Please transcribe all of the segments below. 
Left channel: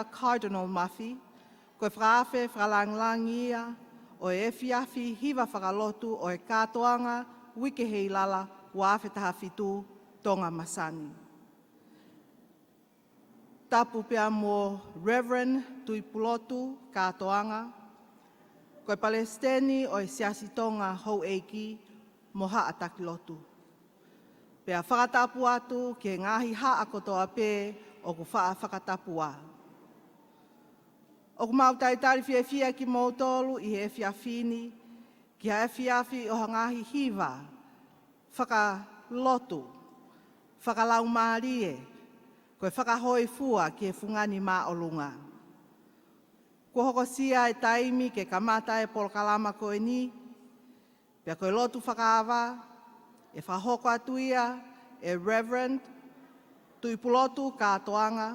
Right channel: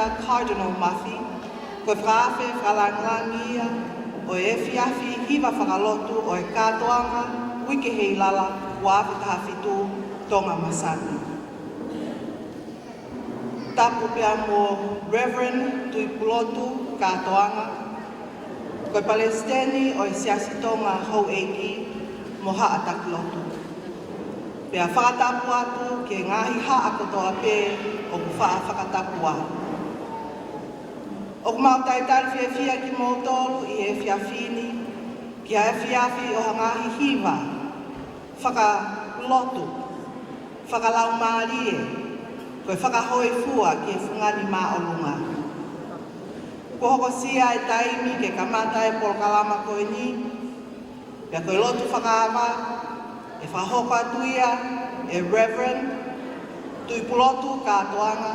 tangata Cardinal Mafi, koe whaawe wharangangia o e whiawhi hiwa whakalotu o e kātoanga wiki Heilala wa Fakafeta'i Tonga Masani. Tapu pia mo Reverend Nuku'alofa kātoanga, koe Palestini o e siasi Tonga hou eiki mo haataku lotu. Pea whātapu atu ke ngahi haa kotoa pē o whaafakatapu atu. O mautai whiawhia ki mōtolu i e whiawhini, i e whiawhi o ngahi hiwa, whakalotu, whakalau mārie, koe whakahoi fua ki e whungari mā olunga. Ko hoko sia e taimi ke kamata e polokalama koe ni, ia koe lotu whakawa, e whahoka tuia, e Reverend Nuku'alofa kātoanga,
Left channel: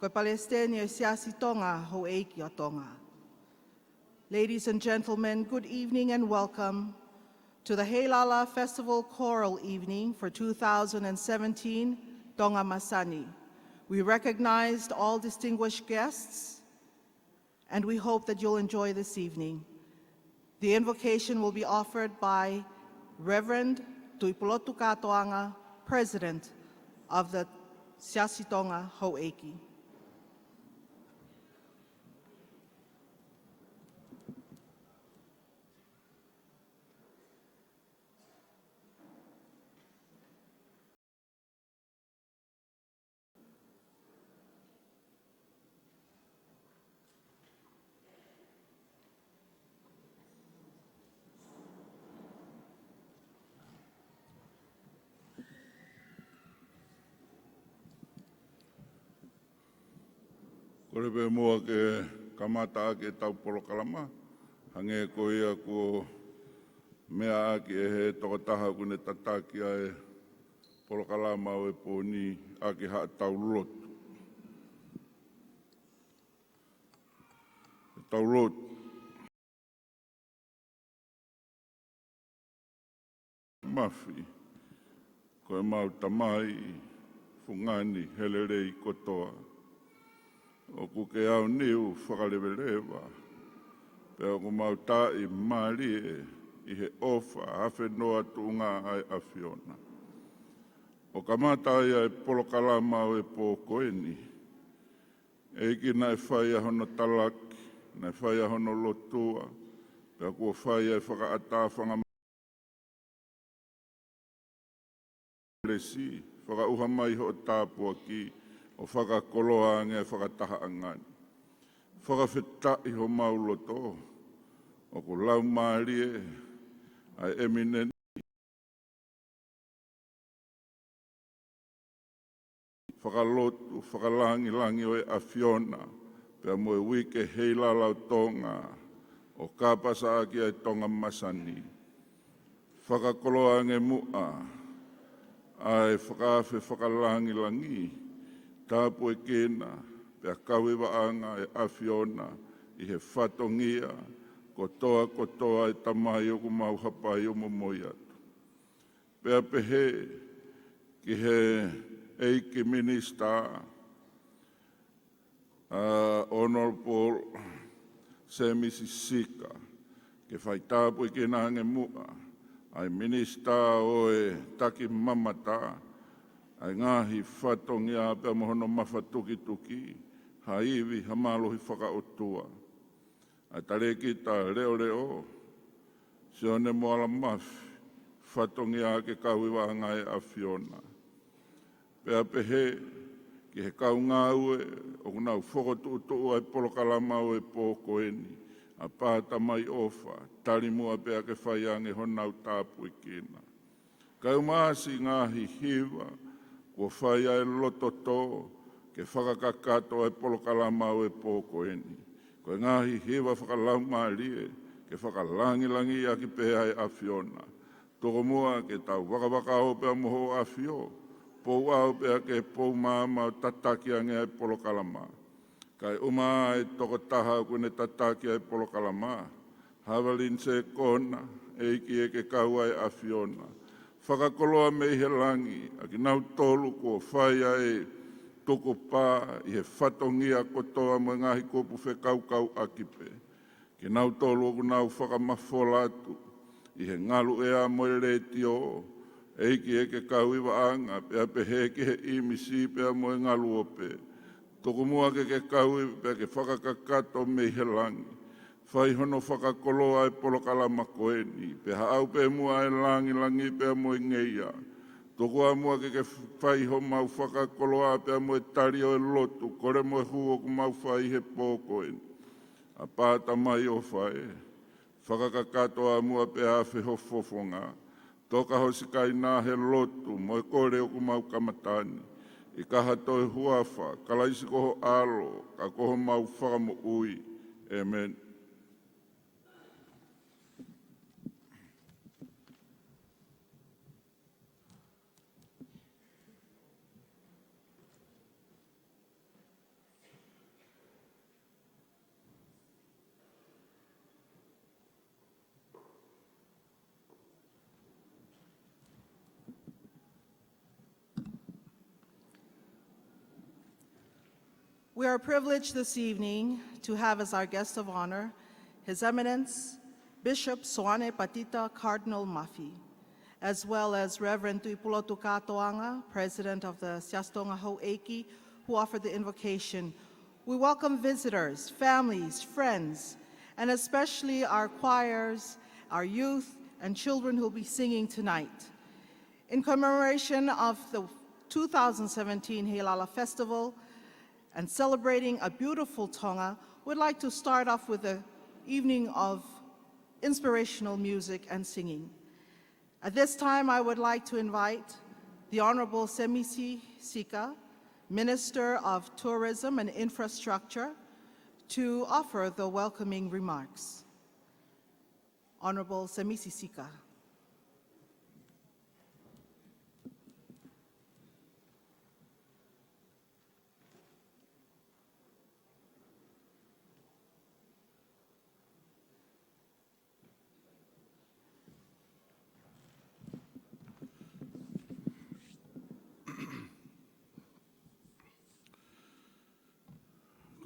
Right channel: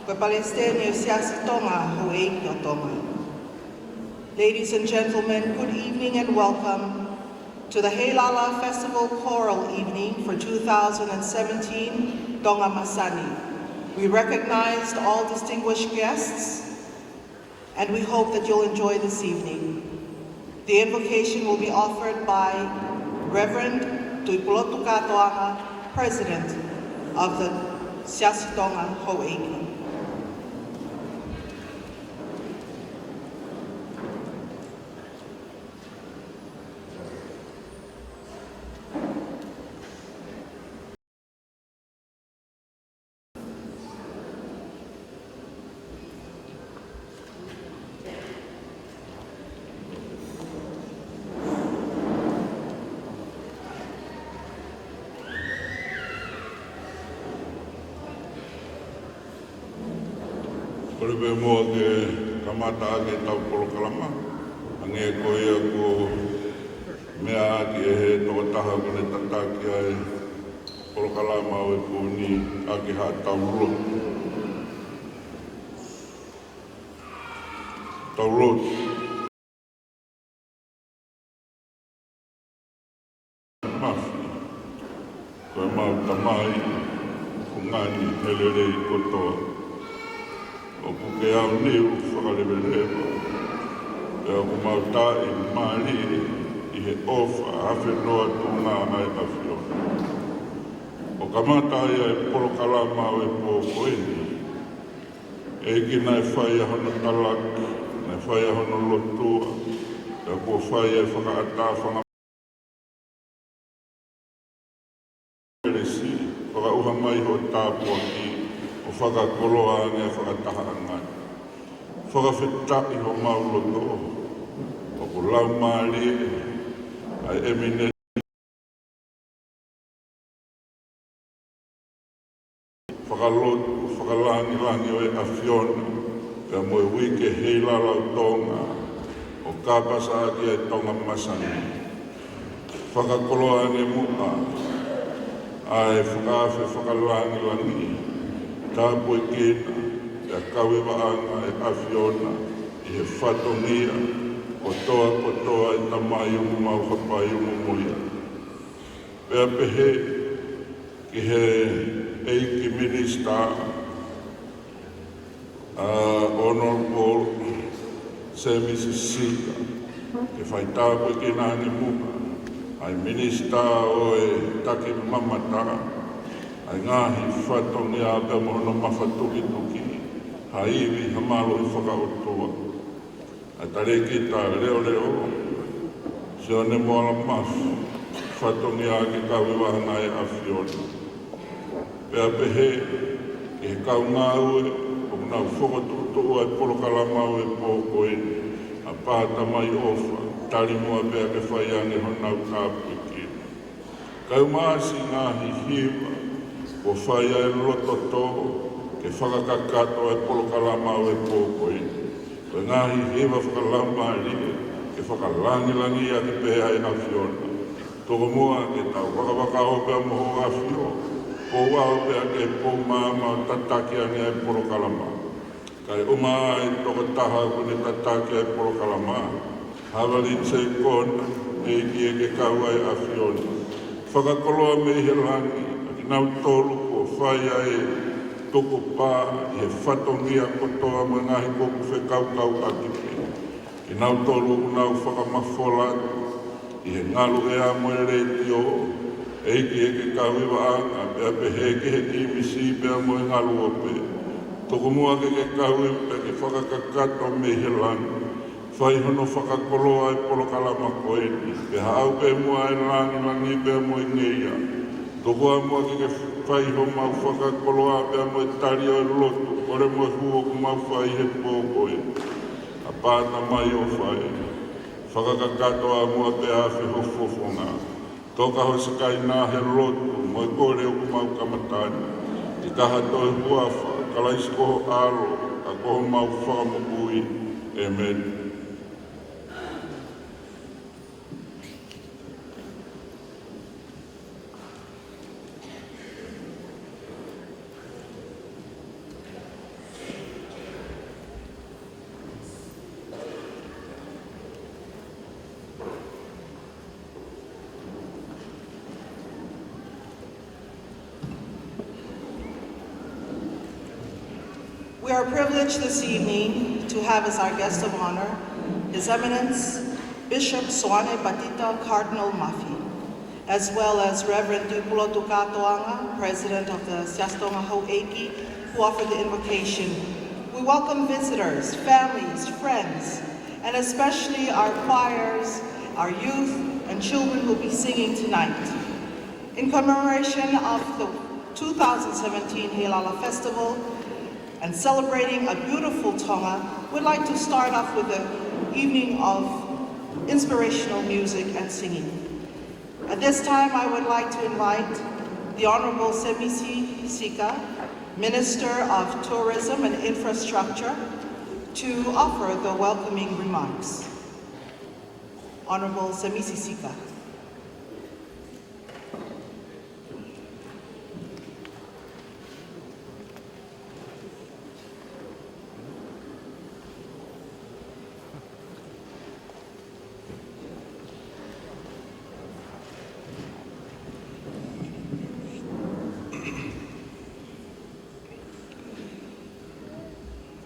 koe Palestini o siasi Tonga ho eiki o Tonga. Ladies and gentlemen, good evening and welcome to the Heilala Festival Choral Evening for 2017, Tonga Masani. We recognize all distinguished guests, and we hope that you'll enjoy this evening. The invocation will be offered by Reverend Nuku'alofa kātoanga, President of the Siasi Tonga ho eiki. Ore mo ke kamata ke tau polokalama, ane koia ko mea ke he Tongatapu kone tatake ai polokalama o e pōni ake ha tau rotu. Tau rotu. Mafi, koe mau tamai, ungani telelei kotoa. O kuke au ni u whakalewelewa. E o kumauta i mani i he ofa hawhi roa tūngā ai awhio. O kamata ia e polokalama o e pōkoeni. E kina e whaia hono talak, e whaia hono lotua, e ko whaia e whakaatawhanga peresi, o auha mai ho tāpua ki o whakakoroa ane e whakataha anga. Fakafeta'i o mauloto, o kulau maari, a emine whakalotu, whakalangi e awhiona, e moe wike Heilala o Tonga, o kāpasa te Tonga Masani. Whakakoroa ane mua, a e whakalangi langi, tāpua kena, e kawe waanga e awhiona, i he whatongia, o toa kotoa e tamai umu mau whapai umu muia. Pea pehe, i he eiki minista, Honorable Semisisika, e whaitāpua kena ni muka, ai minista o e taki mamata, ai ngahi whatongia pe mono mawhatuki tuki, a iwi hamalo i whakautoa. A tareki tā leo leo, se o ne moala mafu, whatongia ki kawe wahanga e awhiona. Pea pehe, i kau ngā ue, o ngā whakatutua e polokalama o e pōkoeni, a pāta mai ofa, tari mua pea ke whaiane honau tāpui ki. Kau māsi ngāhi hiwa, o whaia e loto tō, ke whakakakatua e polokalama o e pōkoeni. Ka ngahi hewa whakalama rie, ke whakalangilangi a te pēa e awhiona. Toko mua ke tau wakawakaoka moho awhio, o wao pēa ke pōmāma o tatake ane e polokalama. Kai uma ai toko taha kune tatake e polokalama, hawali tsei kona, e kie ke kaua e awhiona. Whakakoroa me i rangi, nau tolu o whaia e toko pā, i e whatongia kotoa mangahi koku whekau a kipe. I nau tolu nau whakamawhora, i e ngalu ea moe rei o, eke kawiwa anga, mea peheke he ki misi mea moe ngalu ope. Toko mua ke kawiwa e whakakakato me hiranga. Whai hono whakakoroa e polo karama koeni, e hau e mua e rangi e mua i ngeia. Toko a mua ki whai hono whakakoroa e mua tari o rotu, kore mua huo kuma whai e pōkoi. A pāta mai o whai, whakakakato a mua te awhi hofofonga. Toka ho skai nā he rotu, mua kore o kuma kamatani. I kaha toi huawha, karaisiko aro, a koho mau whakamukui, Amen. We are privileged this evening to have as our guest of honor His Eminence Bishop Swane Batita Cardinal Mafi, as well as Reverend Nuku'alofa, President of the Siastonga Ho'eki, who offered the invocation. We welcome visitors, families, friends, and especially our choirs, our youth, and children who will be singing tonight. In commemoration of the 2017 Heilala Festival, and celebrating a beautiful Tonga, we'd like to start off with an evening of inspirational music and singing. At this time, I would like to invite the Honorable Semisi Sika, Minister of Tourism and Infrastructure, to offer the welcoming remarks. Honorable Semisi Sika.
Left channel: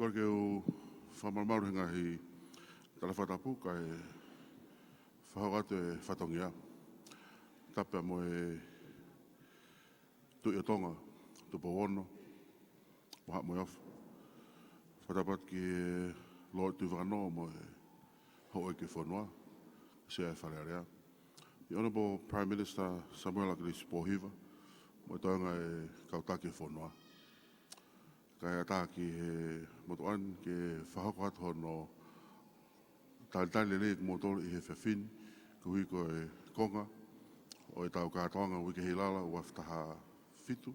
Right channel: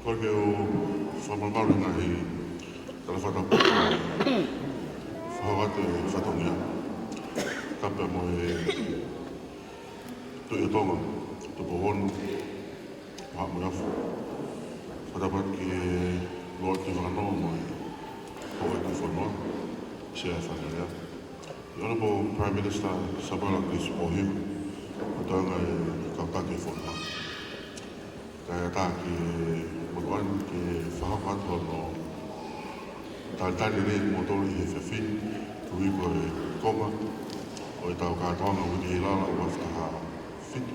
Whake o whamangarunga hei rawhanapu whahate whatongia kapa mo e tui tonga tupo honu mahamu rafu wharapat ki e roa ki whanau mo e hoa ki whanau sea whanarea Honorable Prime Minister Sabarangis Mohiu tanga e kakake whanau kaya tā ki e Moimoi ke whahakato no tātari rei motoro i e whawhini tui ko e konga o e tau kātoanga o i Heilala o whataha whitu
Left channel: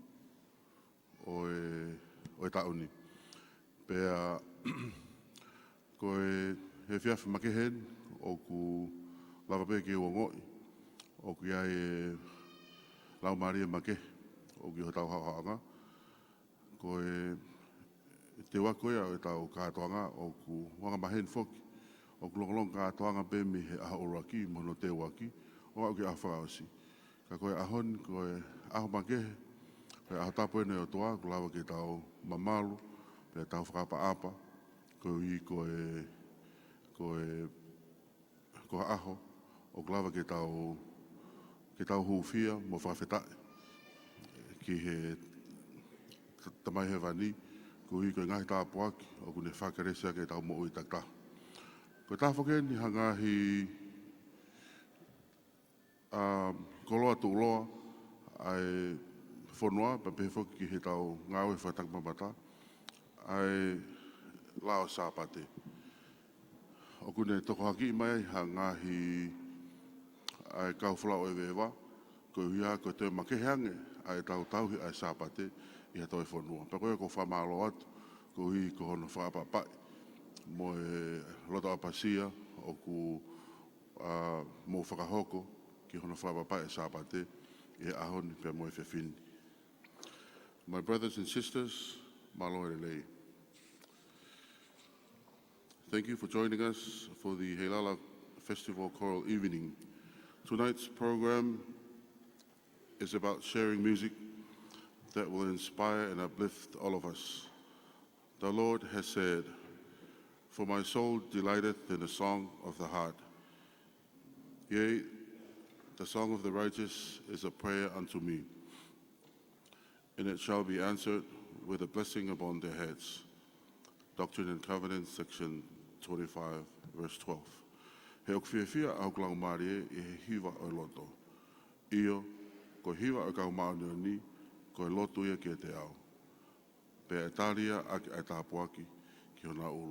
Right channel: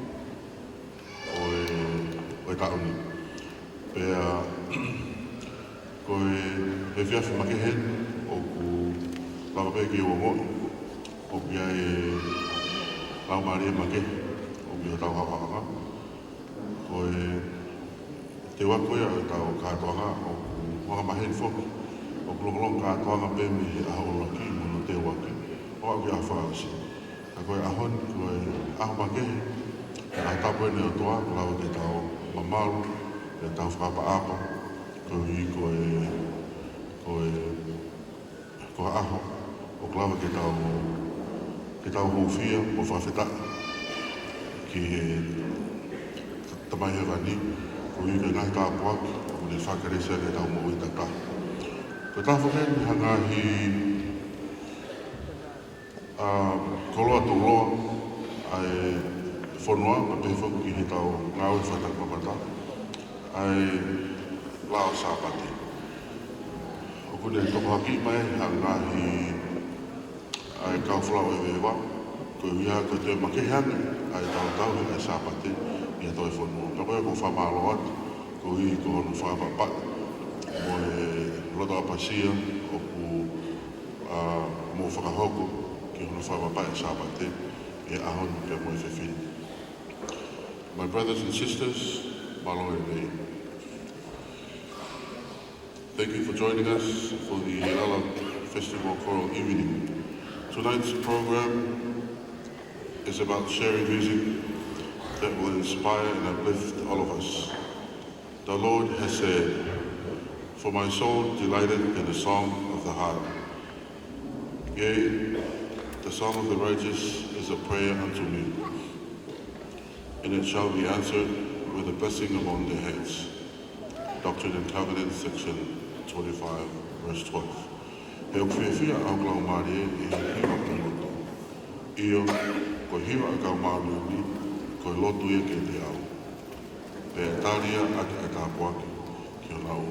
o e tauni. Pea ko e whiawhi makehen o ku lawa ke o ngoi o kia e lau maria make o kia tau hawahanga ko e te wakoea o tau kātoanga o mga maheni whoki o kulongolong kātoanga me mi aho laki mo te wake o a kia whaasi a koe ahon koe aho makehe e a tapu ene o toa ko hao te tau mamaru e tau whakaapa ko i ko aho o klawa ke tau hofia o Fakafeta'i ki tamai rani o i me ngai tāpua o le whakarese le tau mo i tata. Ka tāwhaken hanga hi koloa tō loa ai whanua ma te whoki he tau ngāu i whatak mamata ai lao sāpati. O kule topaki mai hanga hi ai kawhlau e wewa ko ia ko te makehane ai tau e sāpati e toi whanua. Ka mai ko whamalo atu ko i ko honu whapapat mo e rota apasia o ku mo whakahoko ki honu whapapat e sāpate e ahonu pe mo i whiwhini. My brothers and sisters, alo e mei. Thank you for joining us for the Heilala Festival Choral Evening. Tonight's program is about sharing music that will inspire and uplift all of us. The Lord has said, "For my soul delighted in the song of the harp. Yea, the song of the righteous is a prayer unto me, and it shall be answered with a blessing upon their heads." Doctrine and Covenants, section 25, verse 12. E o whiwhia au lau marie I hiwa piloto. Io, ko hiwa kau maariuni, ko lotu e ke te au. E taria ake e tāpuaki, ki o lau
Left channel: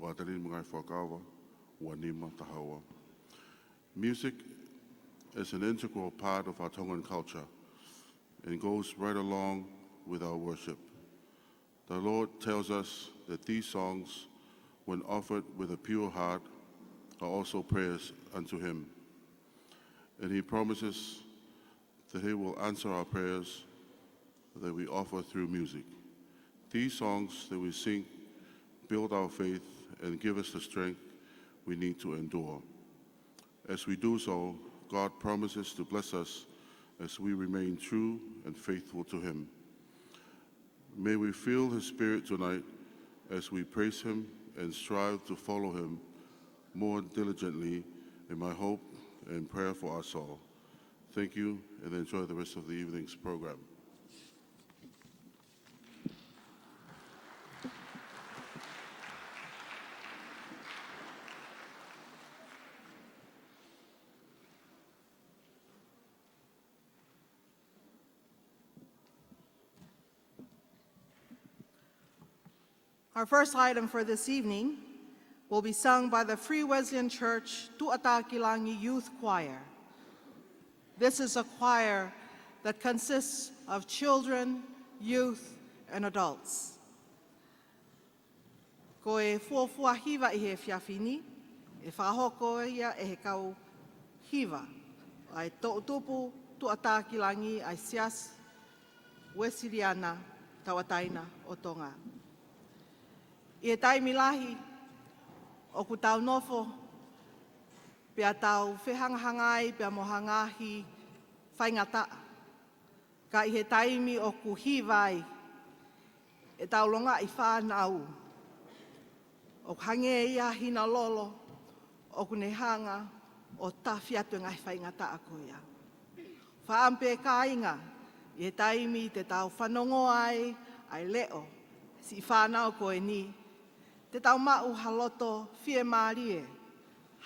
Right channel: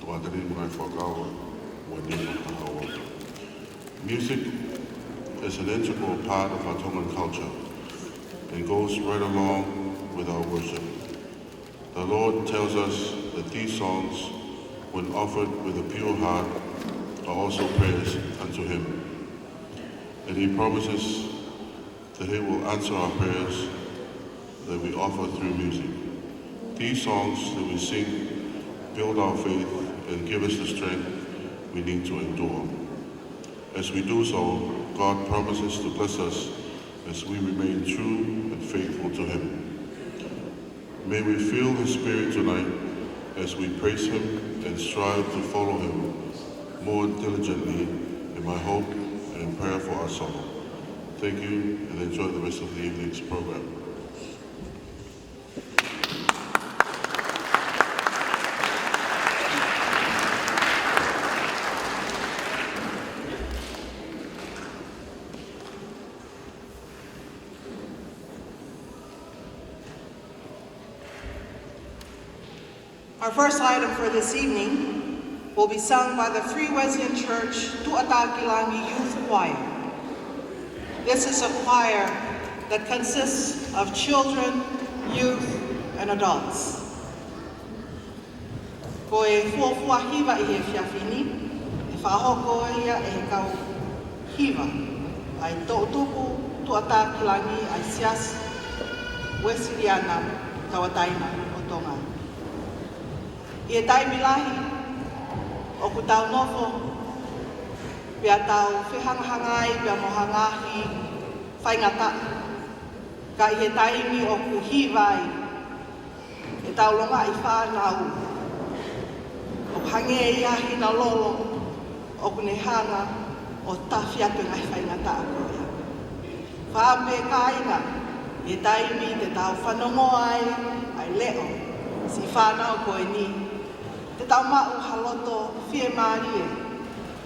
tuatari mai whakaua, wa nima kahaua. Music is an integral part of our Tongan culture. It goes right along with our worship. The Lord tells us that these songs, when offered with a pure heart, are also prayers unto Him. And He promises that He will answer our prayers that we offer through music. These songs that we sing build our faith and give us the strength we need to endure. As we do so, God promises to bless us as we remain true and faithful to Him. May we feel His Spirit tonight as we praise Him and strive to follow Him more diligently in my hope and prayer for us all. Thank you, and enjoy the rest of the evening's program. Our first item for this evening will be sung by the Three Wesleyan Church Tongatapu Youth Choir. This is a choir that consists of children, youth, and adults. Ko e fōfua hiwa I he whiawhini, e whahoko ia e kau hiwa, ai tō tupu Tongatapu ai sias, Wesleyana, Tawataina o Tonga. I e taimilahi, o ku tau nofo, pia tau whihangahangai, pia mohangahi, whaingata, ka I e taimi o ku hiwai, e tau longa I whānau, o hange iahi na lolo, o ku nehana, o tawhiatu ngai whaingata a koea. Whāpe kaina, e taimi te tau whanongo ai, ai leo, si whānau koe ni, te taumau haloto whie marie,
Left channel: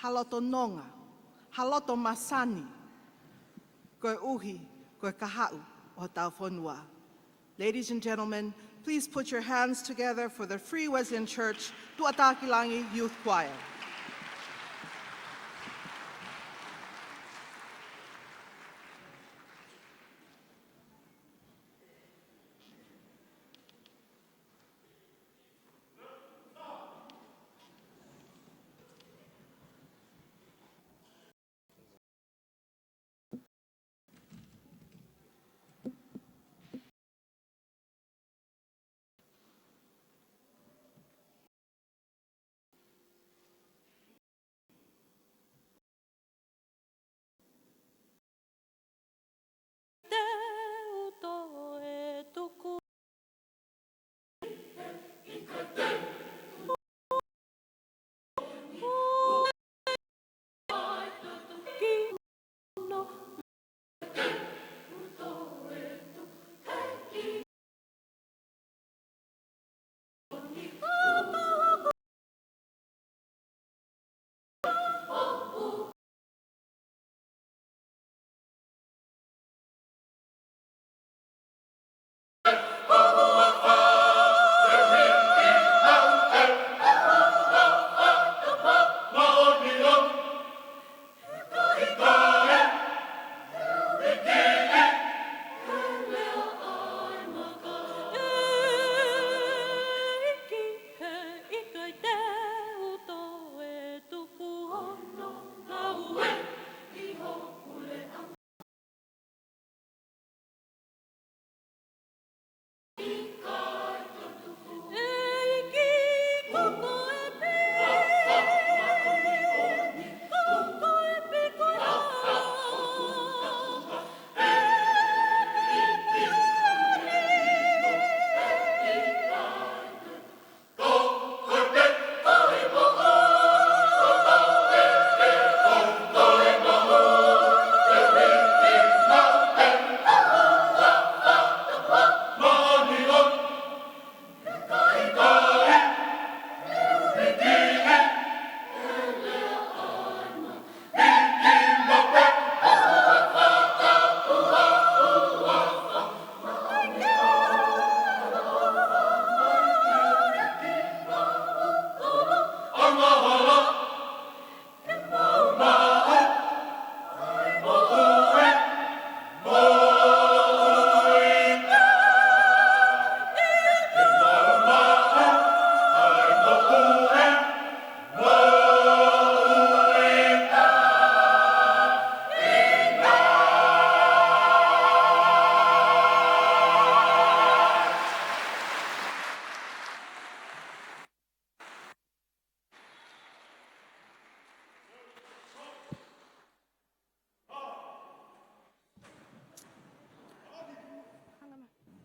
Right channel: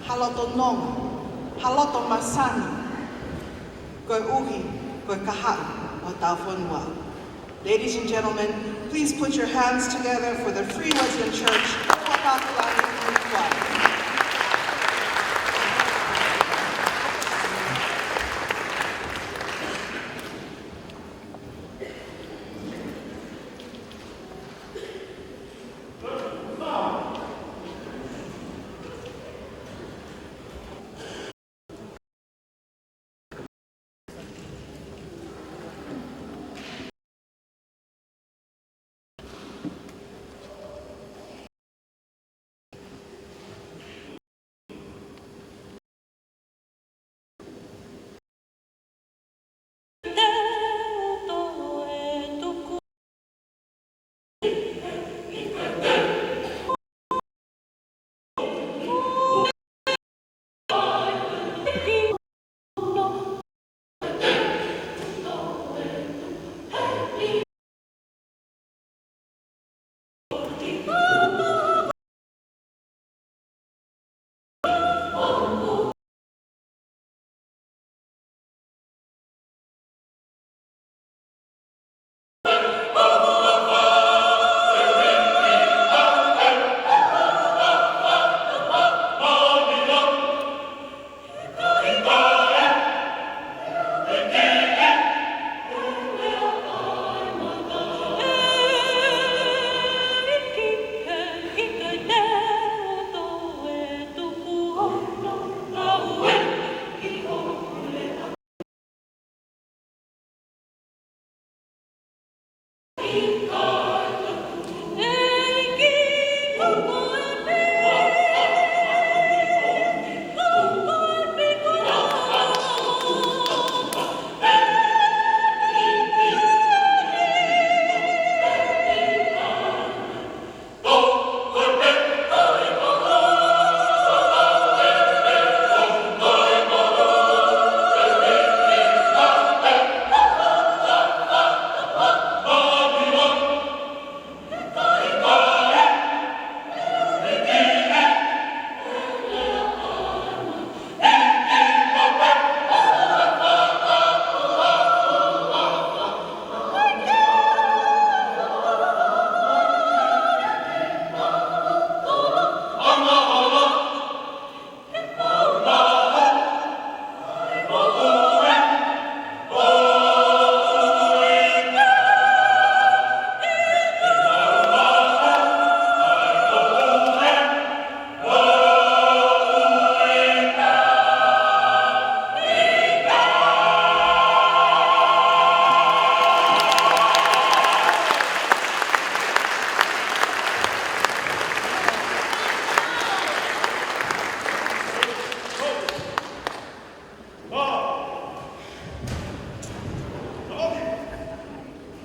haloto nonga, haloto masani, koe uhi, koe kahai, o tau whanua. Ladies and gentlemen, please put your hands together for the Free Wesleyan Church Tongatapu Youth Choir.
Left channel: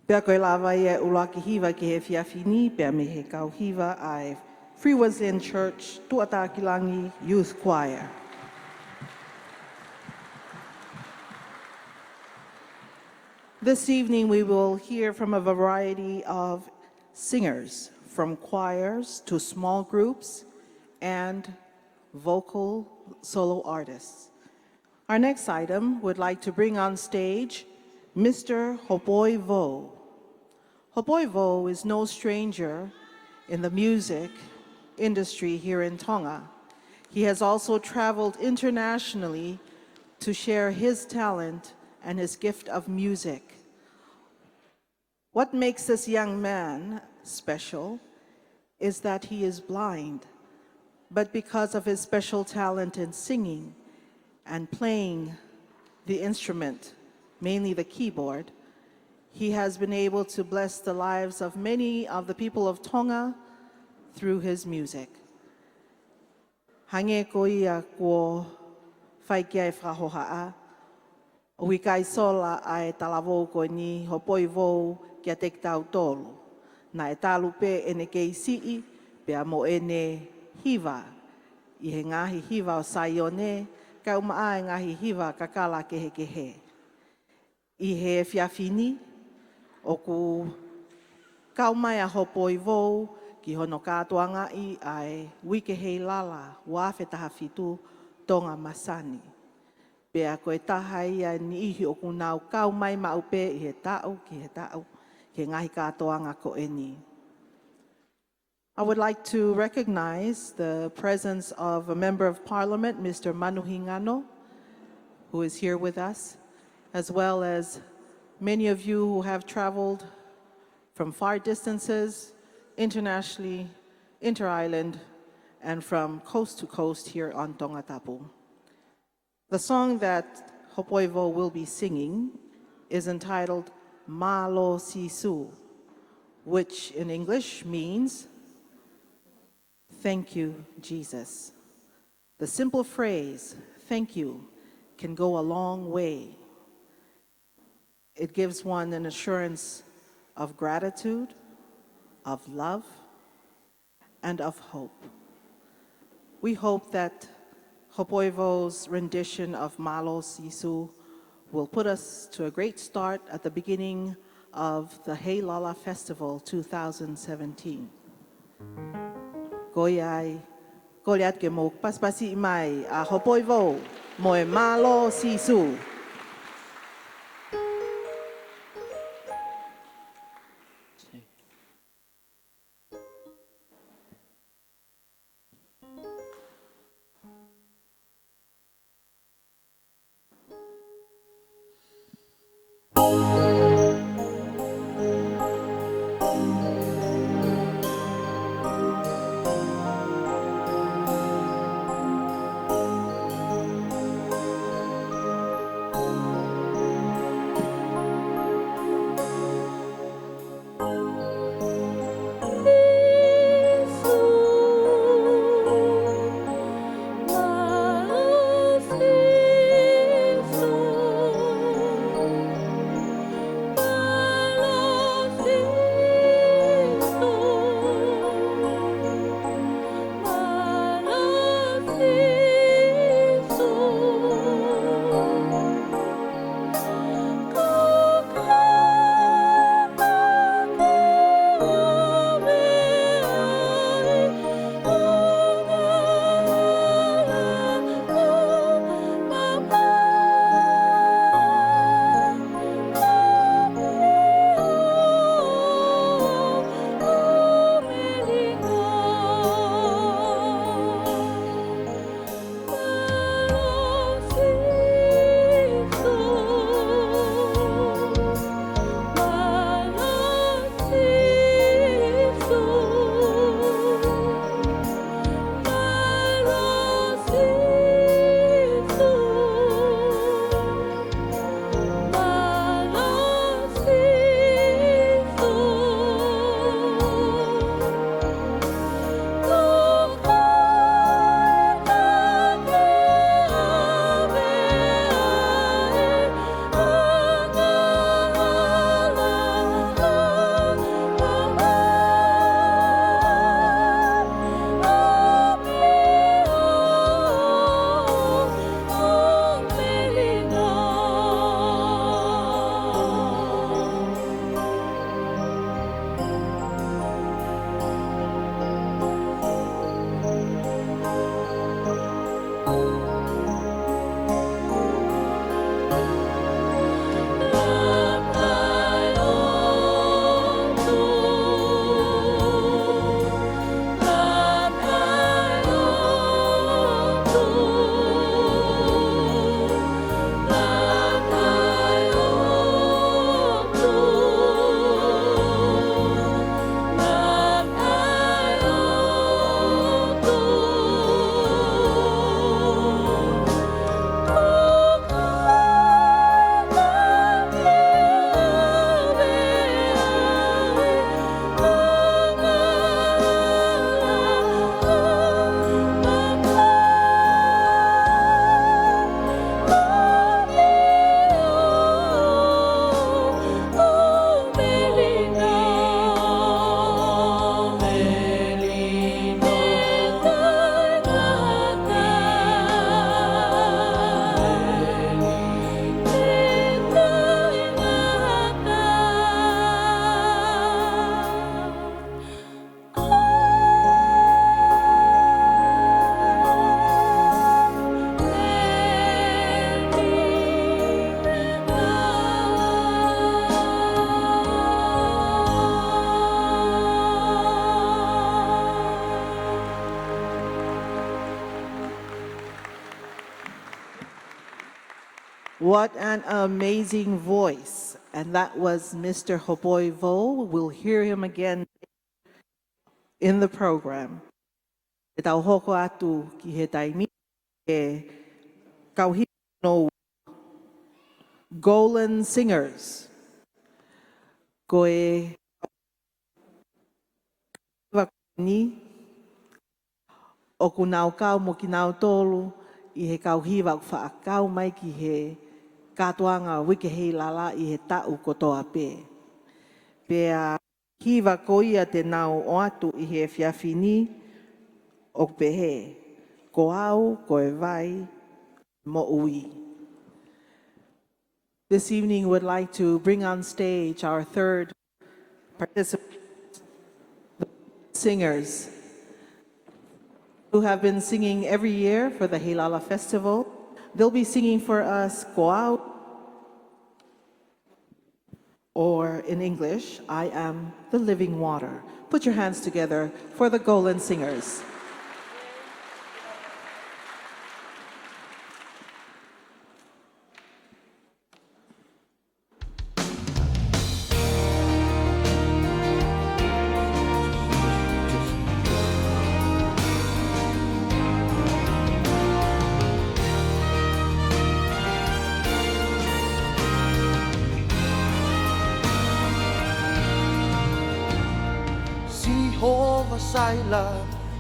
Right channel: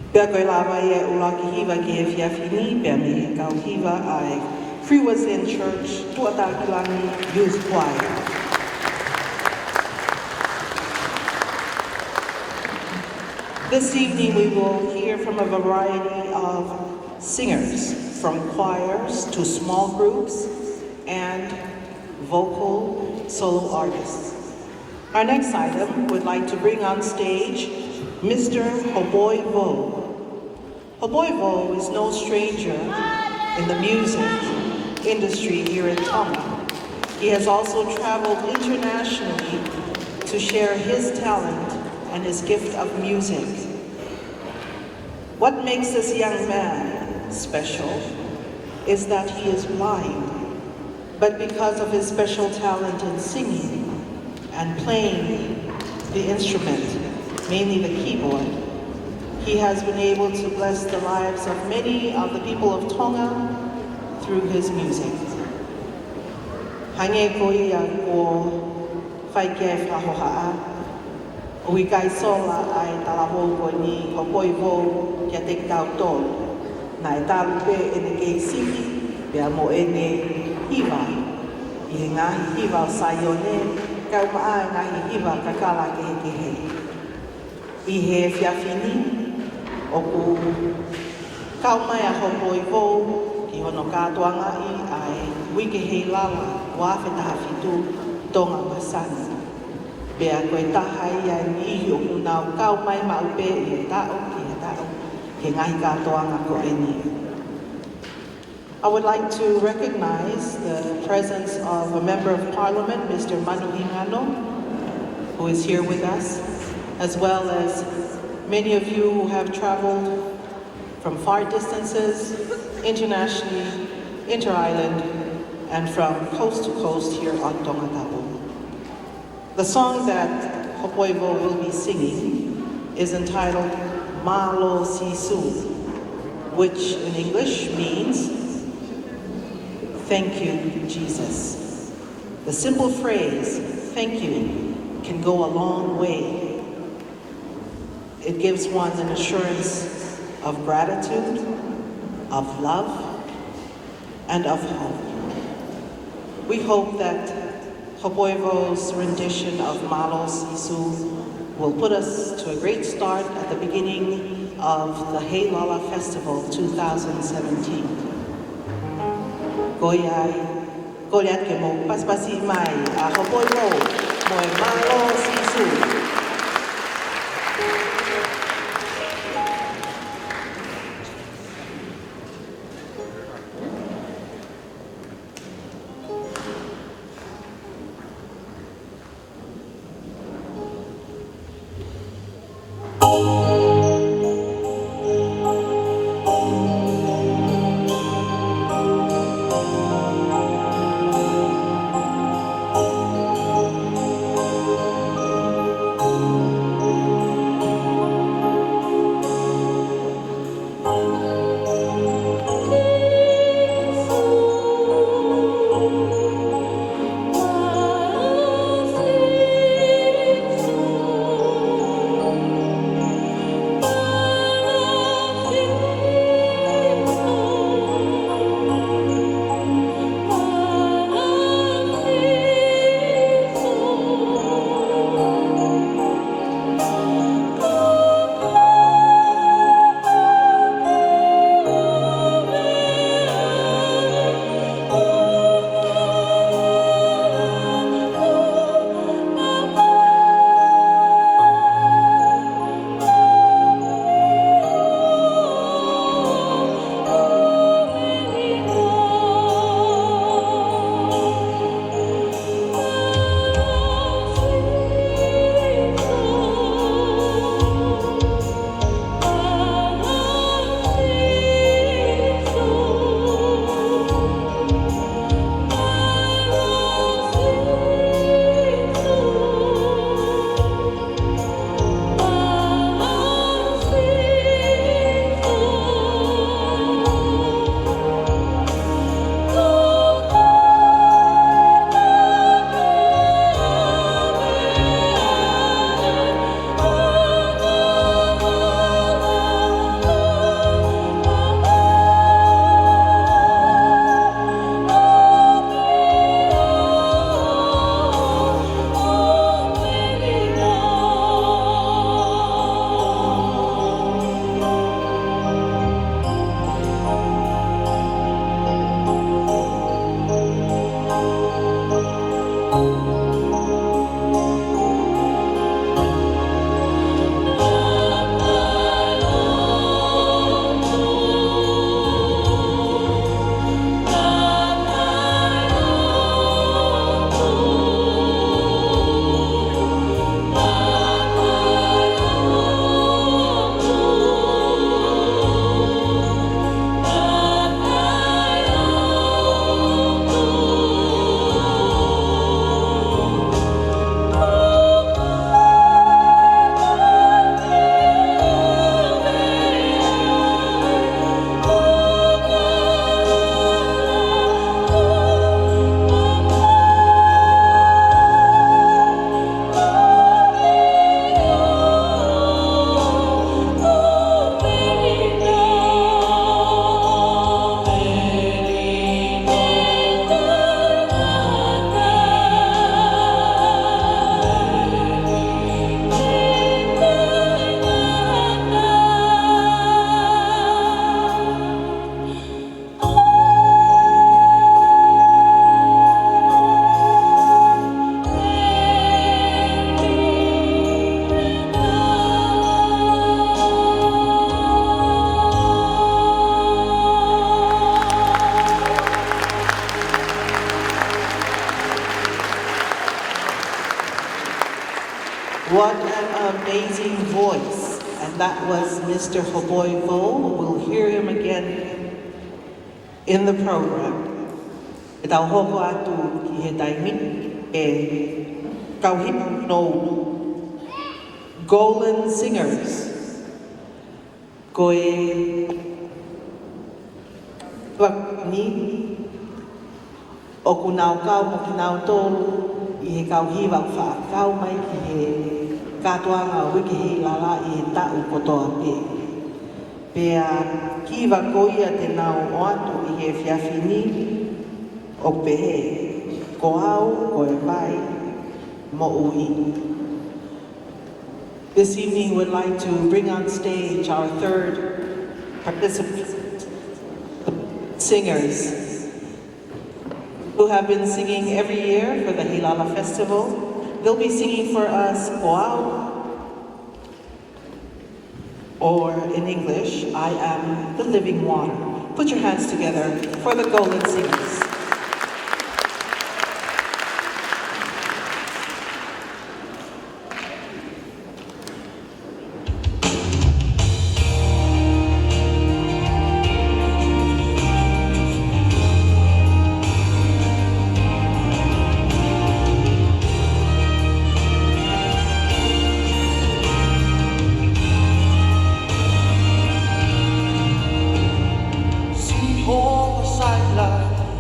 Pea koe lawa ia ua ki hiwa ki e whiawhini, pea ni kau hiwa ai Free Within Church, Tongatapu Youth Choir. This evening we will hear from a variety of singers, from choirs to small groups and vocal solo artists. Our next item would like to bring on stage Mr. Moimoi. Moimoi is no stranger in the music industry here in Tonga. He has also traveled internationally to share his talent and his gift of music. What makes this young man special is that he is blind, but because of his special talent in singing and playing the instrument, mainly the keyboard, he has been able to bless the lives of many of the people of Tonga through his music. Hange koia ko whaike whahohaa, ui kai sola ai tā hōko ni ko poiko kia te kautō. Nai tālu te e siki, pia mo ene hiwa. I ngahi hiwa o Salote, kau maa ngahi hiwa kakala ke te he. I he whiawhini, o ku kaumai a hoko i kou, i hono kātoanga i ai wike Heilala, Fakafeta'i Tonga Masani. Pea koe tahai a ni o kunau kaumai maupe e tāo ki e tāo, e ngahi kātoanga ko e ni. I would like to recognize the presence of a Member of Parliament, Mr. Moimoi, who is here with us, as well as many of you who have traveled from far distances, internationally, inter-island, and from coast to coast here on Tongatapu. The song that Moimoi will be singing is entitled Malo Sisu, which in English means thank you, Jesus. The simple phrase, thank you, can go a long way. It gives one an assurance of gratitude, of love, and of hope. We hope that Moimoi's rendition of Malo Sisu will put us to a great start at the beginning of the Heilala Festival 2017. Koia ke mo paspasi mai a Moimoi moi Malo Sisu. That was Mr. Hoboivo. We'll hear him again in the program. Tau hoko atu I he taimi e kauhi no Golden Singers. Ko e wakini o kunau kau mo kinau tolu I he kauhi wa whaakau mai ki he katoa ngā wiki Heilala I he tau kotoa pe. Pea kiwa koia te nao o atu I he whiawhini o pehe, ko au, ko e vai, mo ui. This evening we'd like to bring on stage our third participant, singers, who have been singing every year for the Heilala Festival. They'll be singing for us ko au, or in English, I am the living water. Put your hands together for the Golden Singers.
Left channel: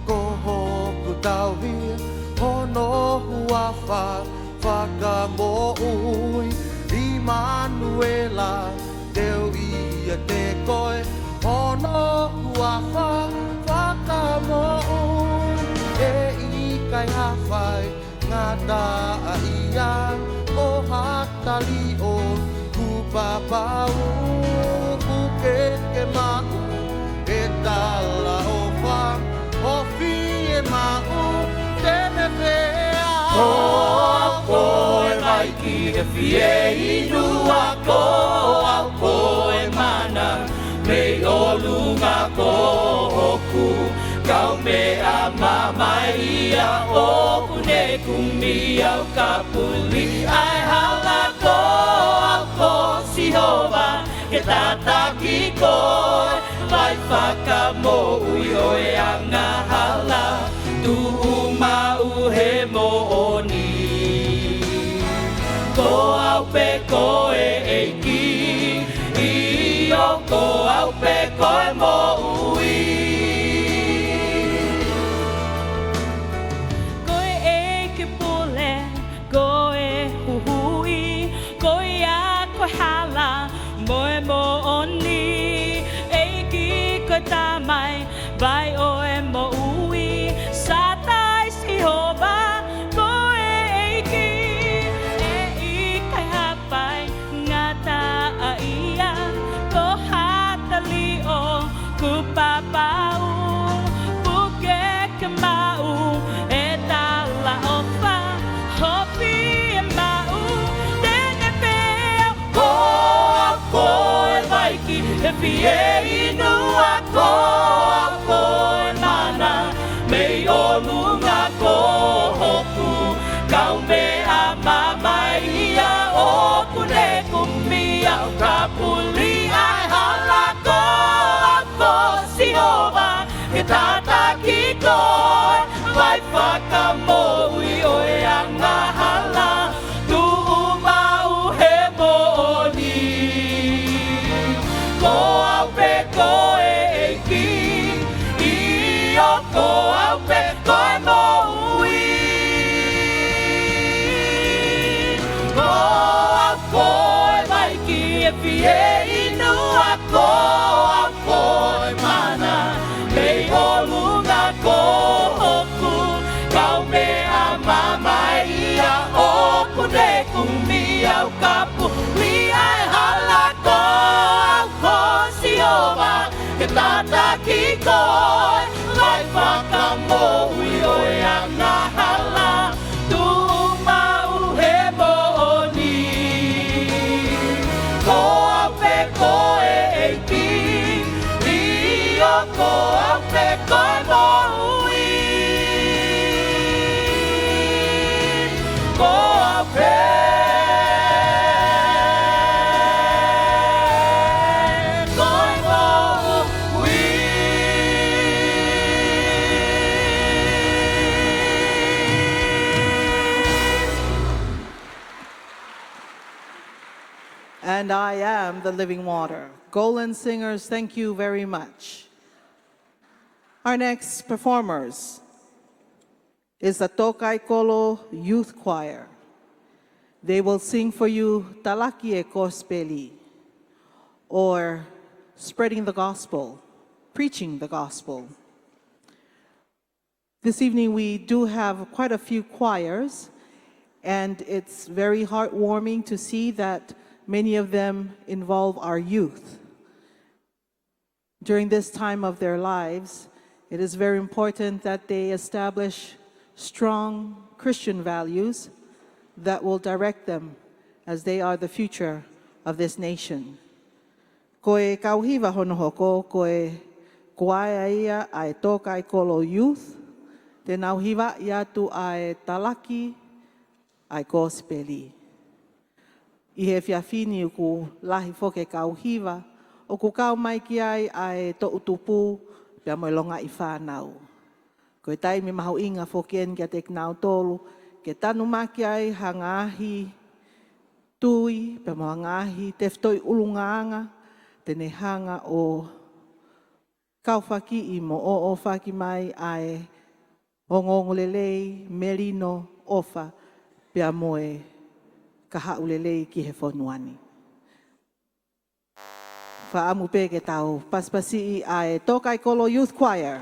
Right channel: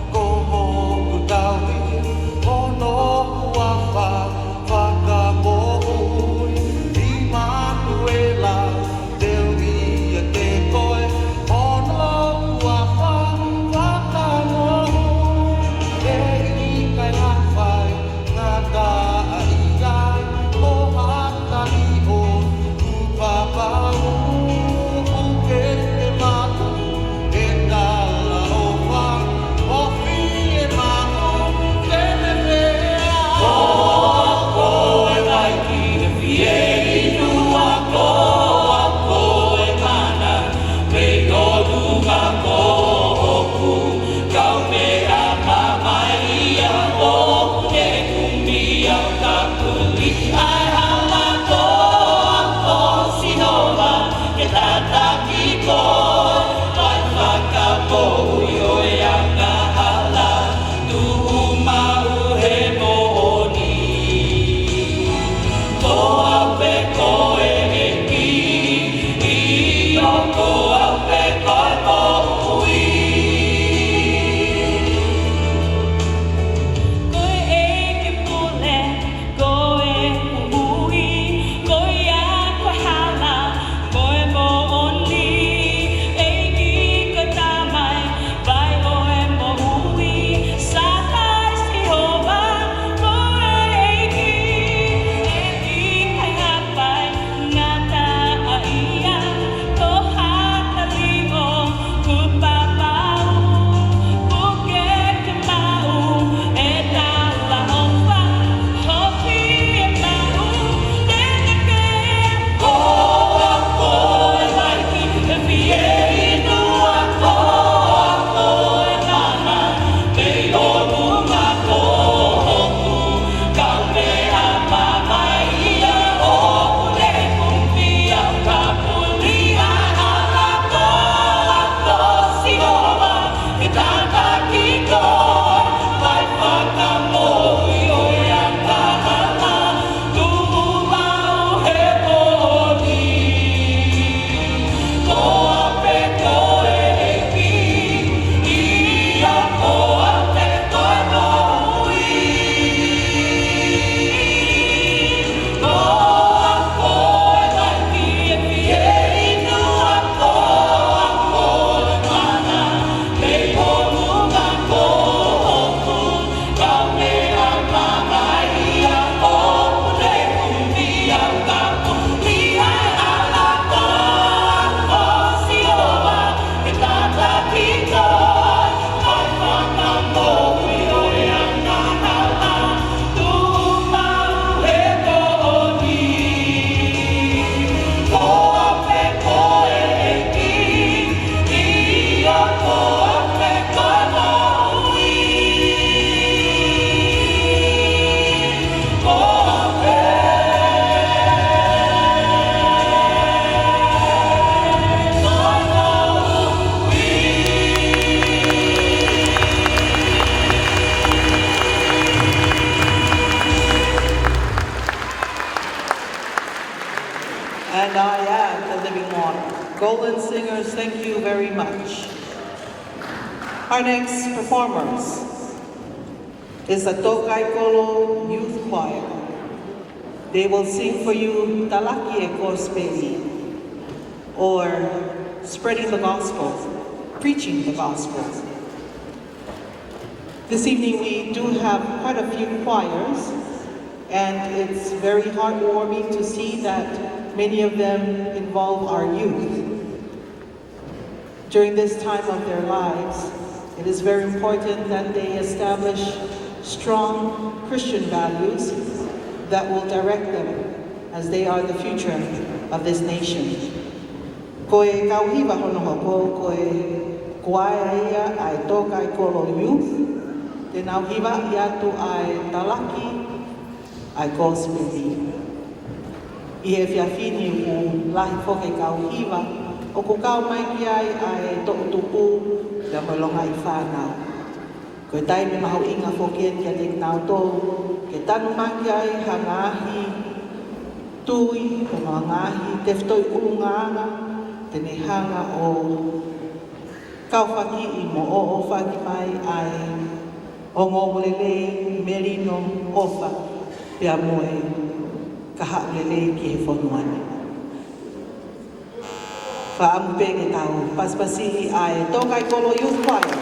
Ko Our next performers is the Tongatapu Youth Choir. They will sing for you Talaki e Kospedi, or spreading the gospel, preaching the gospel. This evening we do have quite a few choirs, and it's very heartwarming to see that many of them involve our youth. During this time of their lives, it is very important that they establish strong Christian values that will direct them as they are the future of this nation. Koe kauhiwa hono hoko, koe kuaia ia ai tokai kolo youth, te nauhiwa ia tu ai talaki, ai gospeli. I he whiawhini u lahi koke kauhiwa, o ku kau mai ki ai tokutuku te apalonga i whānau. Koe taimi maho inga whoketi a te nau tōu, ke tanu maki ai ha ngāhi tui, o ngā ngāhi te whtoi urunganga, te nehanga o kauwhaki i mo o whaki mai ai hongo lelei merino ofa pia moe ka hapelelei ki e whonuana. Whaampe e tau paspasini ai Tongatapu Youth Choir.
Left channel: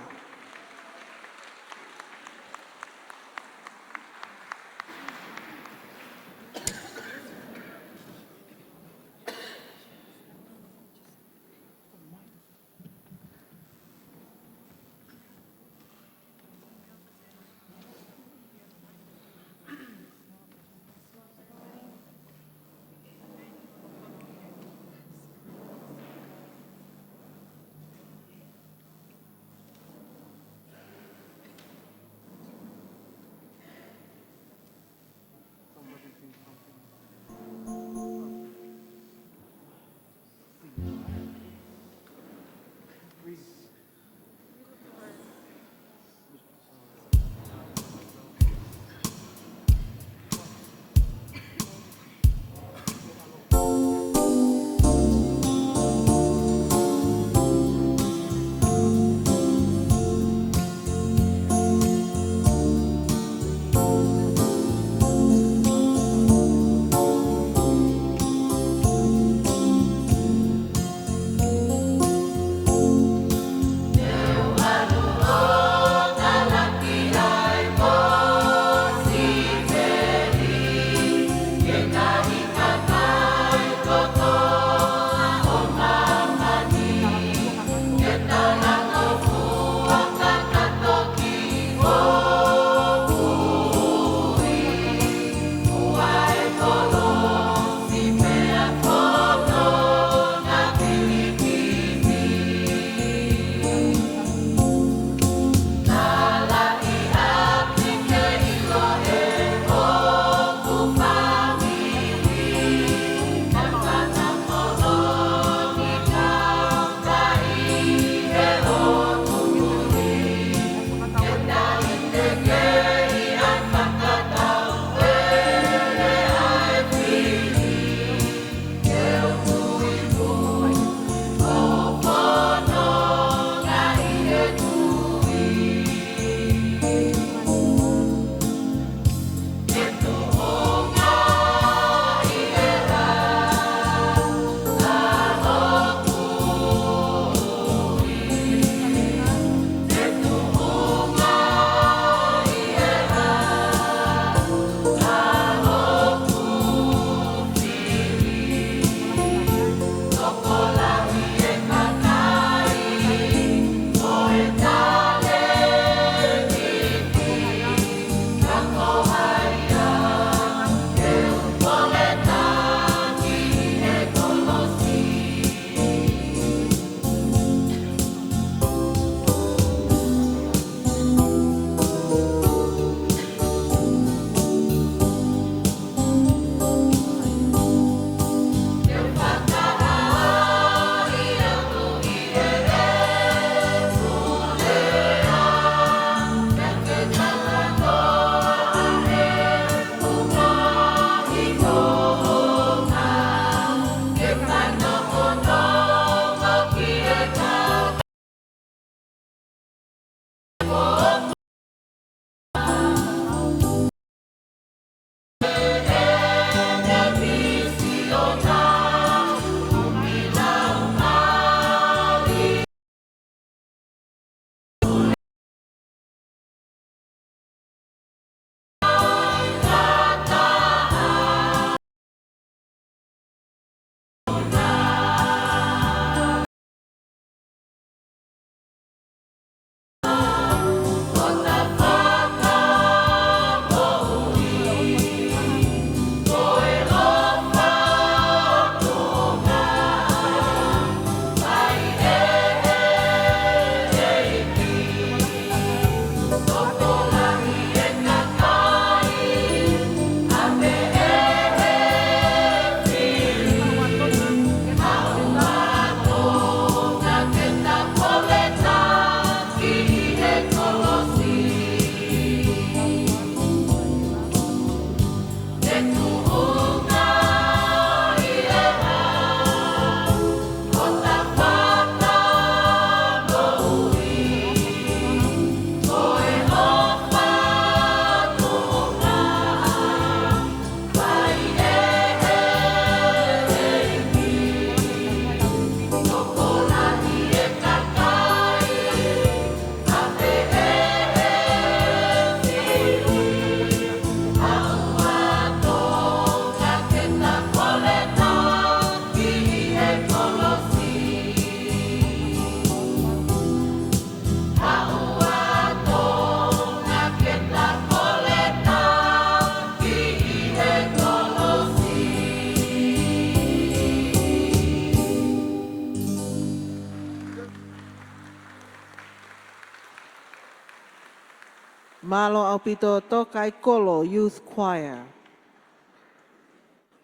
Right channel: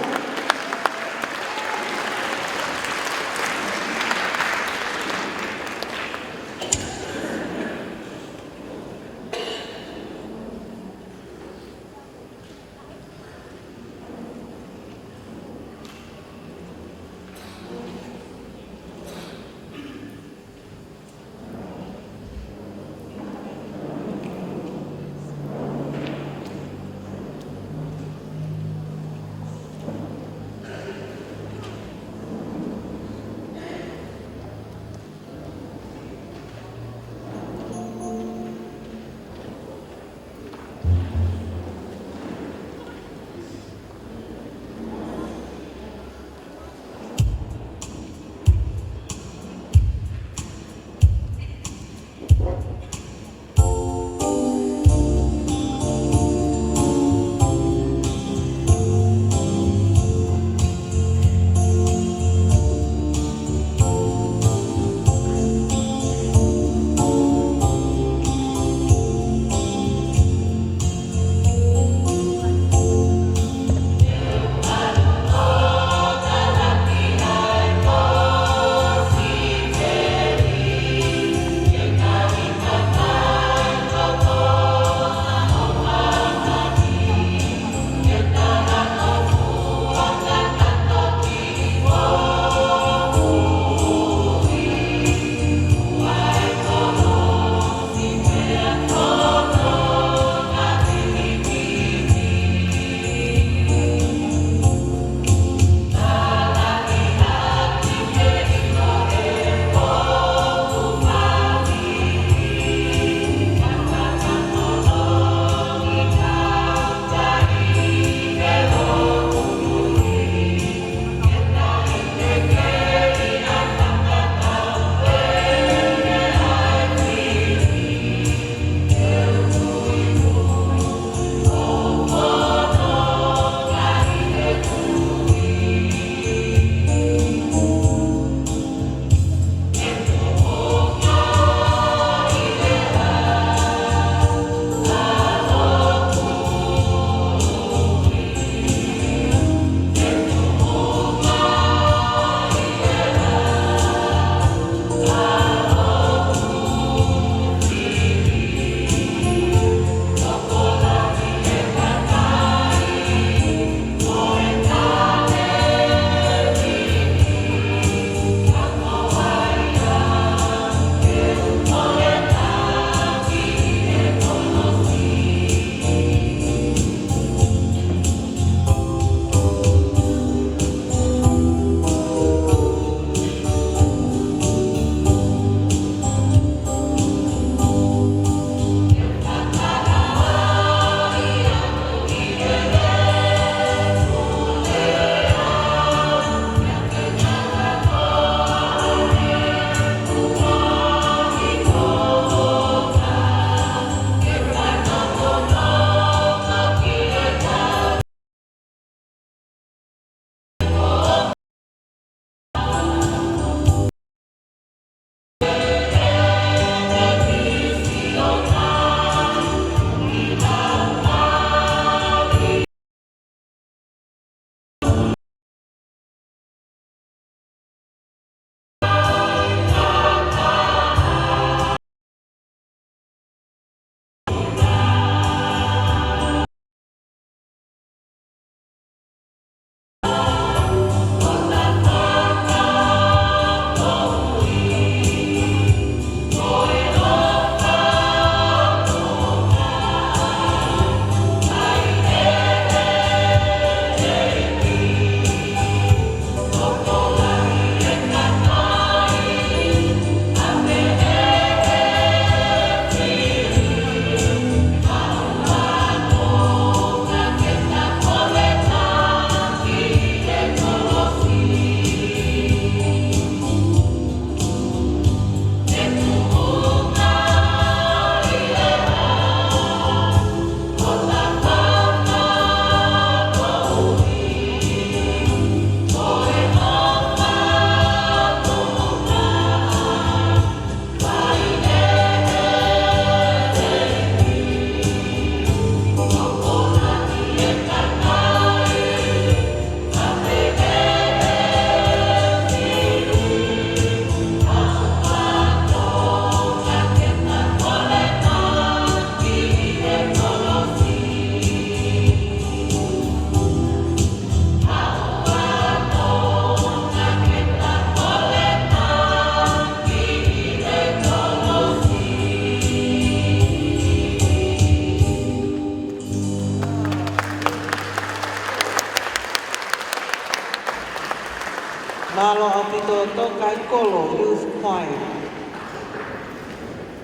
Malo Apito Tokai Kolo Youth Choir.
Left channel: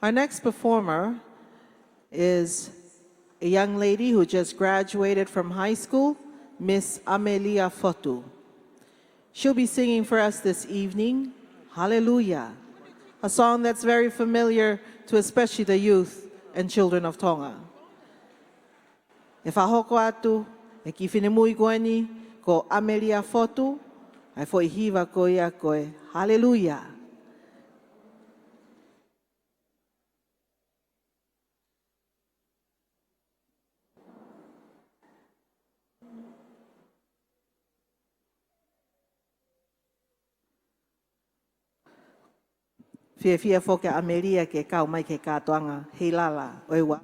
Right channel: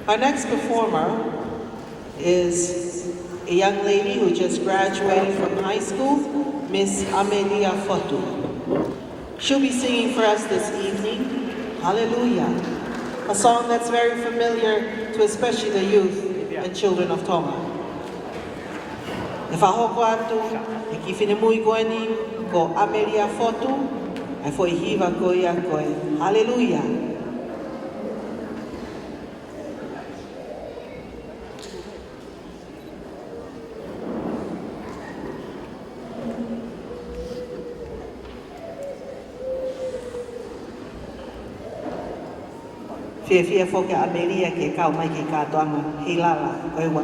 Our next performer is a young lady who just graduated from high school, Miss Amelia Fotu. She'll be singing for us this evening, Hallelujah, a song that's very familiar to especially the youth and children of Tonga. E whahoko atu, e ki whinemui koeni, ko Amelia Fotu, e foi hiva koe a koe. Hallelujah. Fia fo ka Amelia ke kau mai ke katoanga, Heilala, lewa.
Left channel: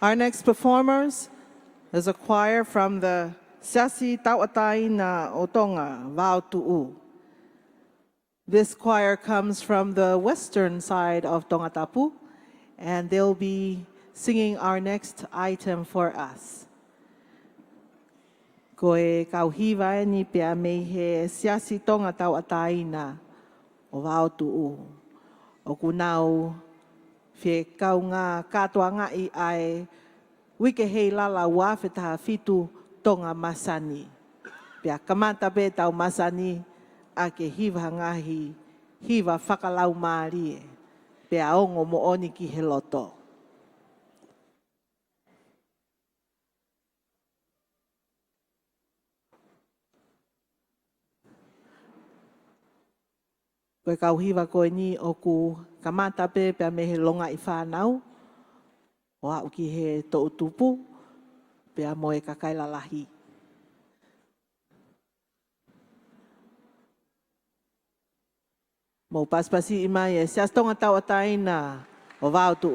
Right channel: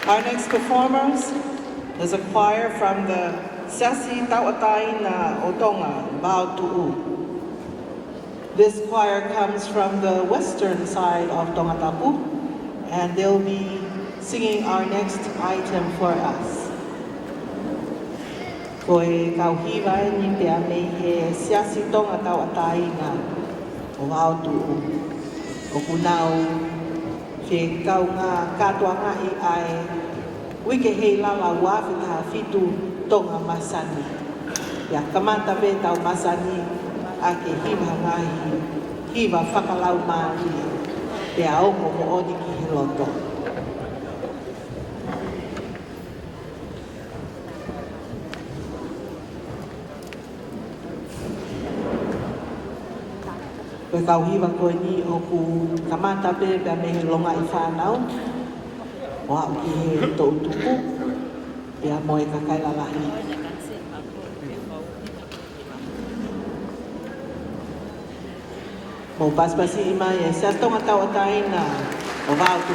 Our next performers is a choir from the Sasi Tautai na Tonga, Latu. This choir comes from the western side of Tongatapu, and they'll be singing our next item for us. Koe kauhiwa ni pia me he siasi Tongatapu o hautu o kunau ke kaunga katoa ngai ai wike Heilala wa Fakafeta'i Tonga Masani. Ya kamata be tau Masani ake hiwa ngai hiwa whakalau maari te aongo ko oni ki hiloto. Koe kau hiwa koe ni o ku kamata be ka me hilonga I whanau. Wa ki he tau tupu te a moe kakailalahi. O paspasi mai e se atonga taotaina o Latu.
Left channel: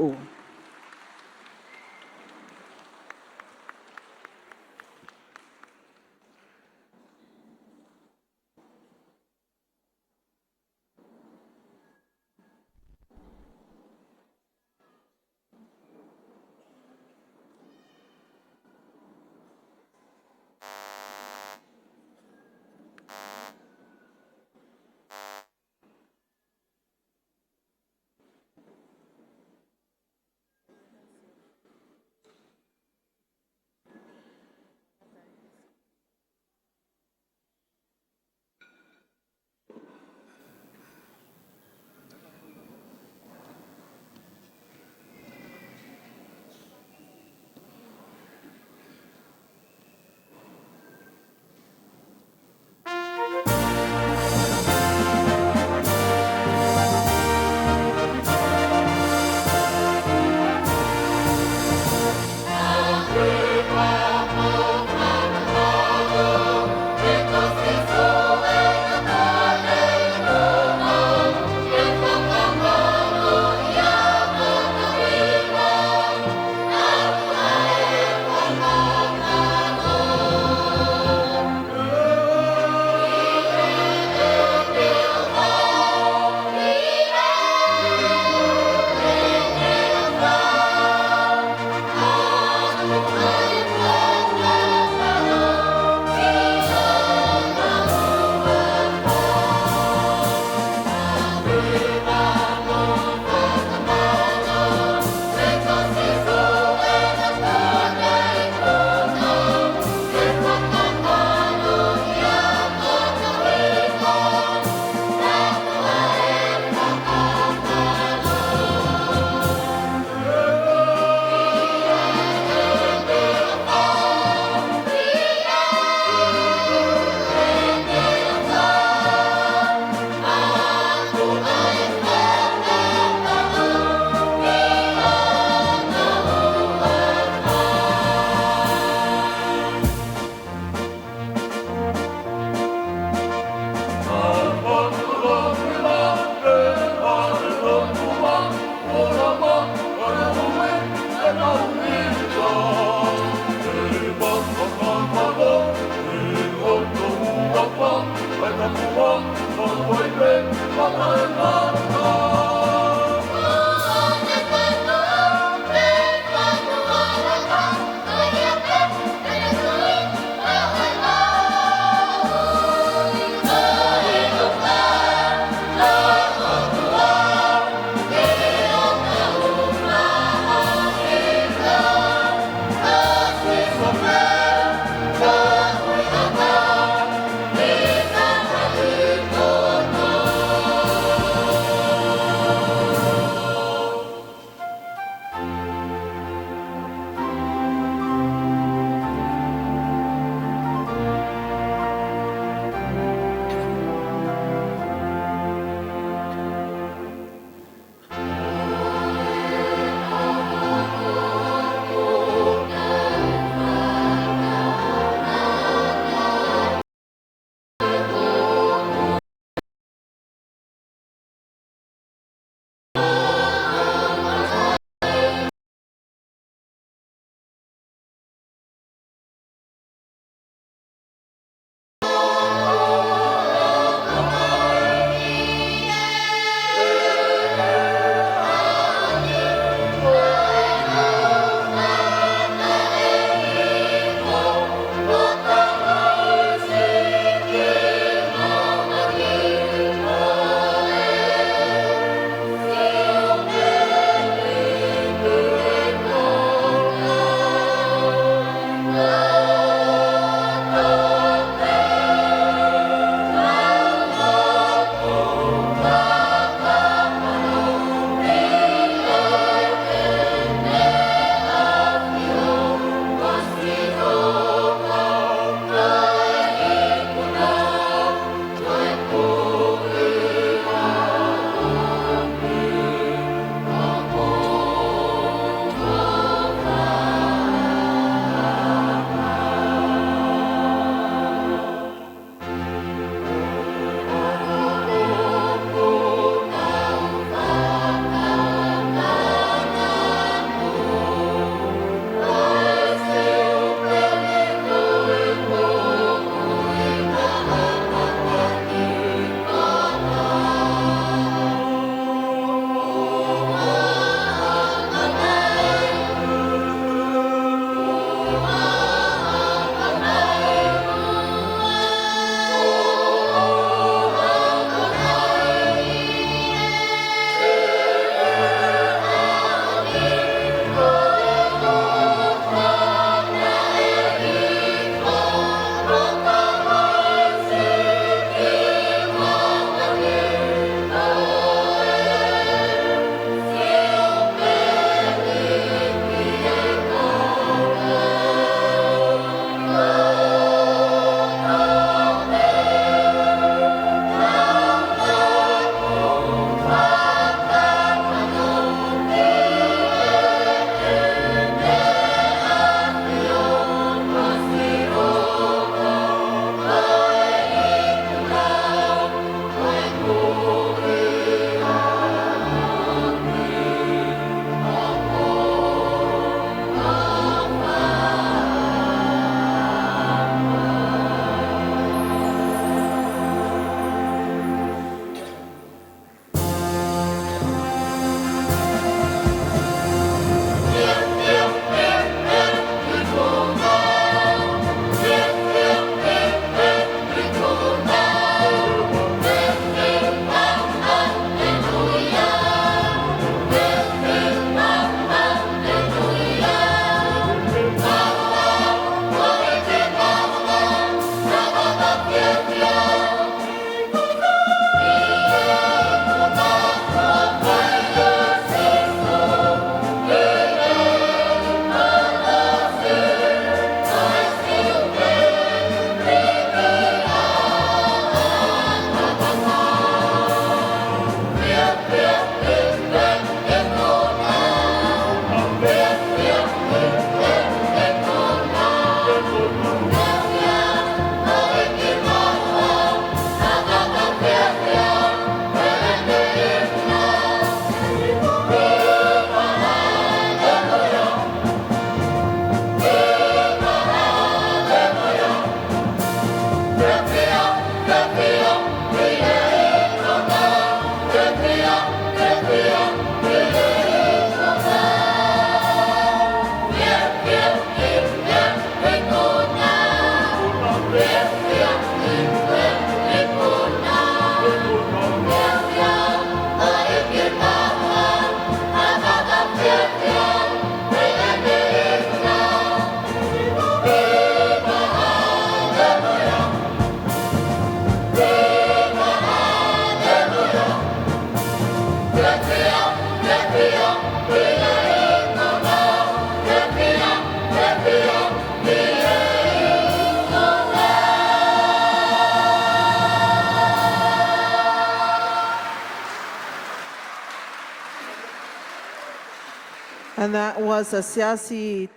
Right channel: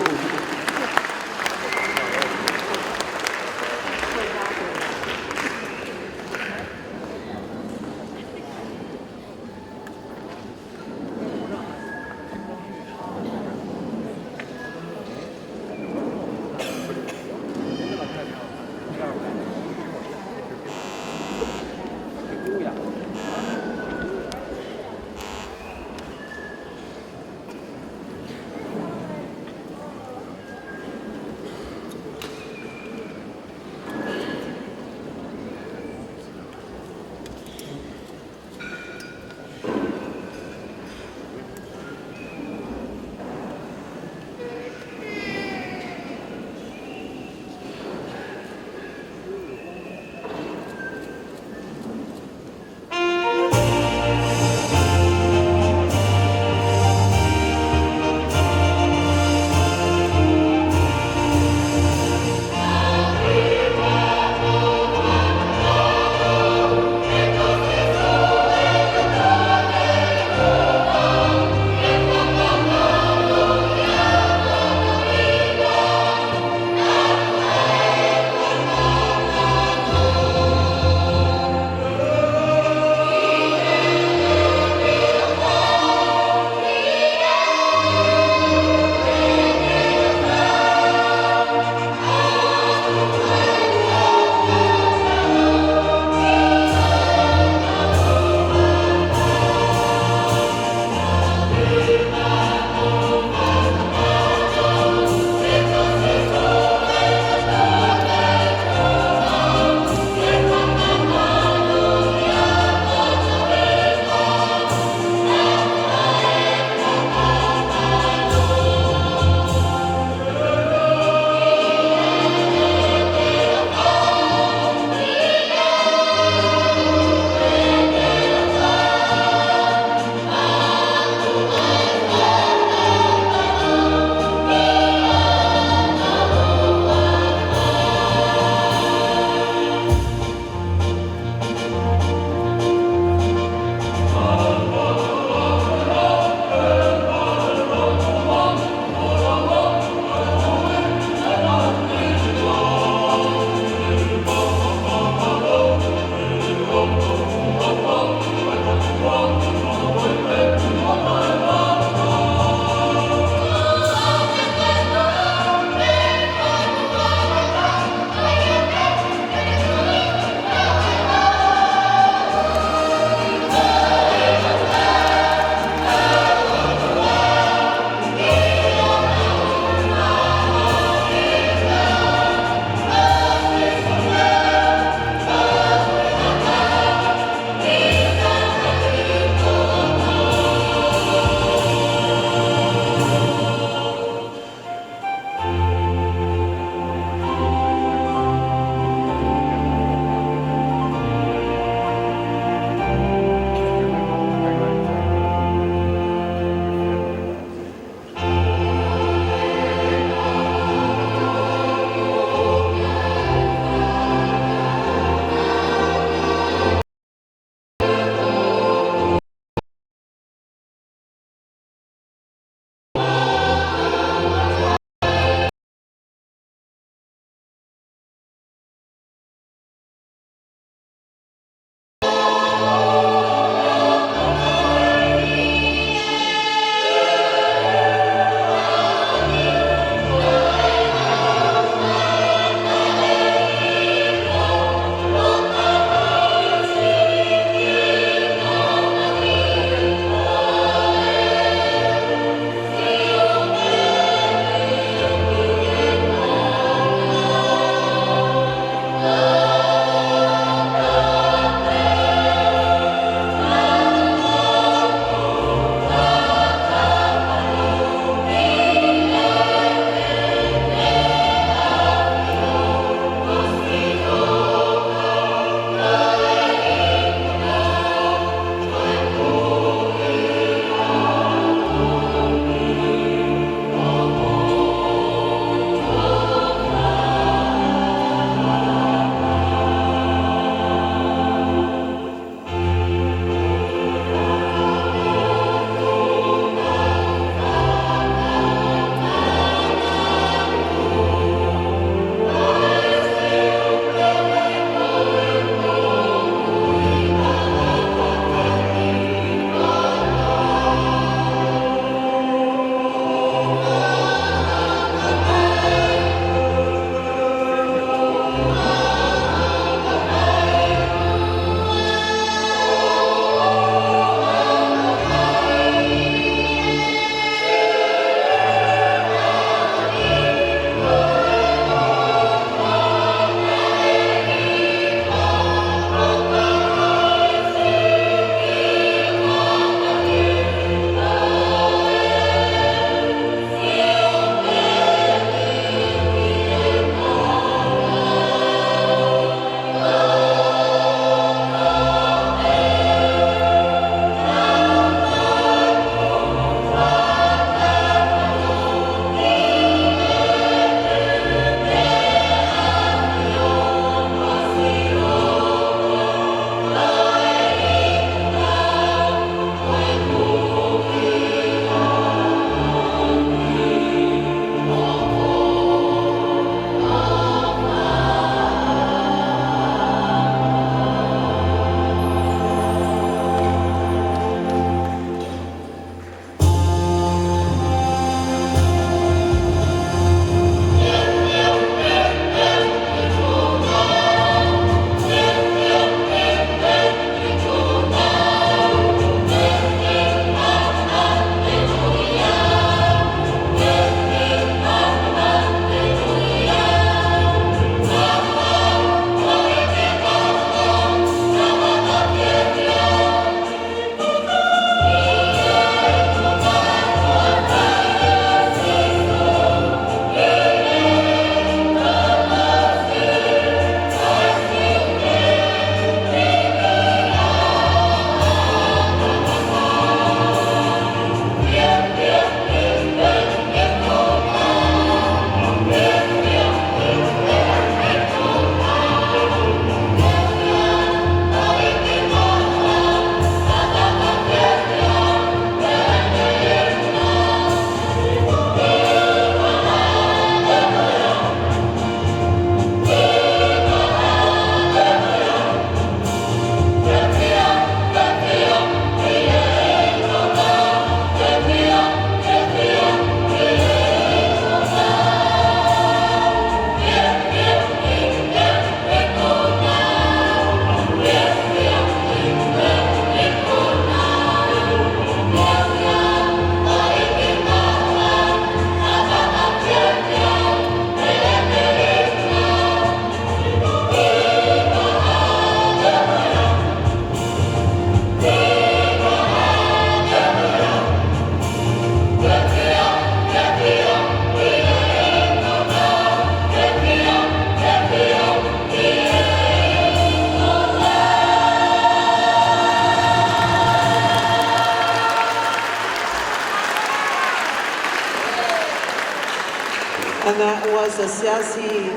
And that was a Siasi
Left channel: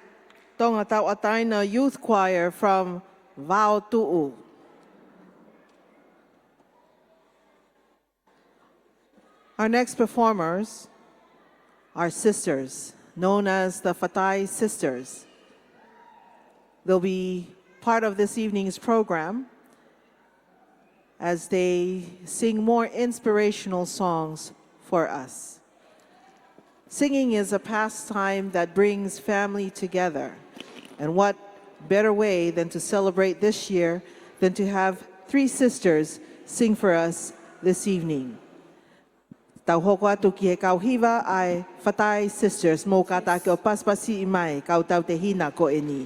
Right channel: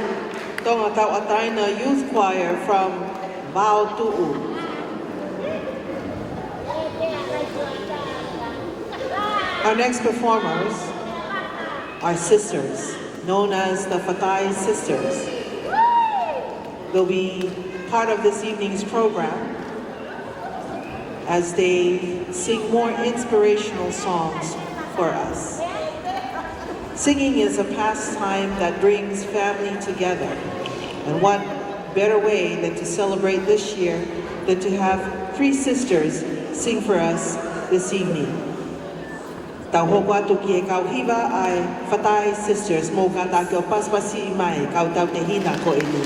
Tongatapu youth choir from Latu. Our next performers are sisters, known as the Fakafeta'i sisters. They'll be part of this evening's program as they sing more inspirational songs for us. Singing is a pastime that brings family together. And what better way than to celebrate this year than to have 3 sisters sing for us this evening. Tauhopa ke kauhiwa ai Fakafeta'i sisters mo ka tātou paspasi mai kau tau te hina ko itu.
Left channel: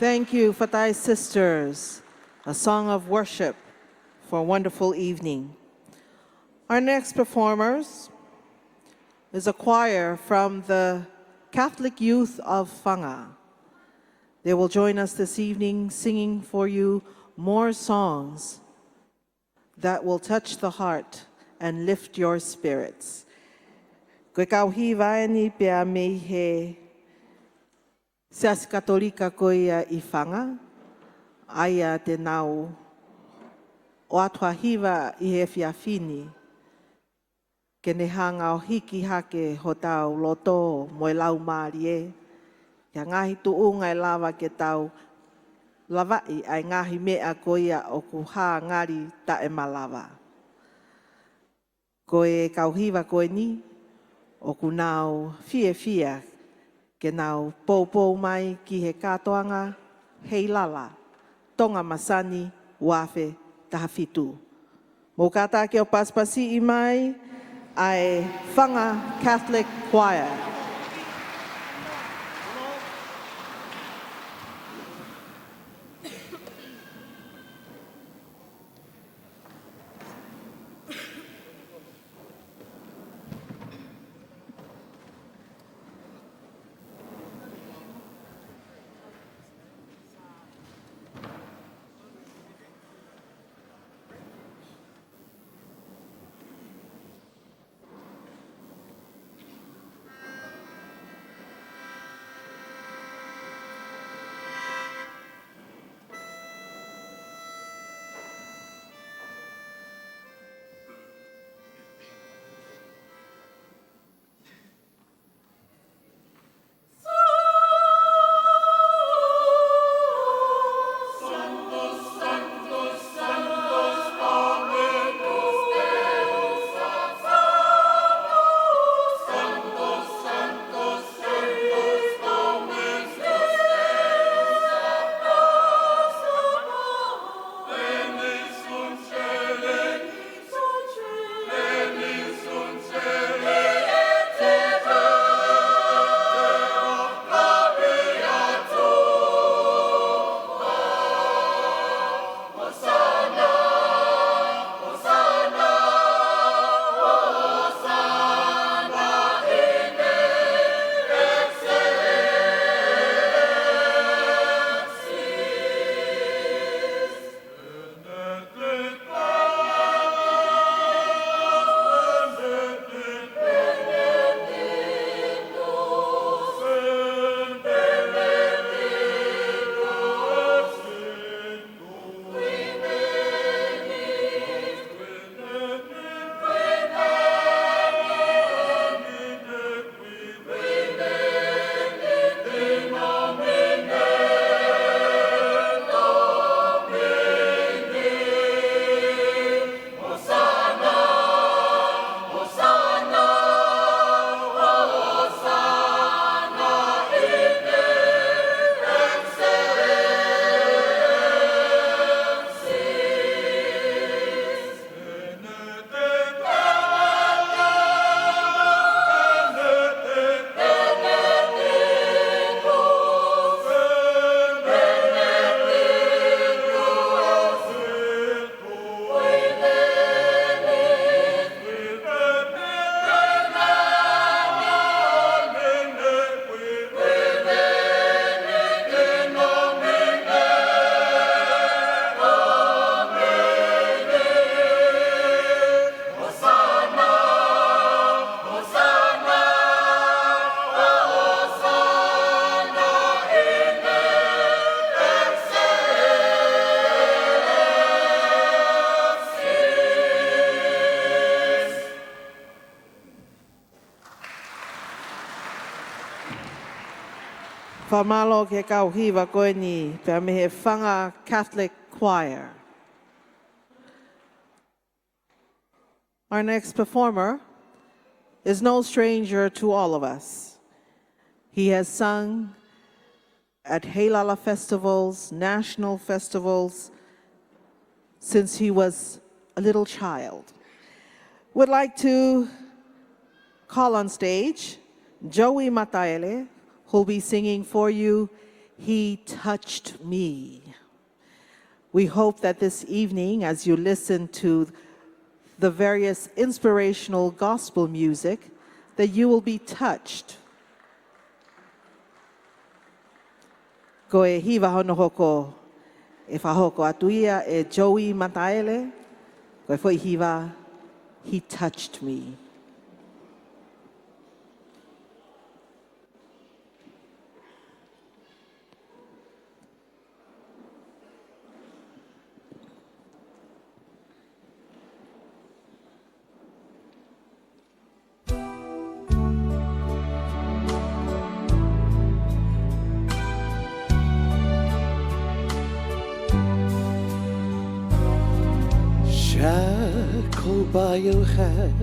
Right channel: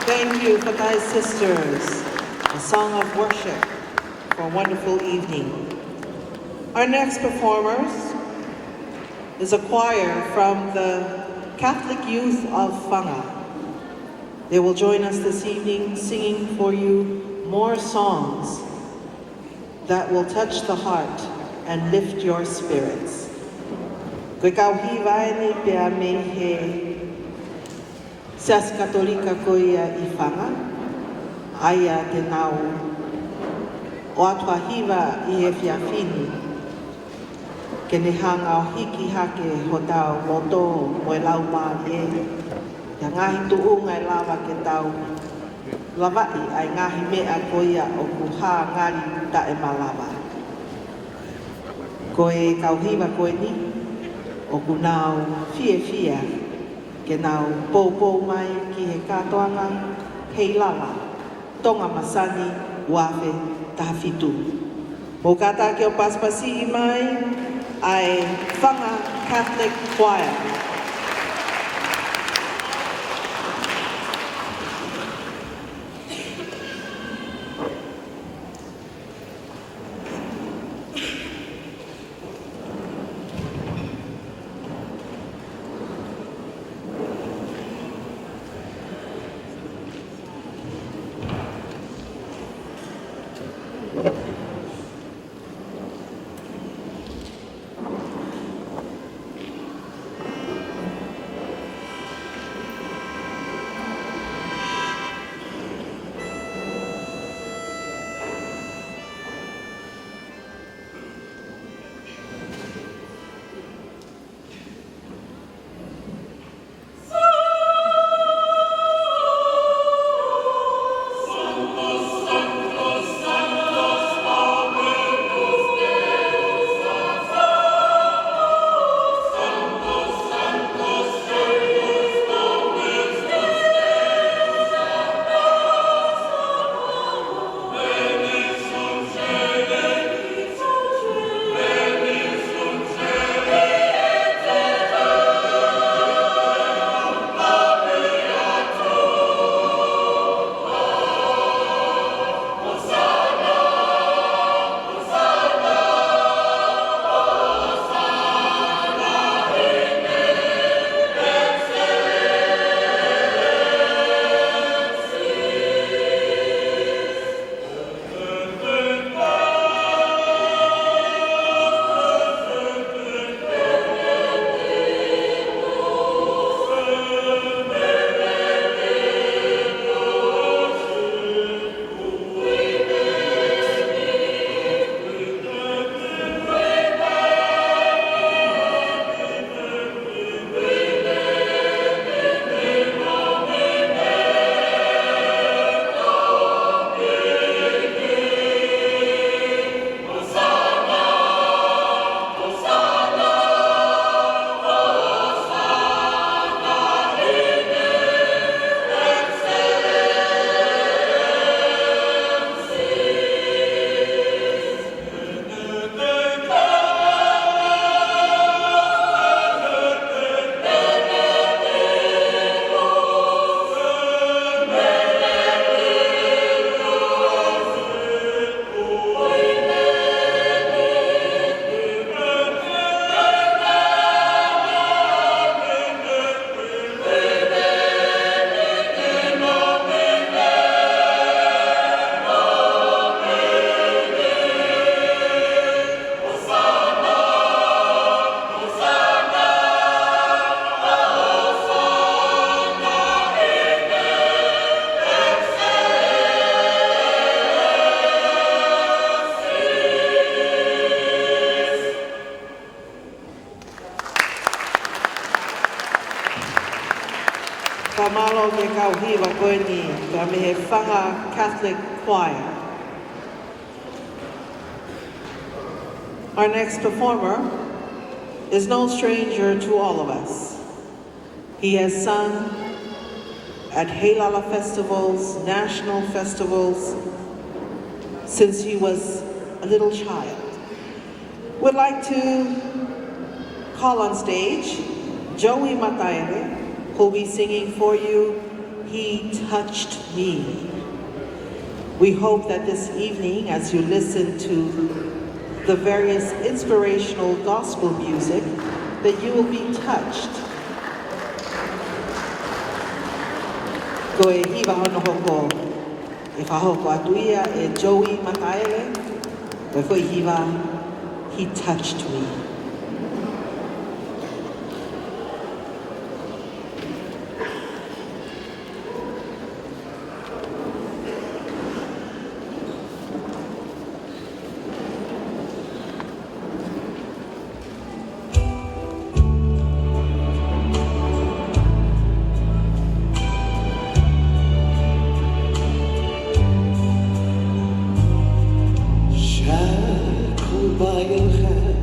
Thank you, Fakafeta'i sisters, a song of worship for a wonderful evening. Our next performers is a choir from the Catholic Youth of Tonga. They will join us this evening singing for you more songs that will touch the heart and lift your spirits. Koe kauhi vaene pia me he Sias Katolika koia I whanga, aia te nau, o atua hiwa I e whiawhini, ke ne hanga o hiki hake ho tau o tō mo e lau mā e, e ngahi tu unga e lawa ke tau, lawai ai ngahi mea koia o kuha ngari ta e malawa. Koe kauhiwa koe ni, o kunau fia, ke tau pōpō mai ki he katoa ngai, Heilala, Tonga Masani, wafe tafitu. Mo kata ke o paspasi mai, ai Whanga Catholic Choir. Kamalo ke kauhiwa koini, ka me Whanga Catholic Choir. Our next performer is no stranger to all of us. He has sung at Heilala festivals, national festivals, since he was a little child. We'd like to call on stage Joey Mataere, who'll be singing for you, He Touched Me. We hope that this evening, as you listen to the various inspirational gospel music, that you will be touched. Ko e hiwa hono hoko, e whahoko atuia e Joey Mataere, ko e hiwa, He Touched Me. Shackled by your hand,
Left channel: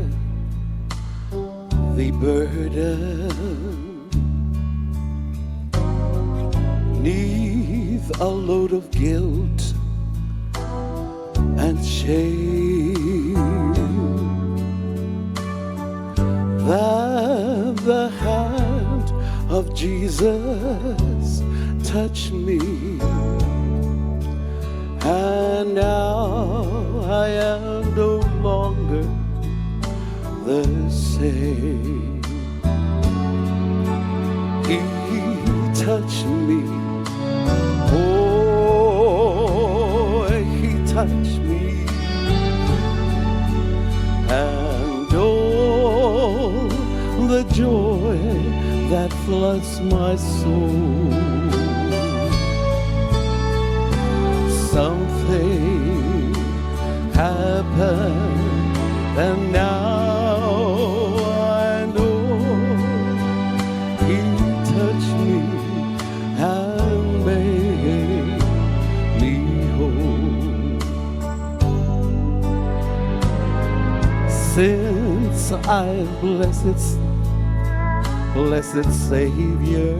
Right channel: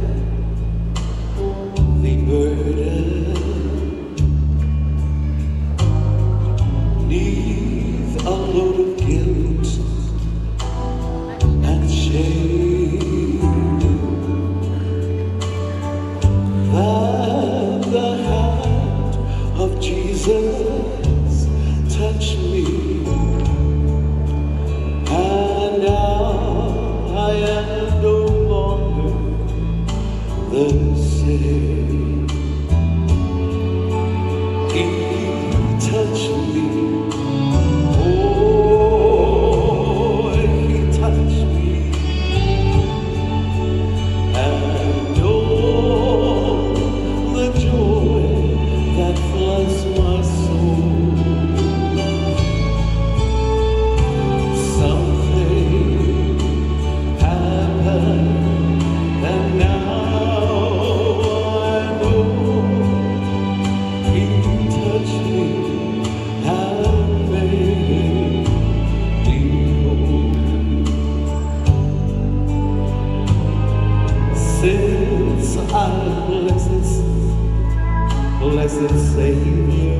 blessed Savior,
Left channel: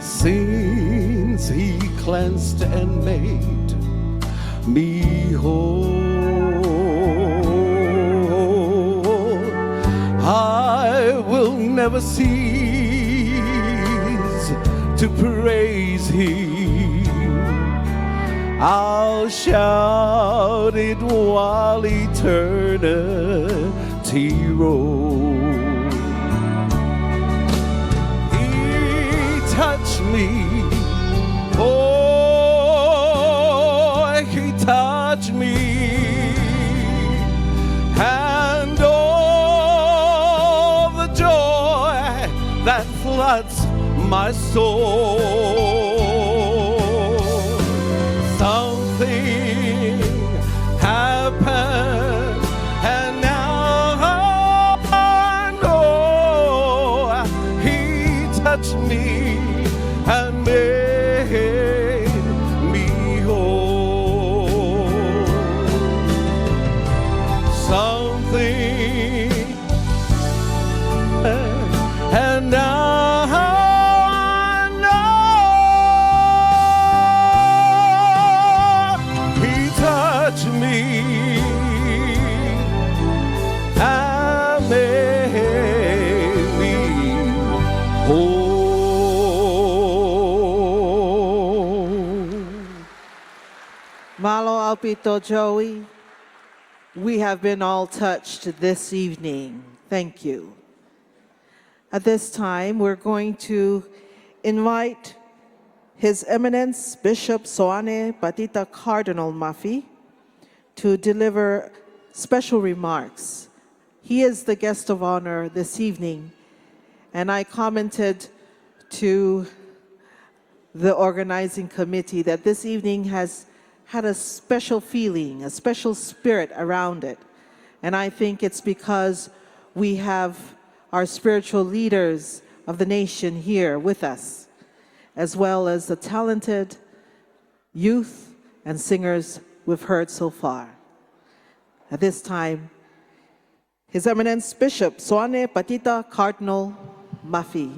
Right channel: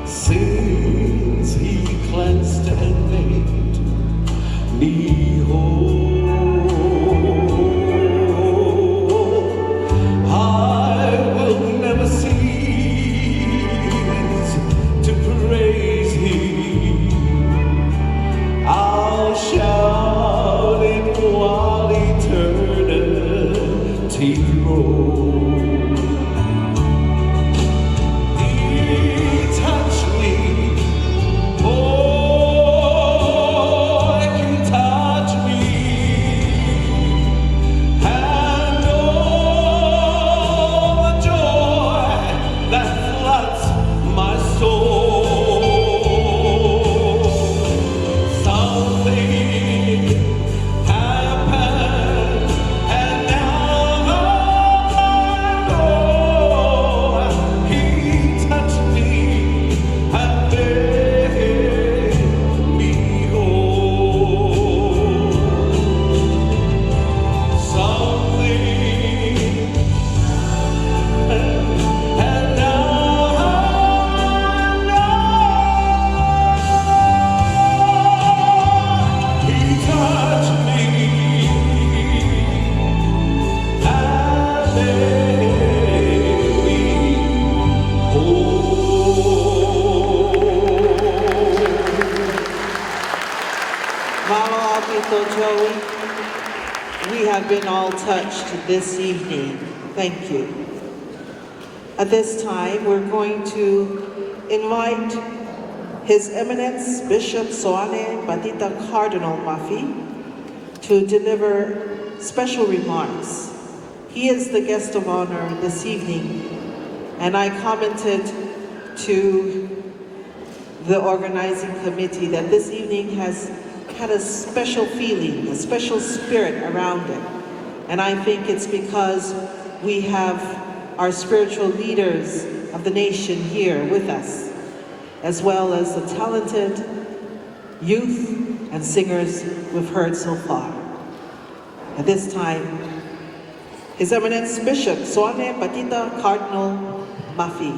since He cleansed and made me whole, I will never cease to praise Him. I'll shout it while eternity rolls. He touched me, oh, He can touch me, and all the joy that floods my soul. Something happened, and now I know He touched me and made me whole. Something, and now I know He touched me and made me whole. We have been all touched this evening. Thank you. At this time, we're going to invite His Eminence Bishop Soane Patita Cardinal Mafi to deliver special remarks. He is the guest of honor this evening, and I commented to the organizing committee that this evening has had a special feeling, a special spirit around it. And I think it's because we have our spiritual leaders of the nation here with us, as well as the talented youth and singers we've heard so far. At this time, His Eminence Bishop Soane Patita Cardinal Mafi.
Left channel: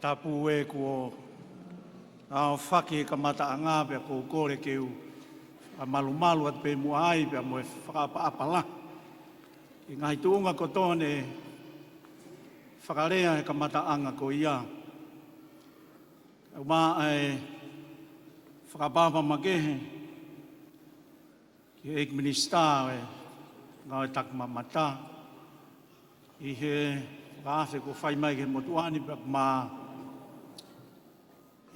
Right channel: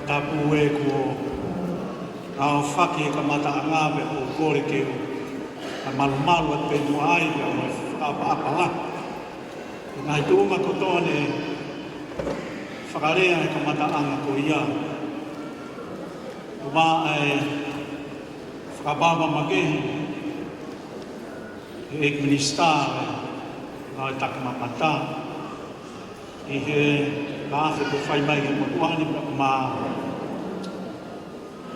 Tongatapu e ko ao whake kamata ngāwe o koe te a malumalu pe no ai o whaapapala. Nai tūma kotone whakarea e kamata anga ko ia. Mā e whaapapa makehi e kristare ai takamamata. I he āwhi ko whaimai ki mo wahani mā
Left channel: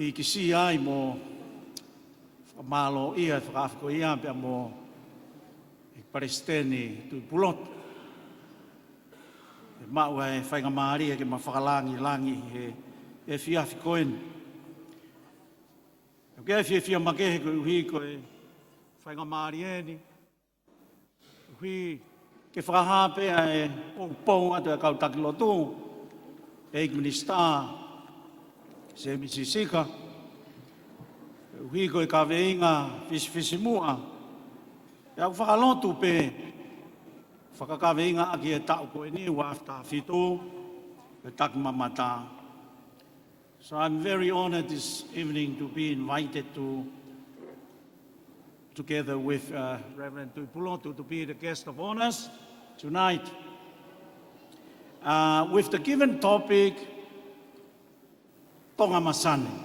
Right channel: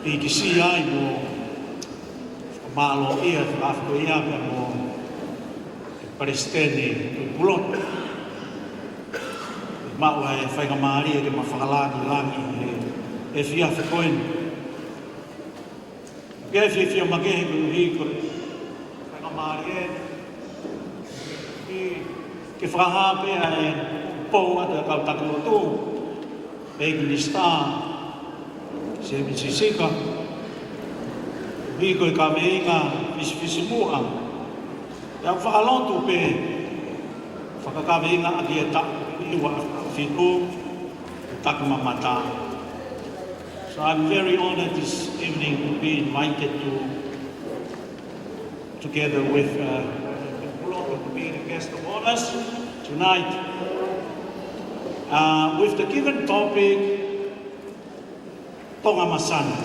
i kisi ai mo mālo ia whaafo ia ka mo Palestini i Burot. Mā ua e whainga ia ki ma whalā ki langi e whiawhi koen. Ke whiwhia makehi ko ui ko whainga ia ki whahapea e Paula da Tongatapu e Kristā se Mississika Igo ka veina isvisimua e whalotu pe whakakaveina ati e tapu iwa whiku e taku mamata. So I'm very honored this evening to be invited together with the group of being guest of honors tonight. With the given topic, Tonga Masani.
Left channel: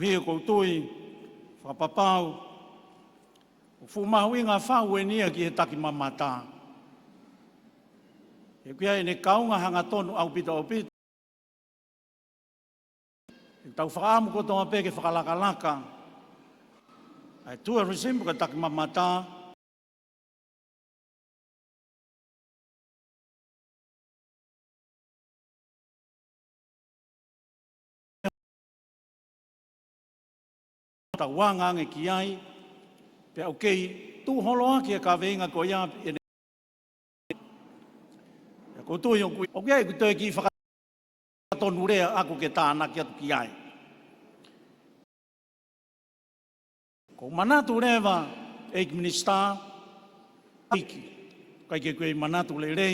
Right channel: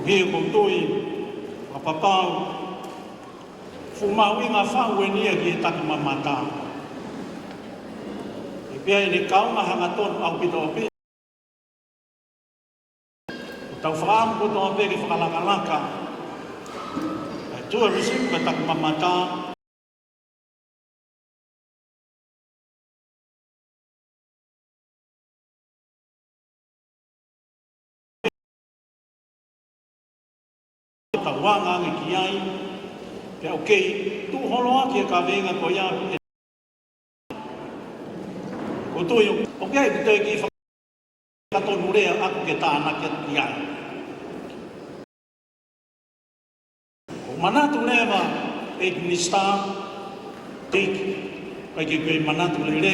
Via kutui, papapau, fumawinga whaue nia ki taku mamata. Via i kaunga hangaton au pitopi. Tau whaampu tō peki whalakanaka. E tua rusipa taku mamata. Wanga ki ai, Okay, tu hono ke ka venga ko ya. Okay, te ki fa to mure a ke ta na ke ya. Mana tu ne ba e misa e pa ke be mana tu ne.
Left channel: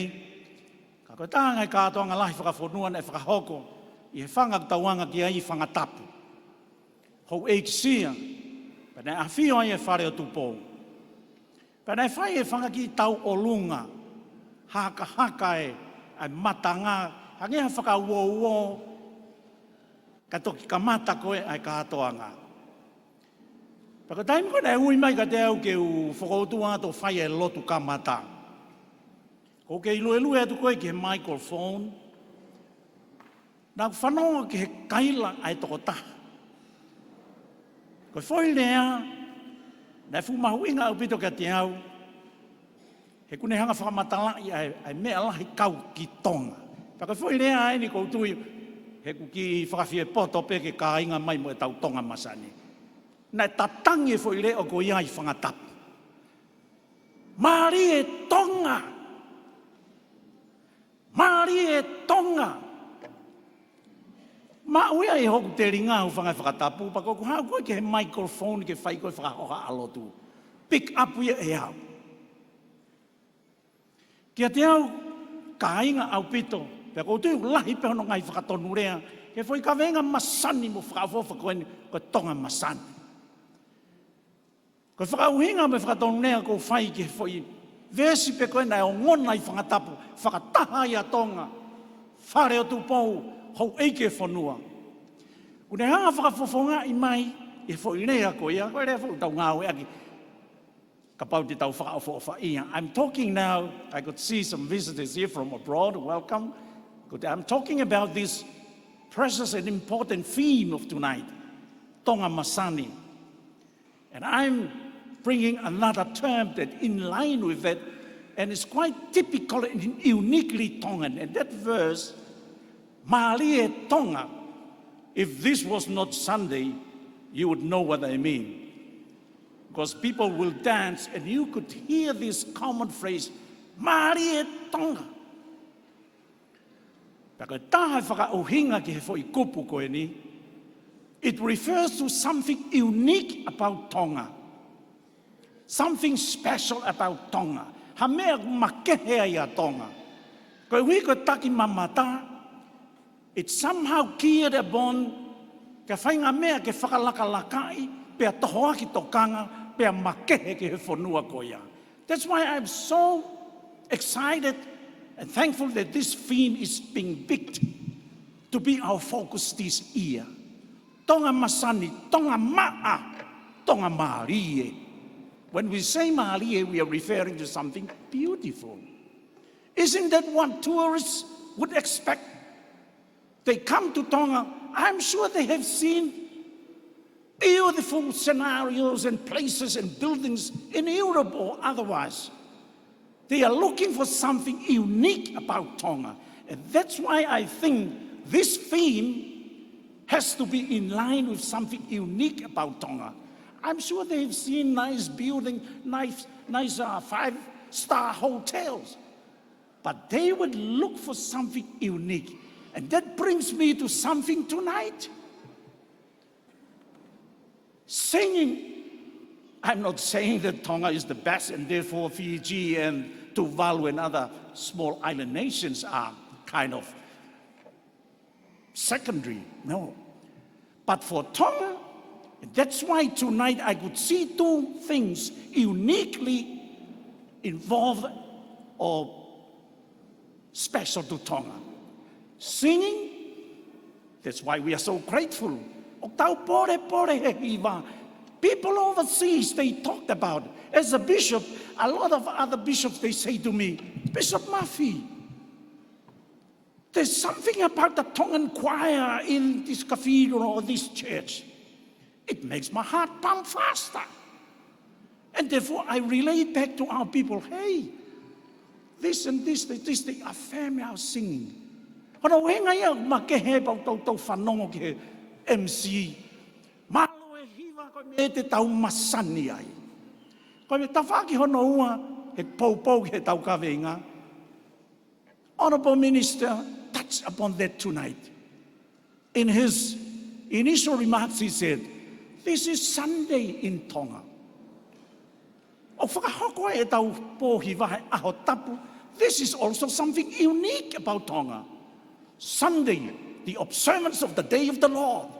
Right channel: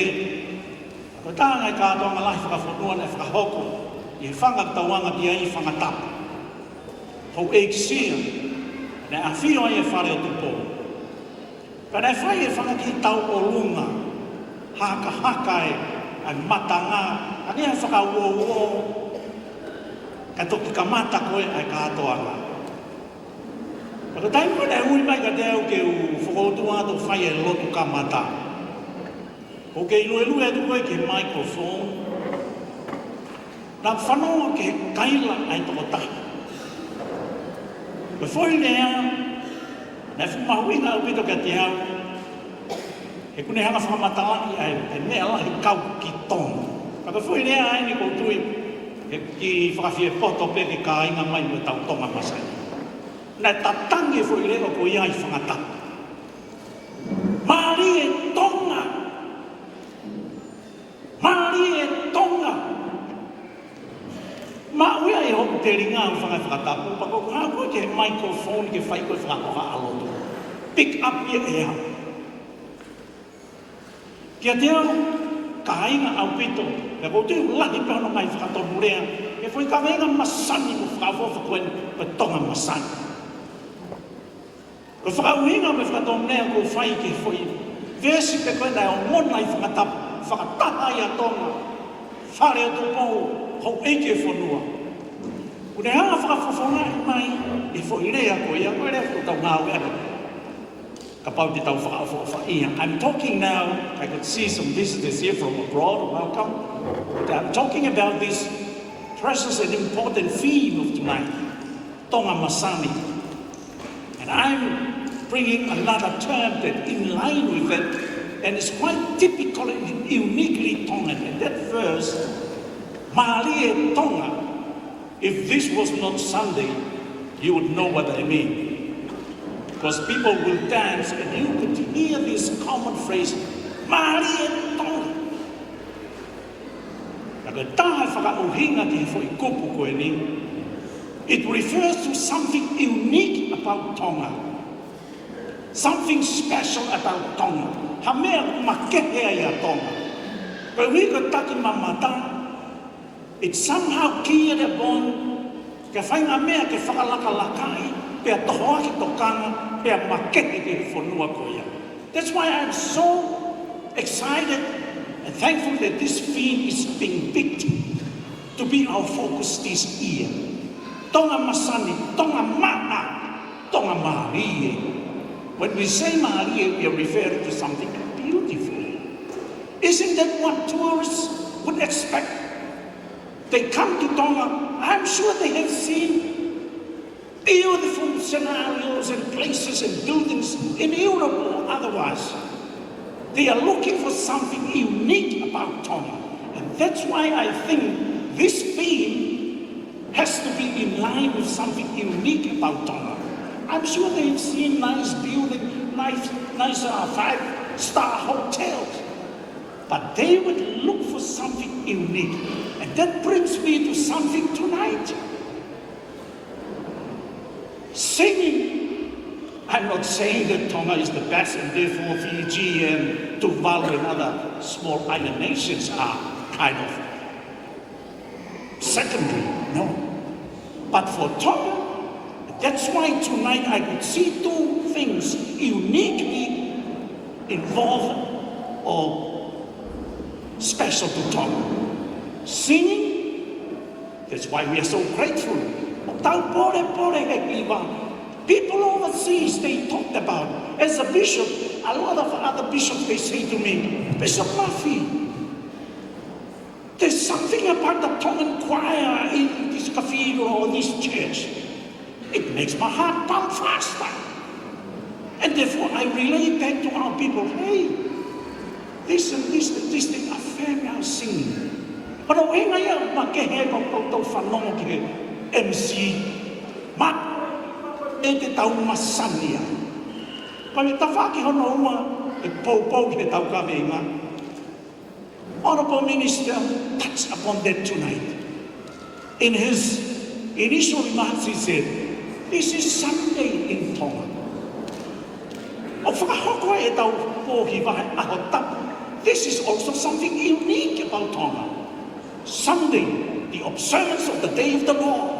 Ta ne ka to na fa fo mo le fa hoko. I fa na ta wana ke i fa na ta. O e sia. Ne a fio ai fa le tu po. Pero e fa e fa ki tau o lunga. Haka e ai matanga. Ani e fa wo ka toki ka mata koe ai ka atoanga. Pero tai koe e ui mai ka teo ke u whotua ko whai e lotu ka mata. O ke lue e tue ke microphone. Nā whanau ke kaila ai tō tahi. Pero whai nea, e whumau ina o pito ka te au, e kune hama whamatalaki ai, e mea lahi kau ki tonga. Pero whai nea ai ni ko tui, ki whawhie poto pe ki ka inga mai me tau Tonga Masani. Nā tā tangi whai leo ko iai whangatau. Māri e Tonga! Māri e Tonga! Māui e o te ringa o Fakafeta'i, pako ngā koe ke microphone ke whai koe whakua aloto. Pick up ye e au. Kia te au, ka inga au pito, e po te laki pēr mai whakatomurea, e whai ka venga masani o whakawofa koe pe Tonga Masani. Ko whauhinga me whakatomurea ko whai ke whai, vesi te koe nai o mona i whakatapu, whakataha i a Tonga, whare tu pou, ho eke whanua. Kune hana whakawhawhonga i mai, i whailea koe a koe ko tau ngā wera. Ka pau ki tau whakawhawhaia. I'm talking now, I can see some visitors here from abroad, welcome. But I'm talking about this precious and important theme of tonight, Tonga Masani. And I'm bringing another term that in line with it, and it's quite typical and uniquely Tongan. And that verse, Māri e Tonga. If this was not Sunday, you would know what I mean. Because people will dance and you would hear this common phrase, Māri e Tonga. Ka tanga whakaohinga ki whai kupu koe ni, it refers to something unique about Tonga. Something special about Tonga. Ha mea makehe ia Tonga. Pero i ka taki mamata, it's somehow kia le bon, ka whainga mea ke whakalakalakai, pia tohaki tokana, pia makeke ke whanua koea. That's why I'm so excited and thankful that this theme is being picked to be our focus this year. Tonga Masani, Tonga Ma'a, Tonga Mārie. When we say Mārie, we are referring to something beautiful. Isn't that what tourists would expect? They come to Tonga, I'm sure they have seen beautiful scenarios and places and buildings in Europe or otherwise. They are looking for something unique about Tonga. And that's why I think this theme has to be in line with something unique about Tonga. I'm sure they've seen nice buildings, nice 5-star hotels. But they would look for something unique. And that brings me to something tonight. Singing. I'm not saying that Tonga is the best, and therefore Fiji and Tuvalu and other small island nations are kind of secondary, no. But for Tonga, that's why tonight I can see two things uniquely involved or special to Tonga. Singing, that's why we're so grateful. People overseas, they talked about, as a bishop, a lot of other bishops, they say to me, Bishop Murphy, there's something about the Tongan choir in this cathedral or this church. It makes my heart pound faster. And therefore I relate back to our people, hey, this thing are very well singing. Pero ngayon, makehepo to whanong ke MC, Tonga Masani. Pai ta whaki hono ua, e pōpō ki te tau kawinga. Honourable Minister touched upon that tonight. In his initial remarks, he said, this is Sunday in Tonga. O whakahoko e tau pōhi vai aho tapu. This is also something unique about Tonga. Sunday, the observance of the day of the Lord.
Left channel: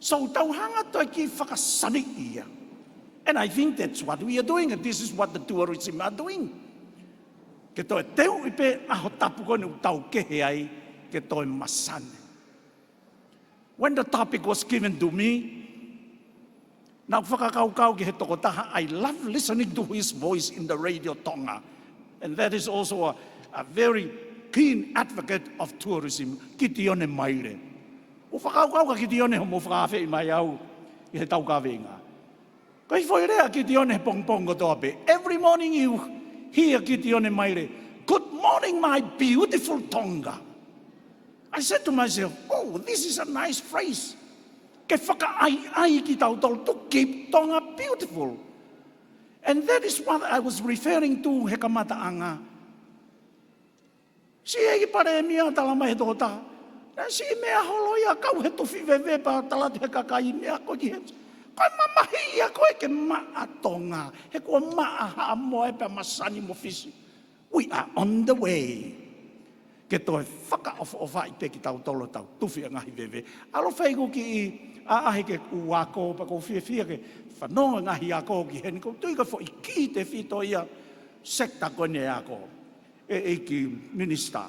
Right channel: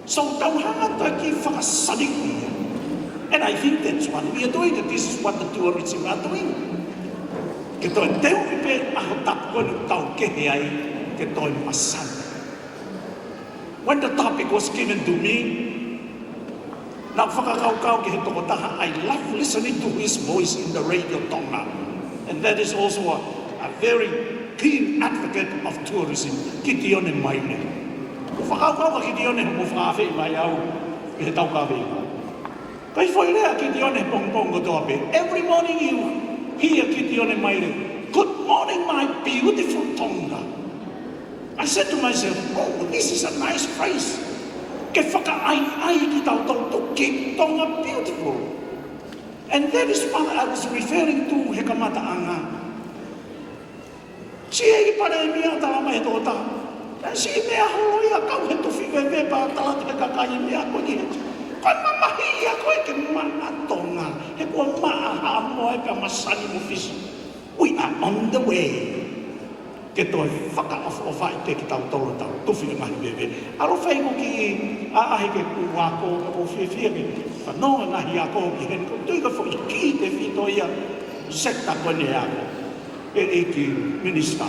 So tauhanga ki whakasali. And I think that's what we are doing, and this is what the tourists are doing. Ke toi teo i pe aho tapu e tau kere ai, ke toi Masani. When the topic was given to me, now I like listening to his voice in the radio Tonga. And that is also a very keen advocate of tourism, Gideon and Moimoi. Whakakau Gideon and Mowhawhi mai au ke tau kawinga. Kai whaia Gideon and Pongpongo tope. Every morning you hear Gideon and Moimoi, good morning my beautiful Tonga. I said to myself, oh, this is a nice phrase. Ke whakaai ki tau tō ki Tonga beautiful. And that is what I was referring to he kamata anga. Si e pare mea tama me kota. Si mea hoi a kau he tu whiwewe pa tala te kakai mea koi. Kana mahi a koe ke maa Tonga. E po maa hamoa e ka Masani movies. We are on the way. Ke toi whakaofo whai te ki tau toro tau. Tuwhi mahi bebe. Alo whengu ki i aahe ke kua ko whiwhiwi. No, na ia ko mi ko fo ki te fitoia seka pone a e ki minister.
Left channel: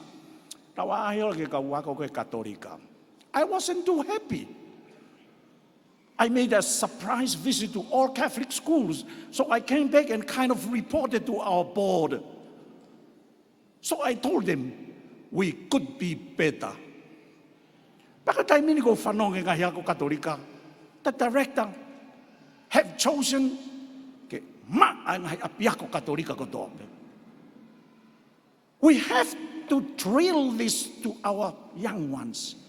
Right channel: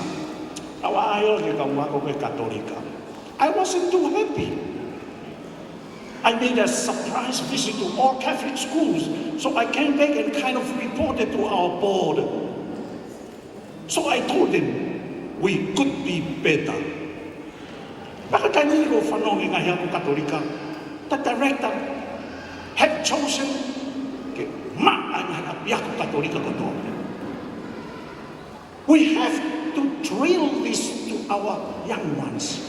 Tawa ai o ke ka ma ko ke katolika. I wasn't too happy. I made a surprise visit to all Catholic schools, so I came back and kind of reported to our board. So I told him we could be better. But I knew whanongi na ia katolika. The director Head Johnson, we have to drill this to our young ones.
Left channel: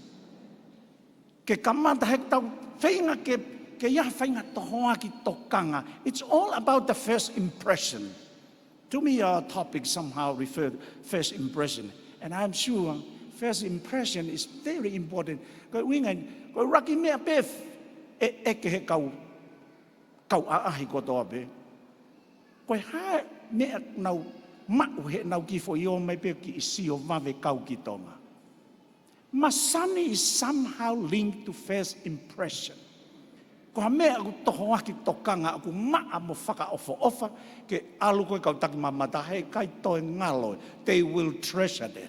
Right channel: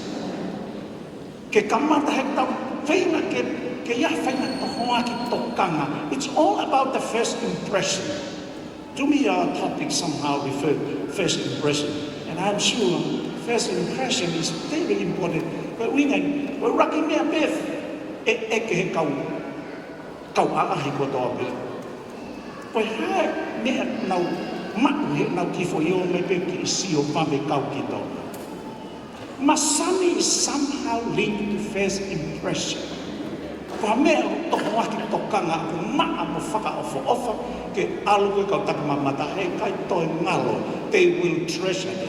It's all about the first impression. To me, our topic somehow referred first impression. And I'm sure first impression is very important. Women, we're rocking their beth. Kau ahi ko tobi. Koe hae mea nau matu nau ki fo iho me pe ki si o pame kau ki tau. Masani is somehow linked to first impression. Kua mea toko aki tokanga maa mo whakaofo ofa ke alu kau tapamata he kai toi malo, they will treasure it.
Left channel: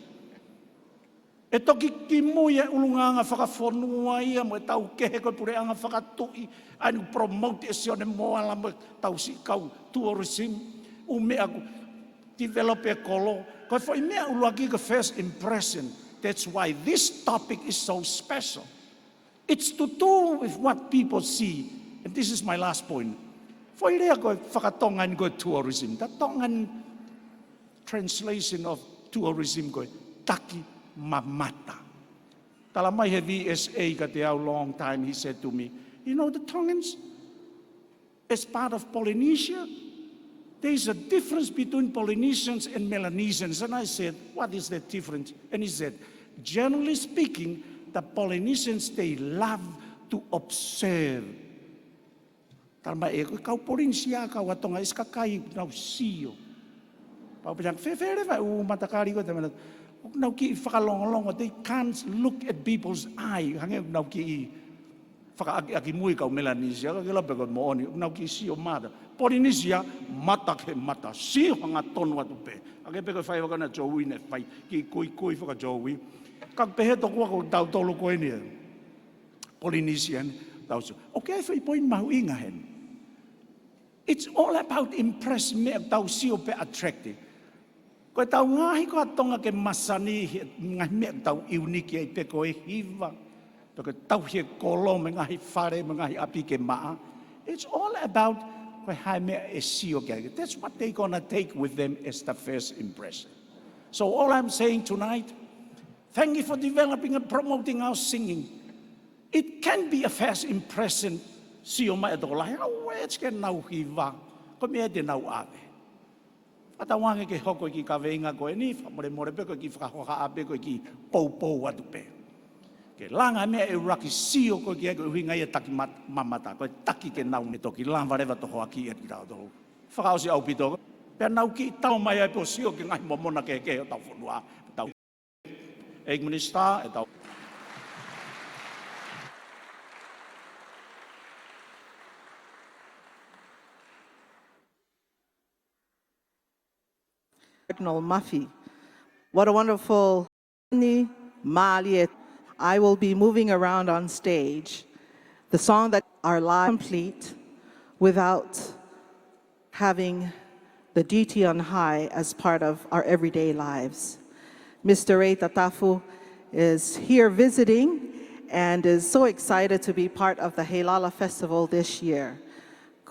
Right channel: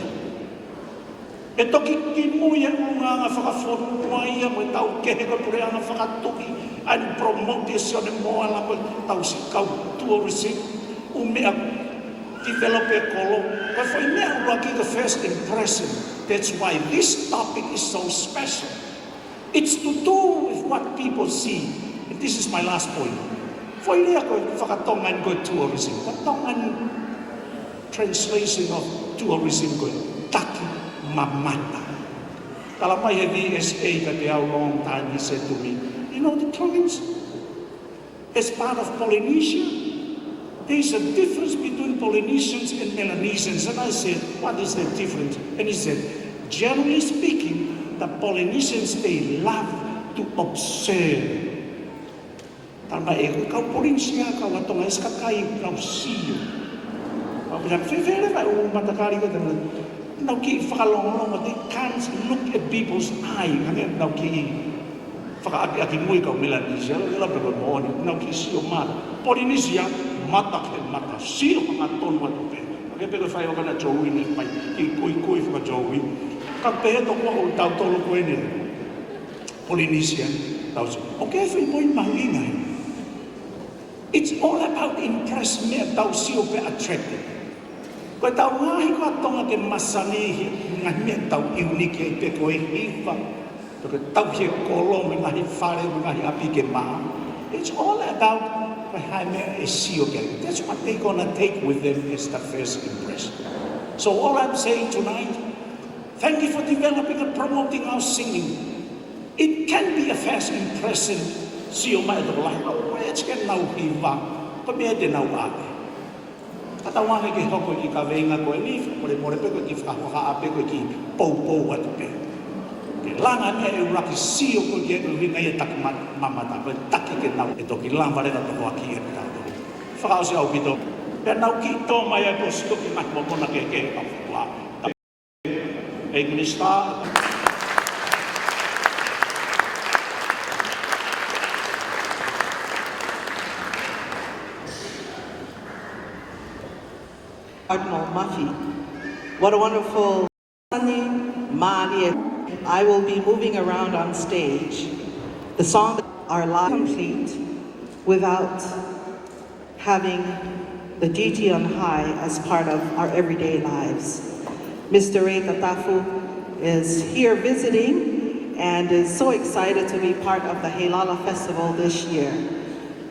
E toki ki mui e munga whakafonu aia mo tau kehero peana whakatoki and promote this on the moral tau tourism umea develop a call. But for me, the first impression, that's why this topic is so special. It's to do with what people see. This is my last point. For me, Tongan good tourism. The Tongan translation of tourism good. Taki mamata. Kalama ESA that a long time he said to me, you know the Tongans, as part of Polynesia, there is a difference between Polynesians and Melanesians. And I said, what is the difference? And he said, generally speaking, the Polynesians, they love to observe. Kama e kau Polynesia, kau to eskakai, kau siu. Kau kena whiwhere kau matakari kau no ki whakalongo, they can't look at people's eye. No ki whakaki mui kau Melanesia, labra moni, no ki siu mata. Polynesia, mata ke mata, siu mata tonu atupe. Kaya whai wana jowi ni pai, I kui wha jowi. Ka pehe toko tau tolu koene. Polynesia, tau si, okay, whi mui mahina. It's all about impressing me, tau siu pe attractive. Koe tau mahi ka Tonga Masani, ngā mea tau iwi ke te koe hiwa. Koe tau ke kolo, ngā hi whare, ngā hi api ke maa. It's all about koe hae mea e sio ke. That's what they're gonna take with them as the first impression. So all I'm saying tonight, thank you for developing and promoting our singing. It can be a first impression. Sio mai to lai, where's ke nau hiwa? ko pwede na umaga. Katawang hindi ko kung ikawenga ko ni, mali-mali ko kung ipakakaapi ko ki po at pe. Kailangan ay makisiyo ko yung hinayitak mamata, takikin na ito, kailangan pa rin at tumakir ka. Fausa o kito. Pero nakita ko may gusto ko ko nakikita. English ka. What a wonderful I will be moving around on stage. The song that are live complete without having the deity on high as part of our everyday lives. Mr. Tongatapu is here visiting and is so excited to be part of the Heilala festival this year.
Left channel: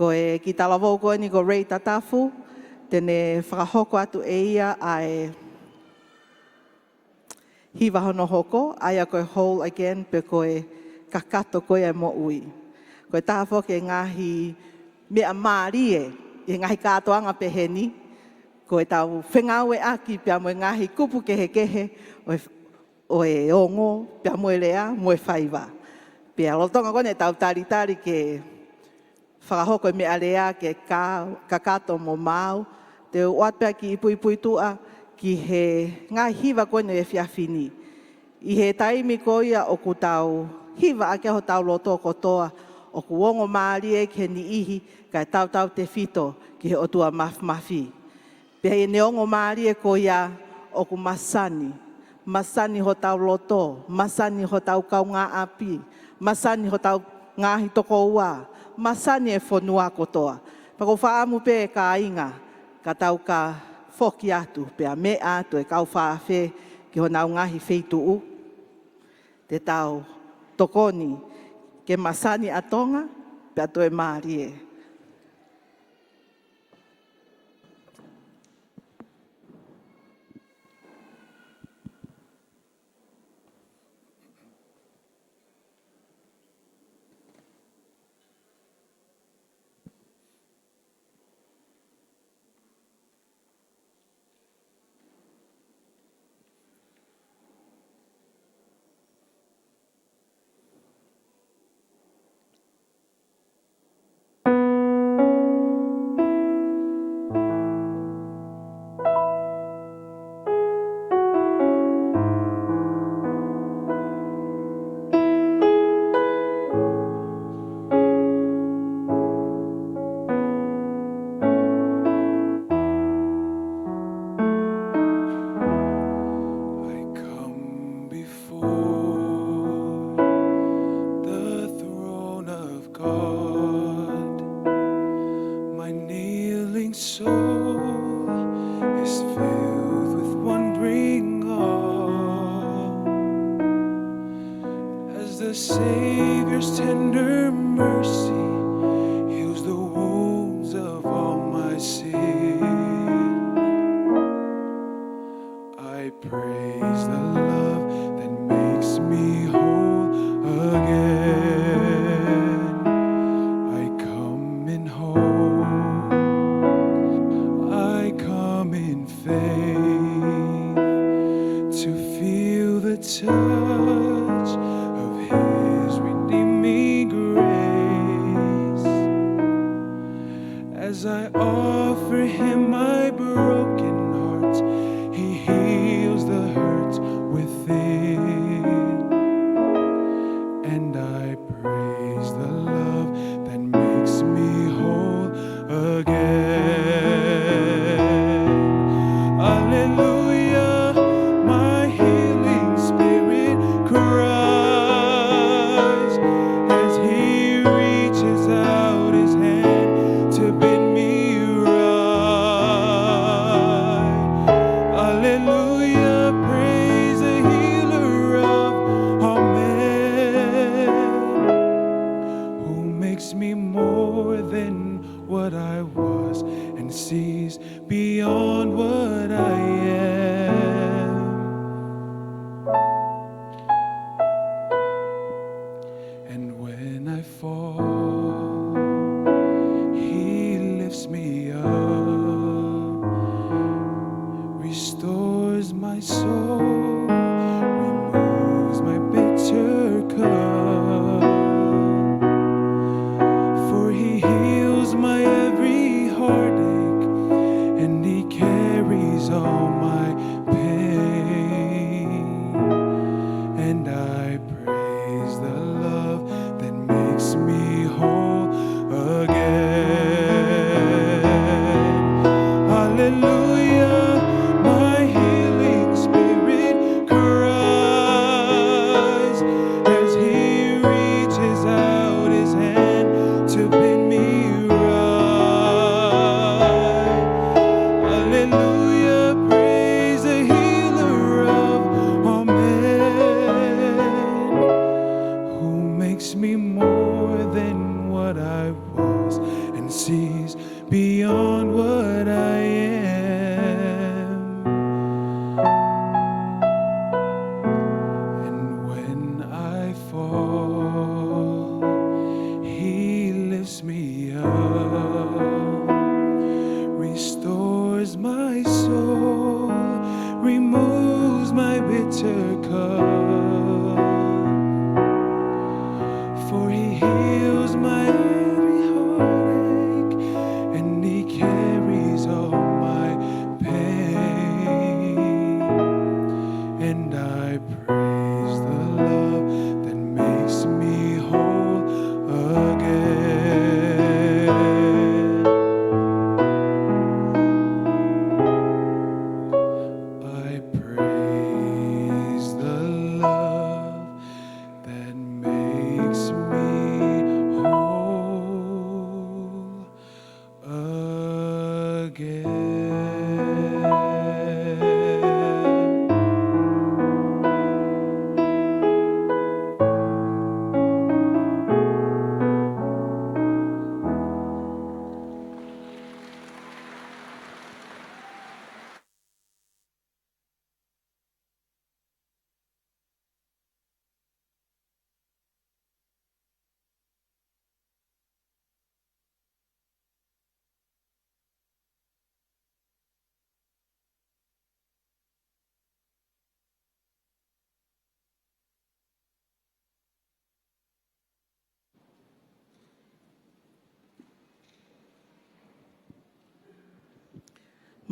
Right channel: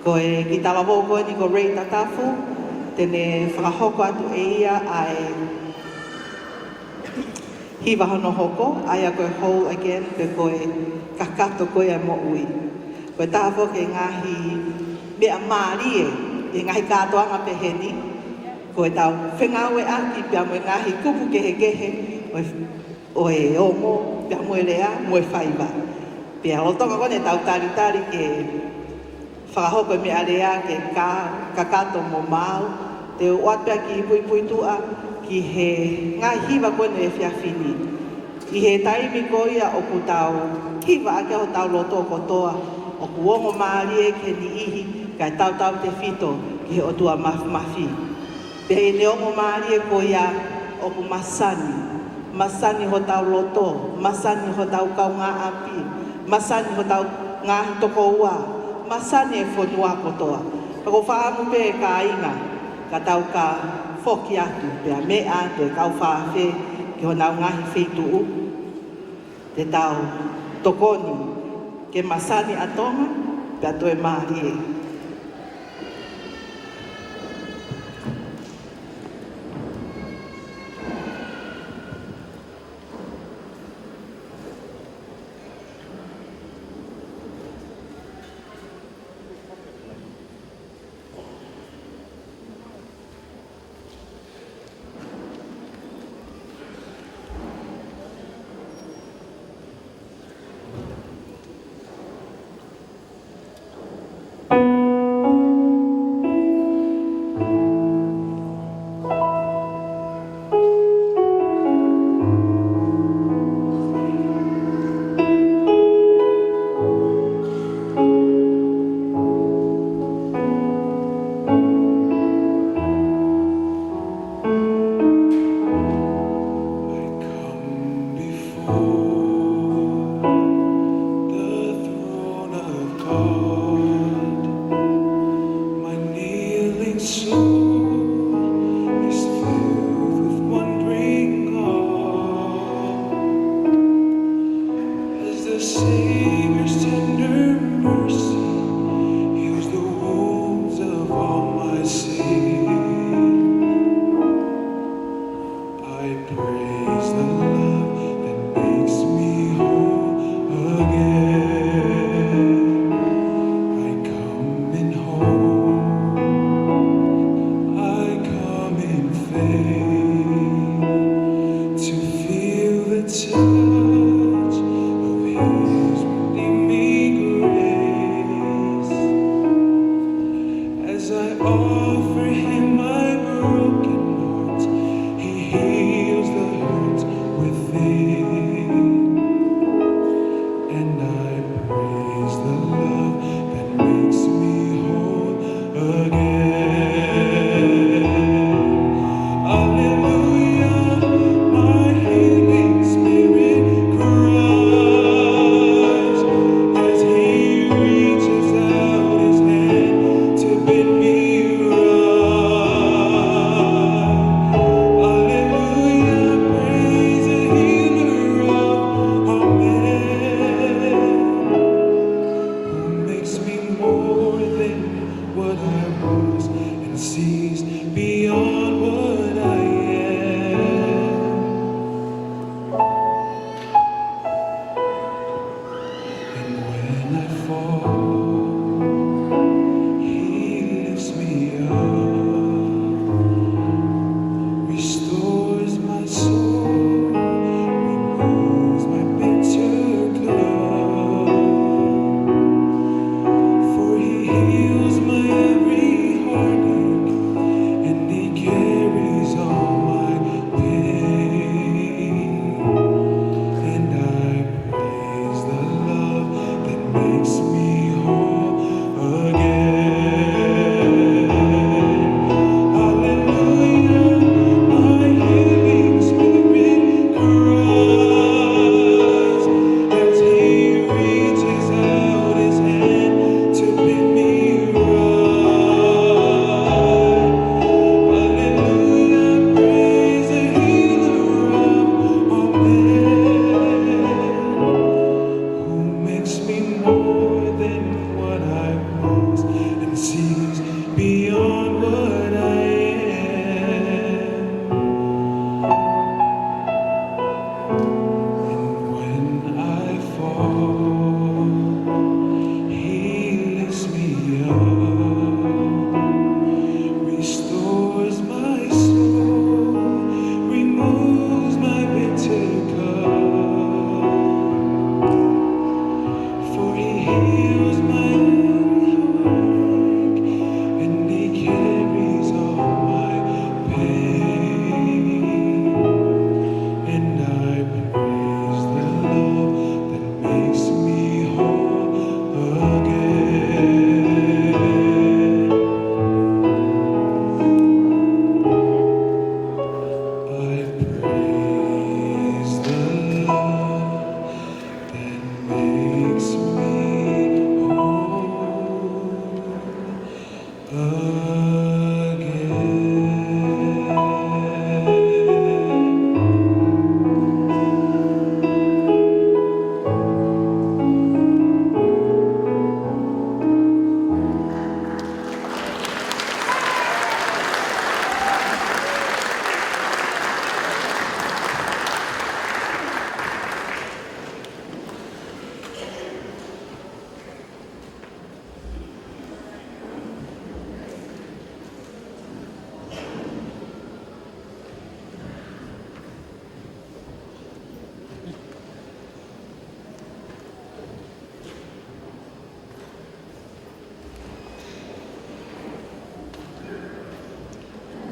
Koe hitawaho koe ni ko Tongatapu, tene whakahoko atu e ia ai hiwa hono hoko, ai a koe hou again pe koe kakato koe a mo ui. Koe tāwho ke ngahi mea mārie, e ngahi katoa ma peheni, koe tau whengawe ati pia moe ngahi kupu kehe, oe ongo, pia moe rea, moe whaiwa. Pia roto moe e tau tari ke whahoko mea rea ke kakato mo mau, te wapea ki pui tua ki he ngahi hiwa koe ne whiawhini. I he taimi koe a oku tau hiwa ake o tau roto kotoa, oku ongo maarie ke ti ihi, kai tau te whito ki he otua mafi. Te hei ne ongo maarie koe a oku masani. Masani ho tau loto, masani ho tau kau ngā api, masani ho tau ngā toko ua, masani e whanua kotoa. Kako whaamu pē ka inga, ka tau ka whoki atu, pia me ante kau whawhe ki ho nau ngahi whetuu, te tau tokoni, ke masani atonga, pia toe maarie.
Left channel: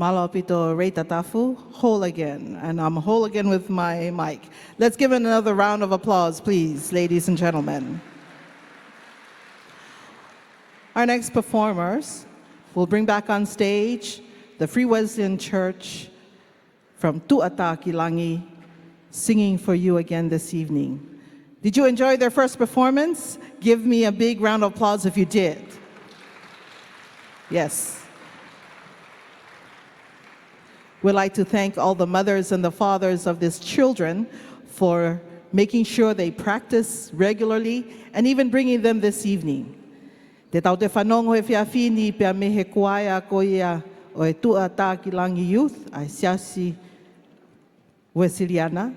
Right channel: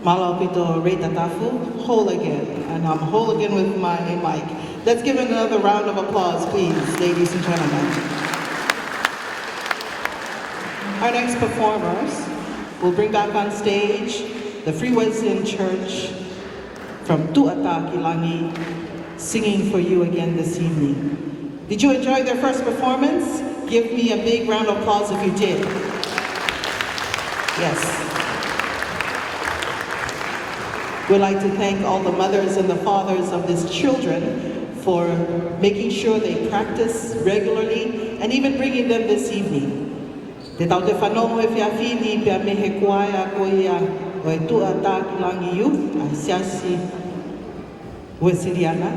Malapito Reitatafu, whole again. And I'm whole again with my mic. Let's give it another round of applause, please, ladies and gentlemen. Our next performers will bring back on stage the Free Voicing Church from Tu'atapu Langi, singing for you again this evening. Did you enjoy their first performance? Give me a big round of applause if you did. Yes. We'd like to thank all the mothers and the fathers of these children for making sure they practice regularly and even bringing them this evening. Te tau te whanau e whiawhini pia me he kuaia koia o e Tu'atapu Langi Youth, a siasi Wesiliana,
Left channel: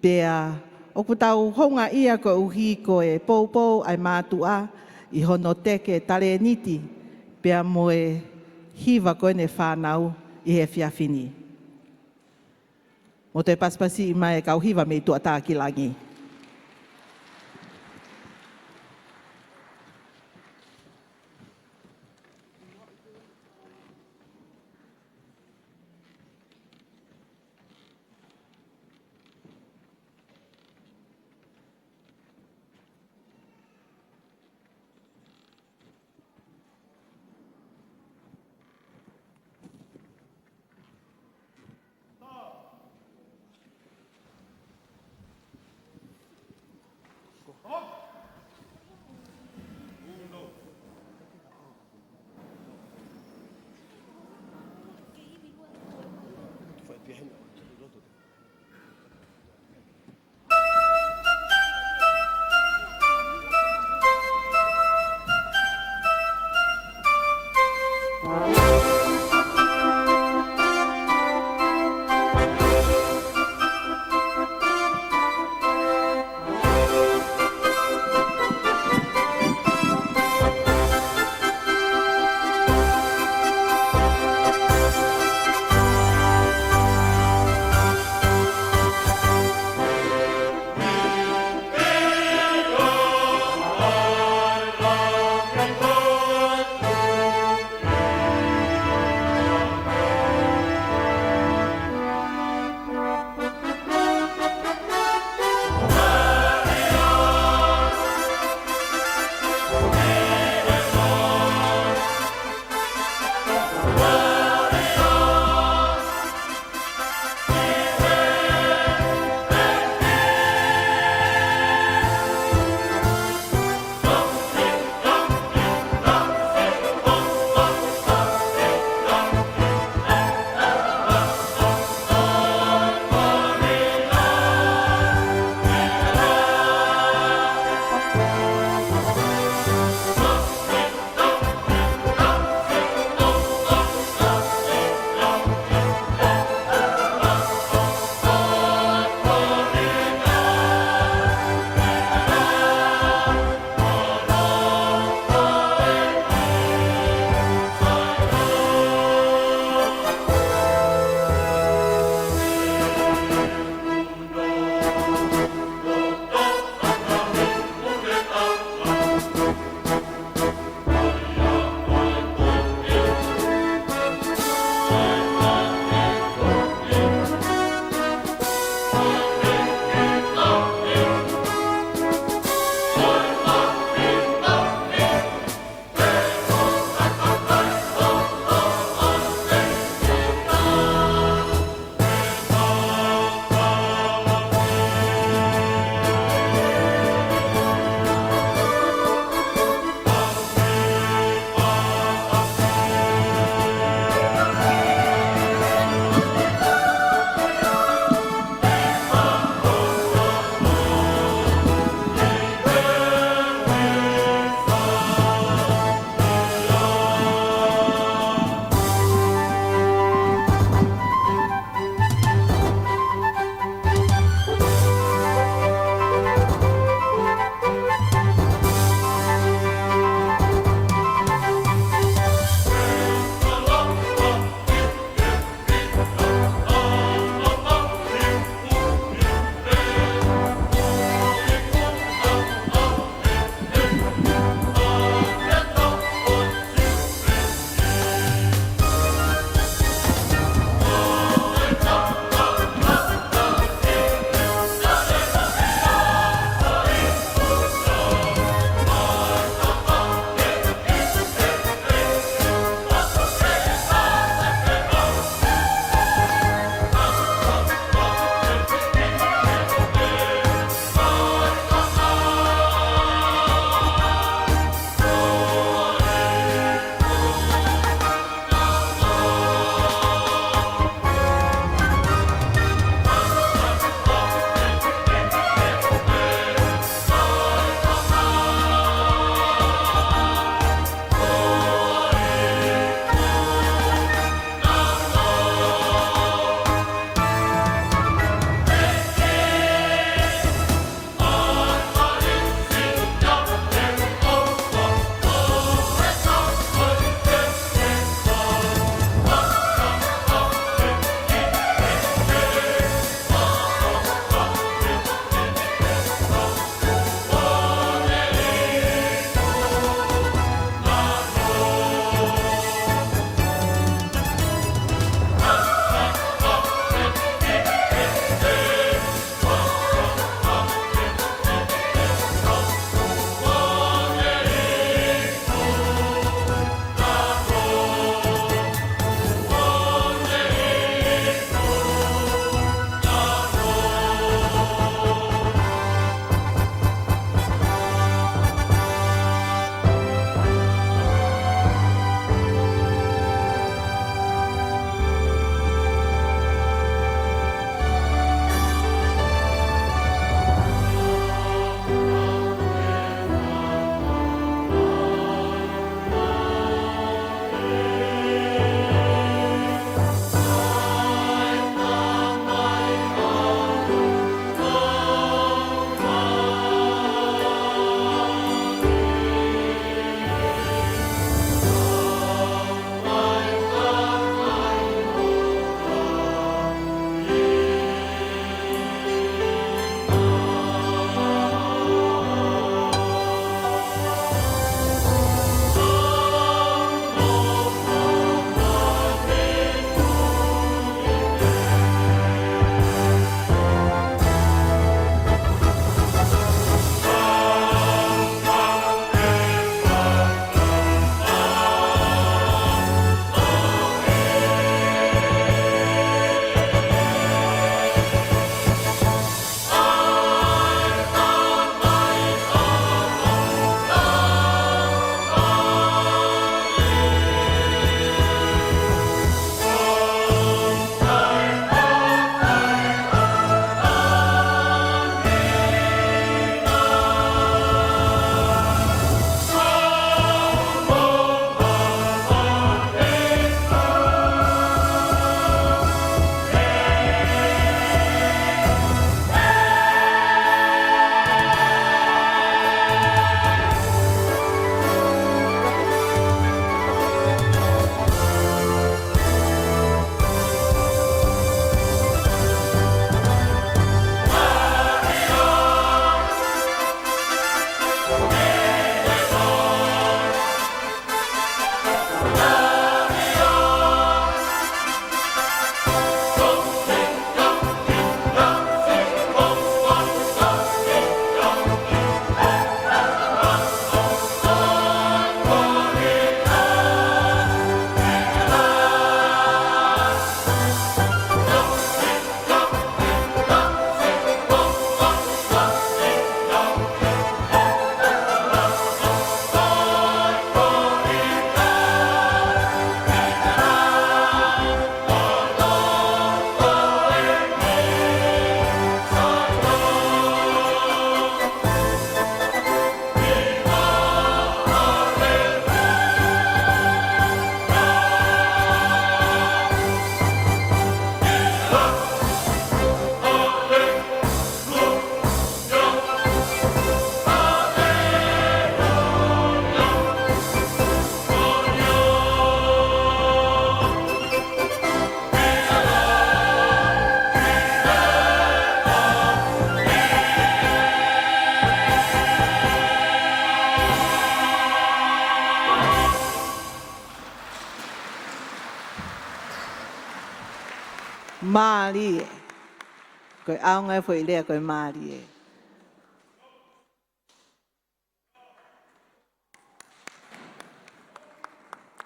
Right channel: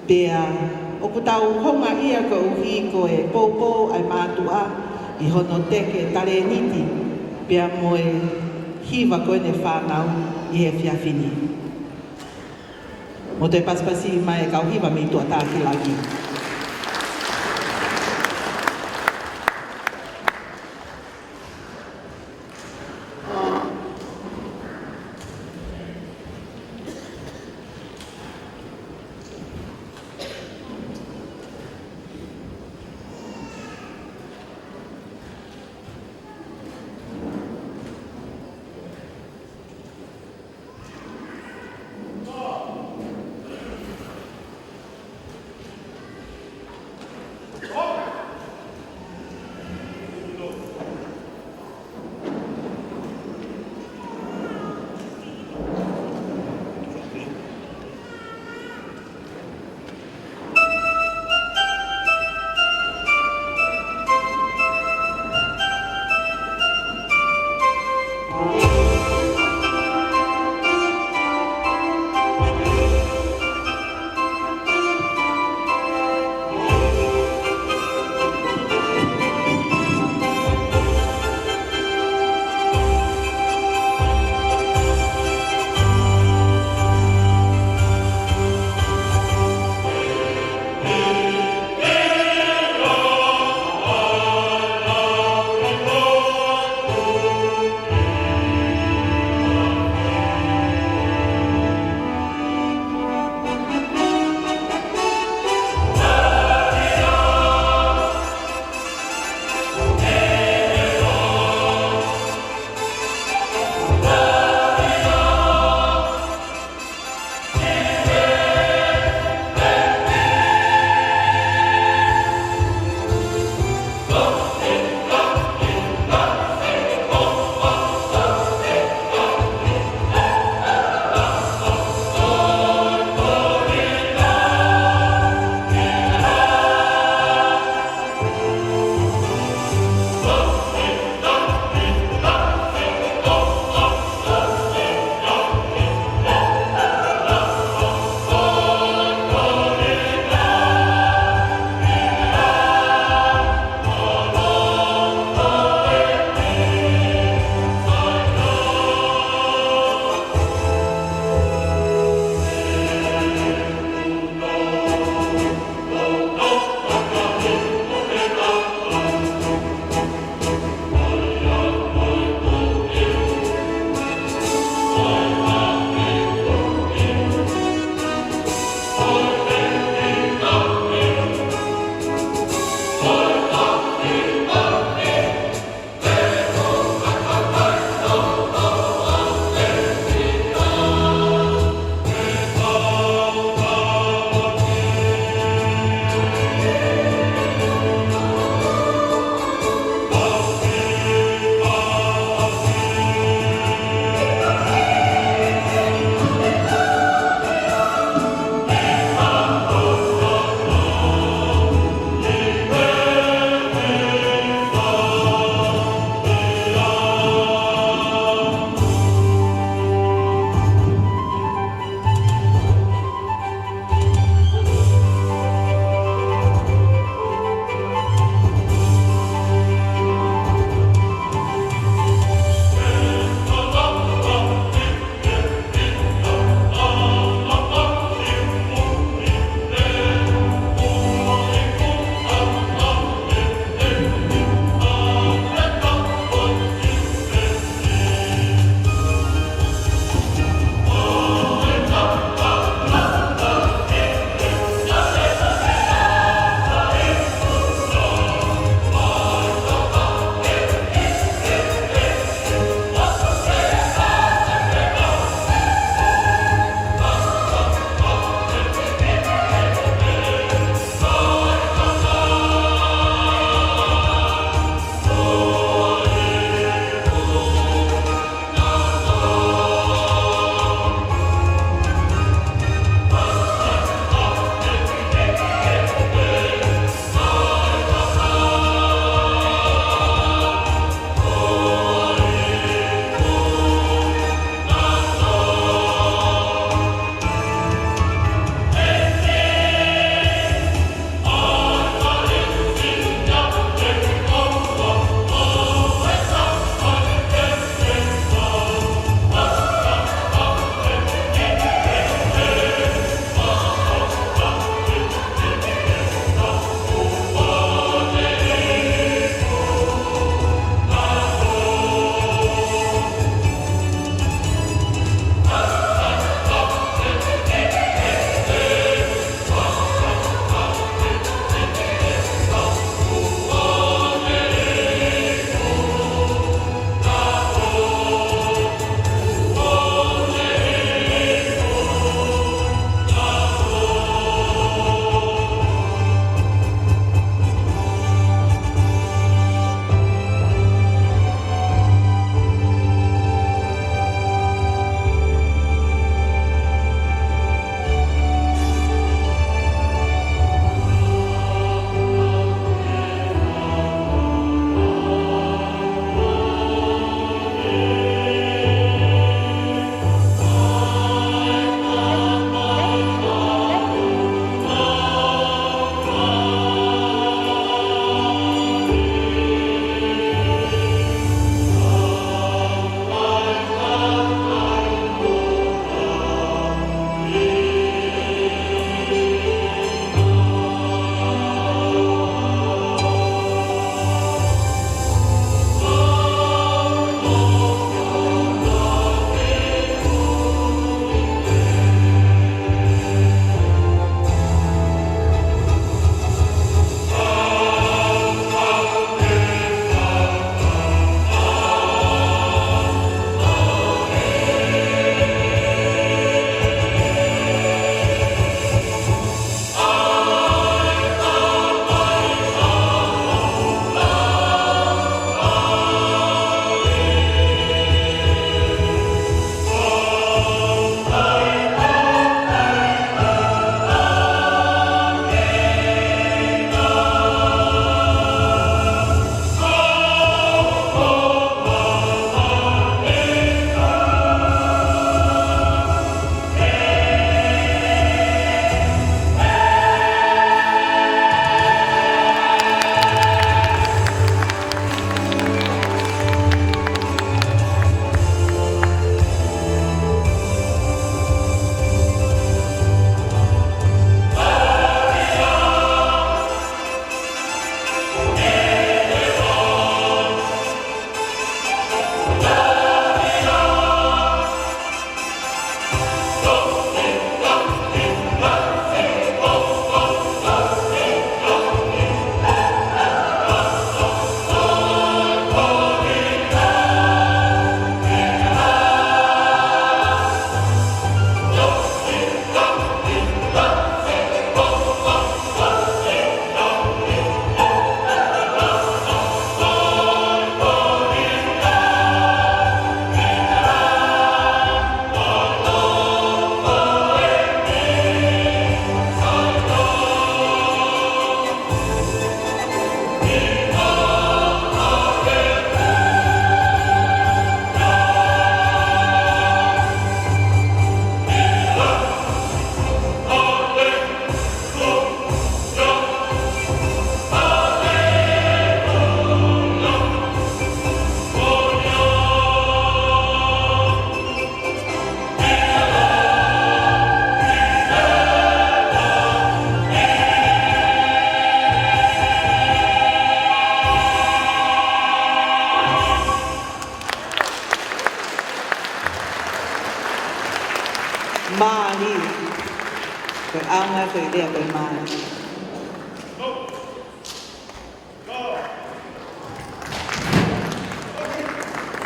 pia o putau honga ia ko uhi ko e pōpō ai mātua I hono teke tare niti pia mo e hiwa koe ne whānau I he whiawhini. O te paspasi mai kau hiwa mi Tu'atapu Langi.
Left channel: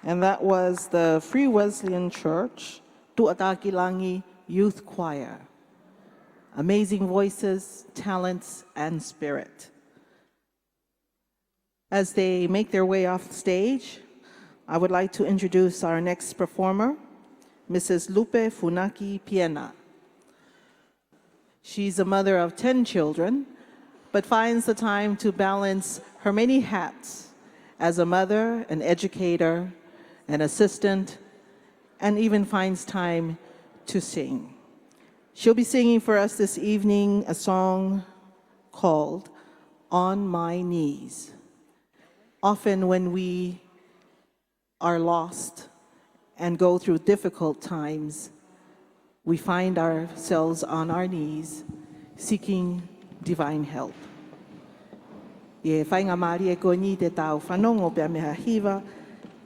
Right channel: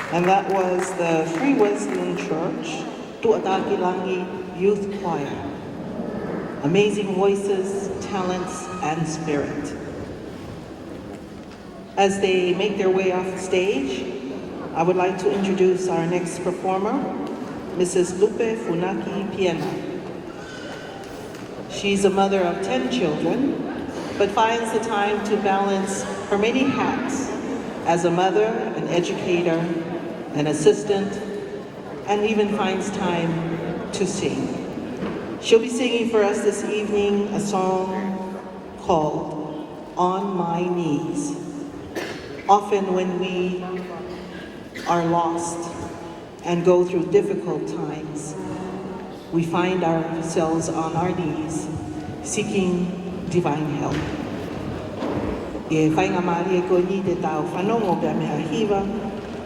And that was the Free Wesleyan Church, Tuatapilani Youth Choir. Amazing voices, talents, and spirit. As they make their way off the stage, I would like to introduce our next performer, Mrs. Lupe Funaki Piena. She's a mother of 10 children, but finds the time to balance her many hats as a mother, an educator, an assistant, and even finds time to sing. She'll be singing for us this evening a song called On My Knees. Often when we are lost and go through difficult times, we find ourselves on our knees seeking divine help. E whai ka mahe ko ni te tau whanongo pia mea hiwa,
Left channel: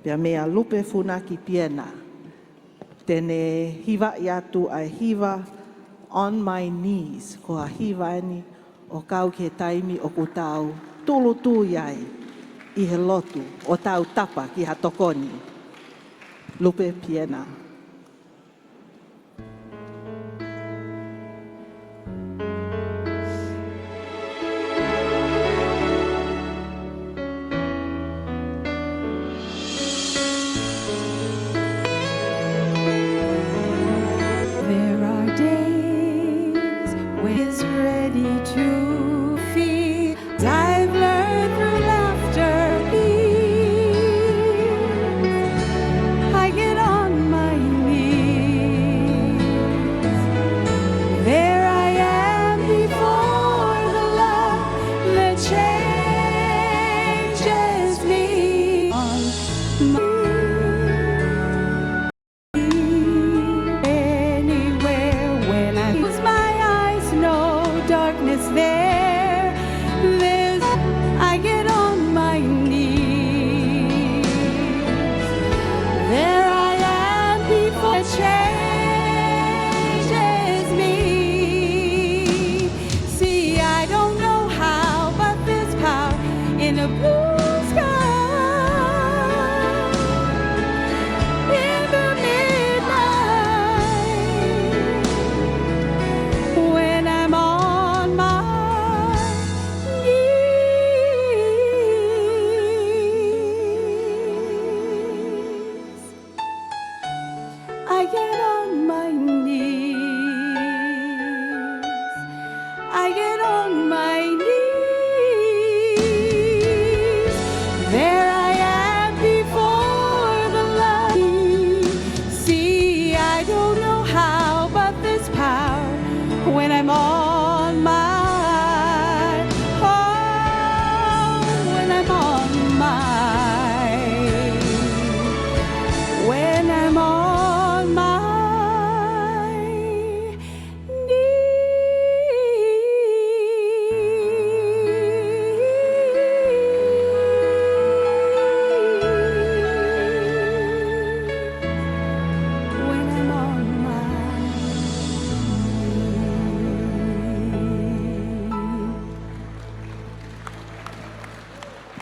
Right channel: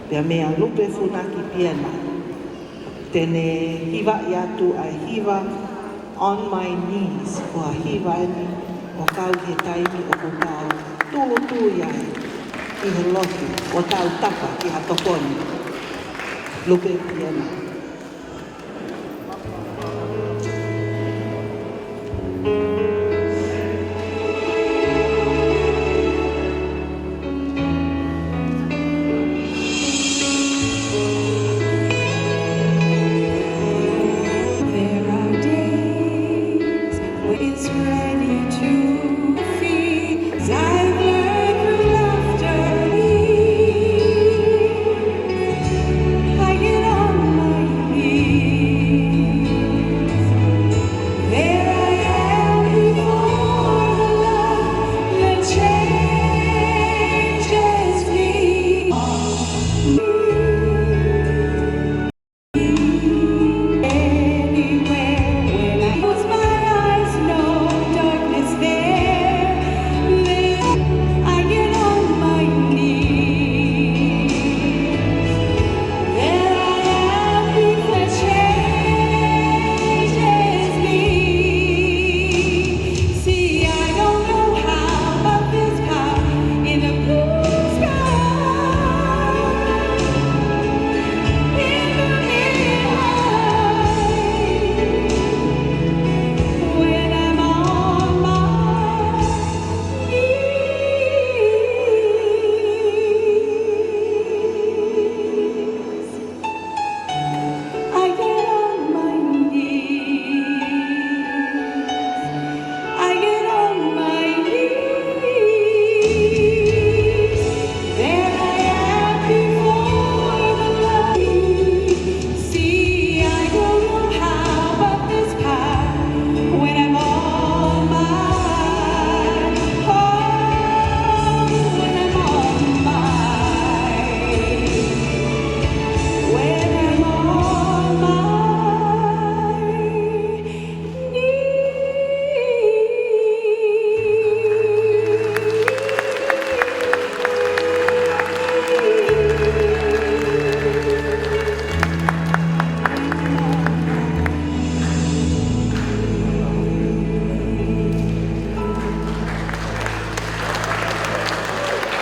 pia mea lupe funaki piena. Tene hiwa i atu ai hiwa, on my knees o a hiwa eni, o kau te kai o ku tau tū iai, i holoki o tau tapa i a tokoni. Lupe piena.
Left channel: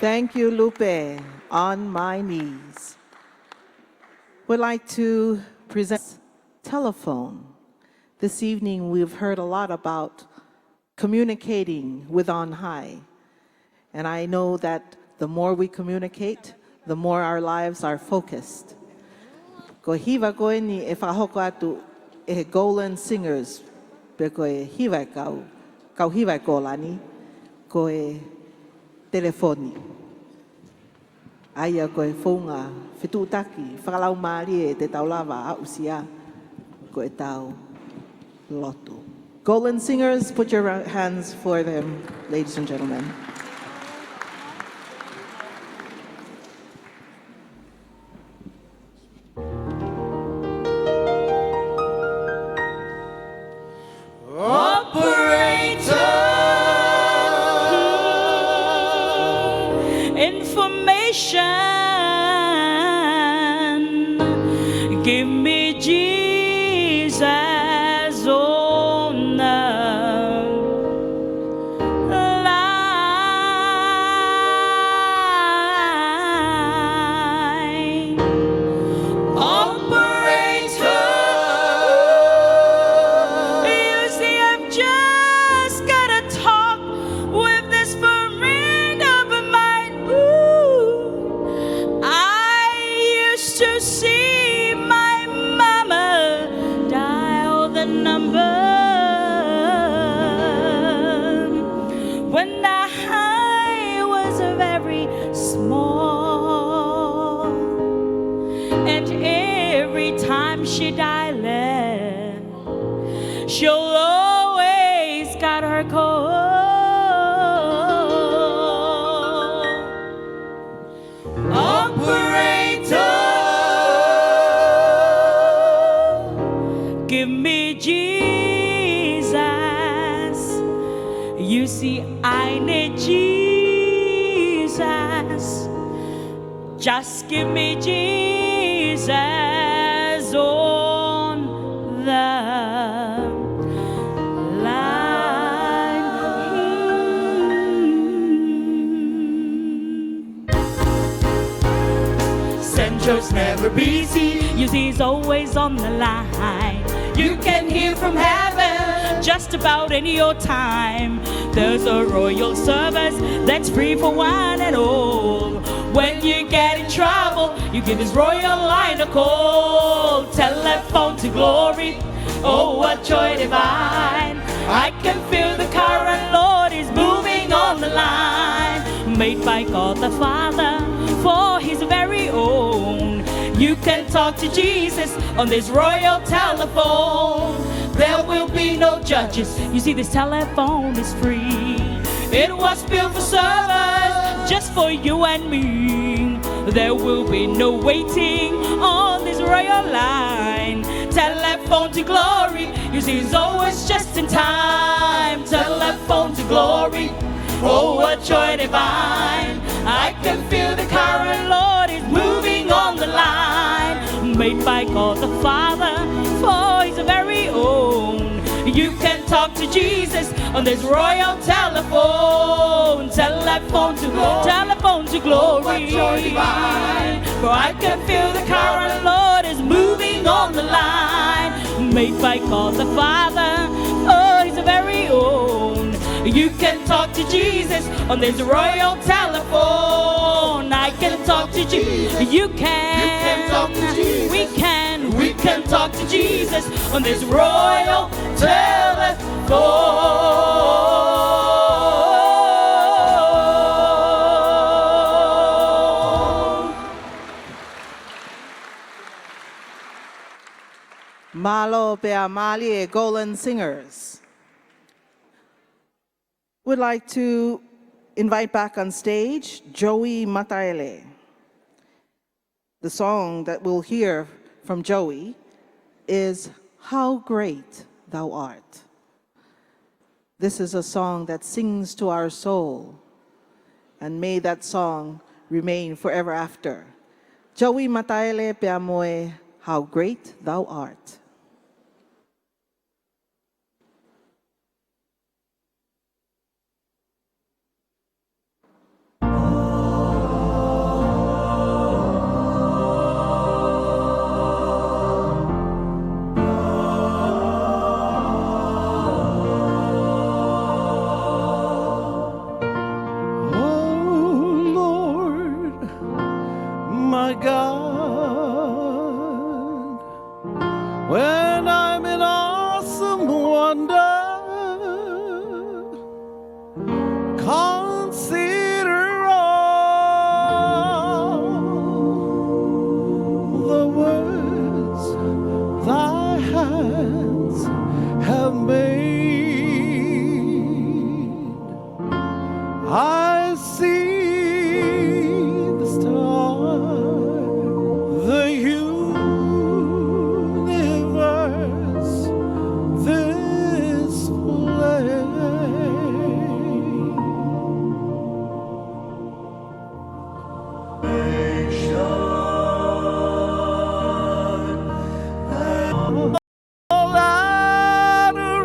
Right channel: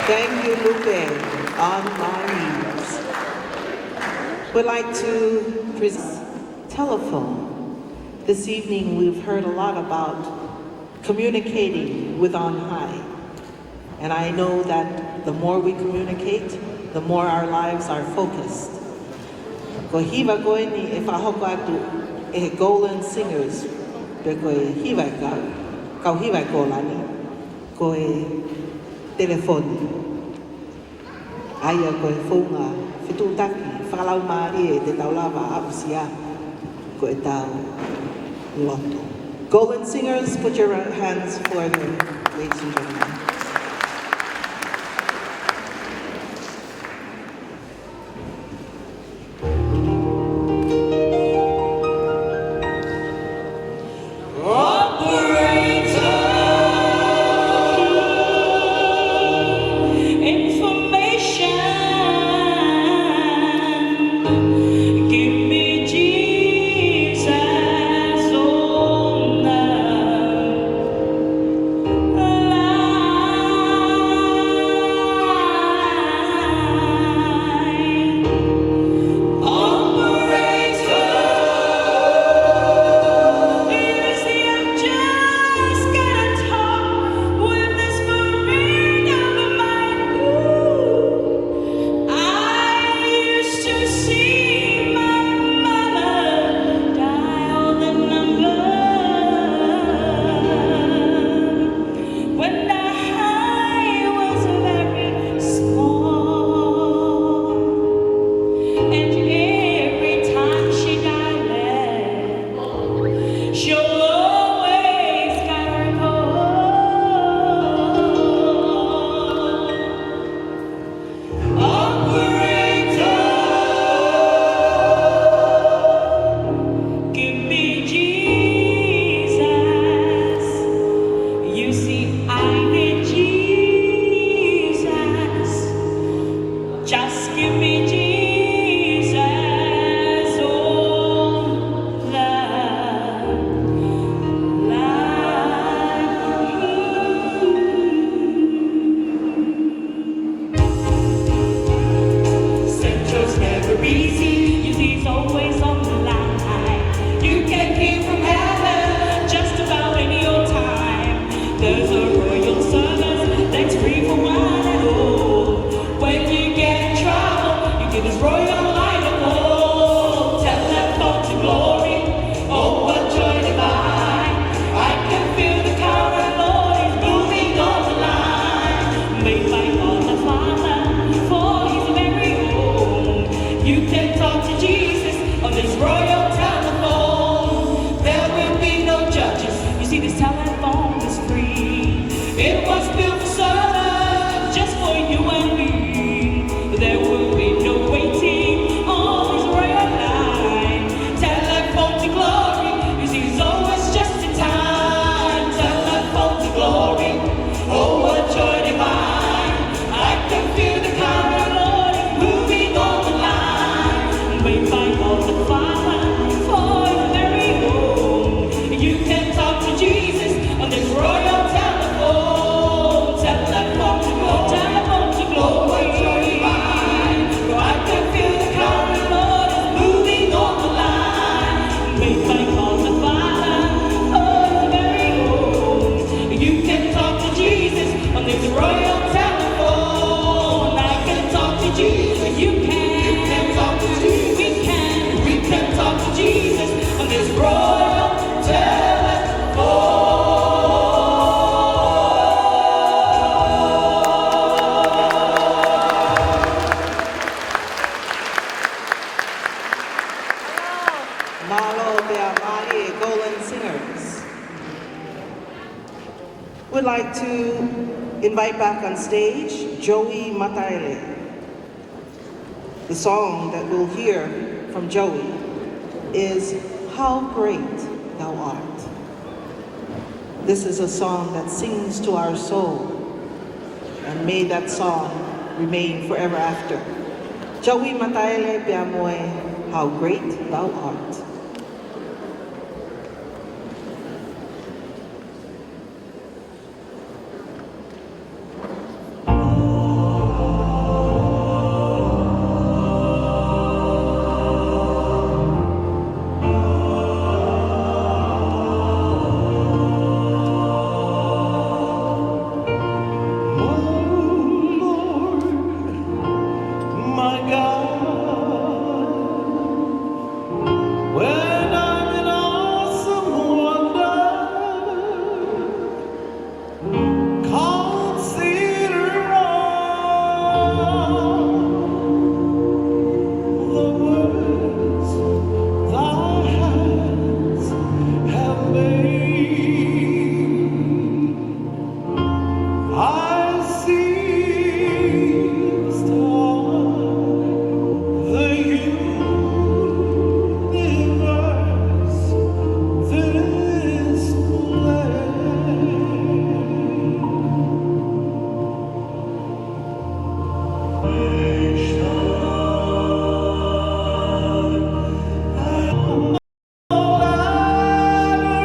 Thank you, Lupe, on my knees. We'd like to present telephone. This evening we've heard a lot about communicating with on high. And I know that the more we communicate, the more our lives are focused. Ko hiba koe ni e whahoko aku e golden singers, pe koe hiba kau hiba ko lani, koe telefoni. Aia koe whonga, whitutaki, whakau mahi e te kaulama apsia, koe tau loto. Golden singers, put your hands forward, ladies and gentlemen. La out in your time. There's a royal service that's free for one and all. When you get in trouble, you give this royal line a call. Tell that folk to glory, oh what joy divine. I can feel the current, Lord is moving on the line. Made by God the Father for his very own. You can talk to Jesus on this royal telephone. There will be no judges. You see this telephone is free. It was built for servers, just for you and me. There will be no waiting on this royal line. Telephone to glory, you see it's always just in time. Telephone to glory, oh what joy divine. I can feel the current, Lord is moving on the line. Made by God the Father for his very own. You can talk to Jesus on this royal telephone. Telephone to glory. For I can feel the current, Lord is moving on the line. Made by God the Father for his very own. You can talk to Jesus on this royal telephone. I can talk to Jesus. You can talk to Jesus. We can talk to Jesus on this royal telephone. Malo te amali Golden Singers. We'd like to invite back on stage Joey Mataele. The song that we'll hear from Joey is How Great Thou Art. This is a song that sings to our soul, and may that song remain forever after. Joey Mataele pe amoe, How Great Thou Art. My God, when I'm in awesome wonder, consider all the words thy hands have made. I see the stars, the universe display. All adoration.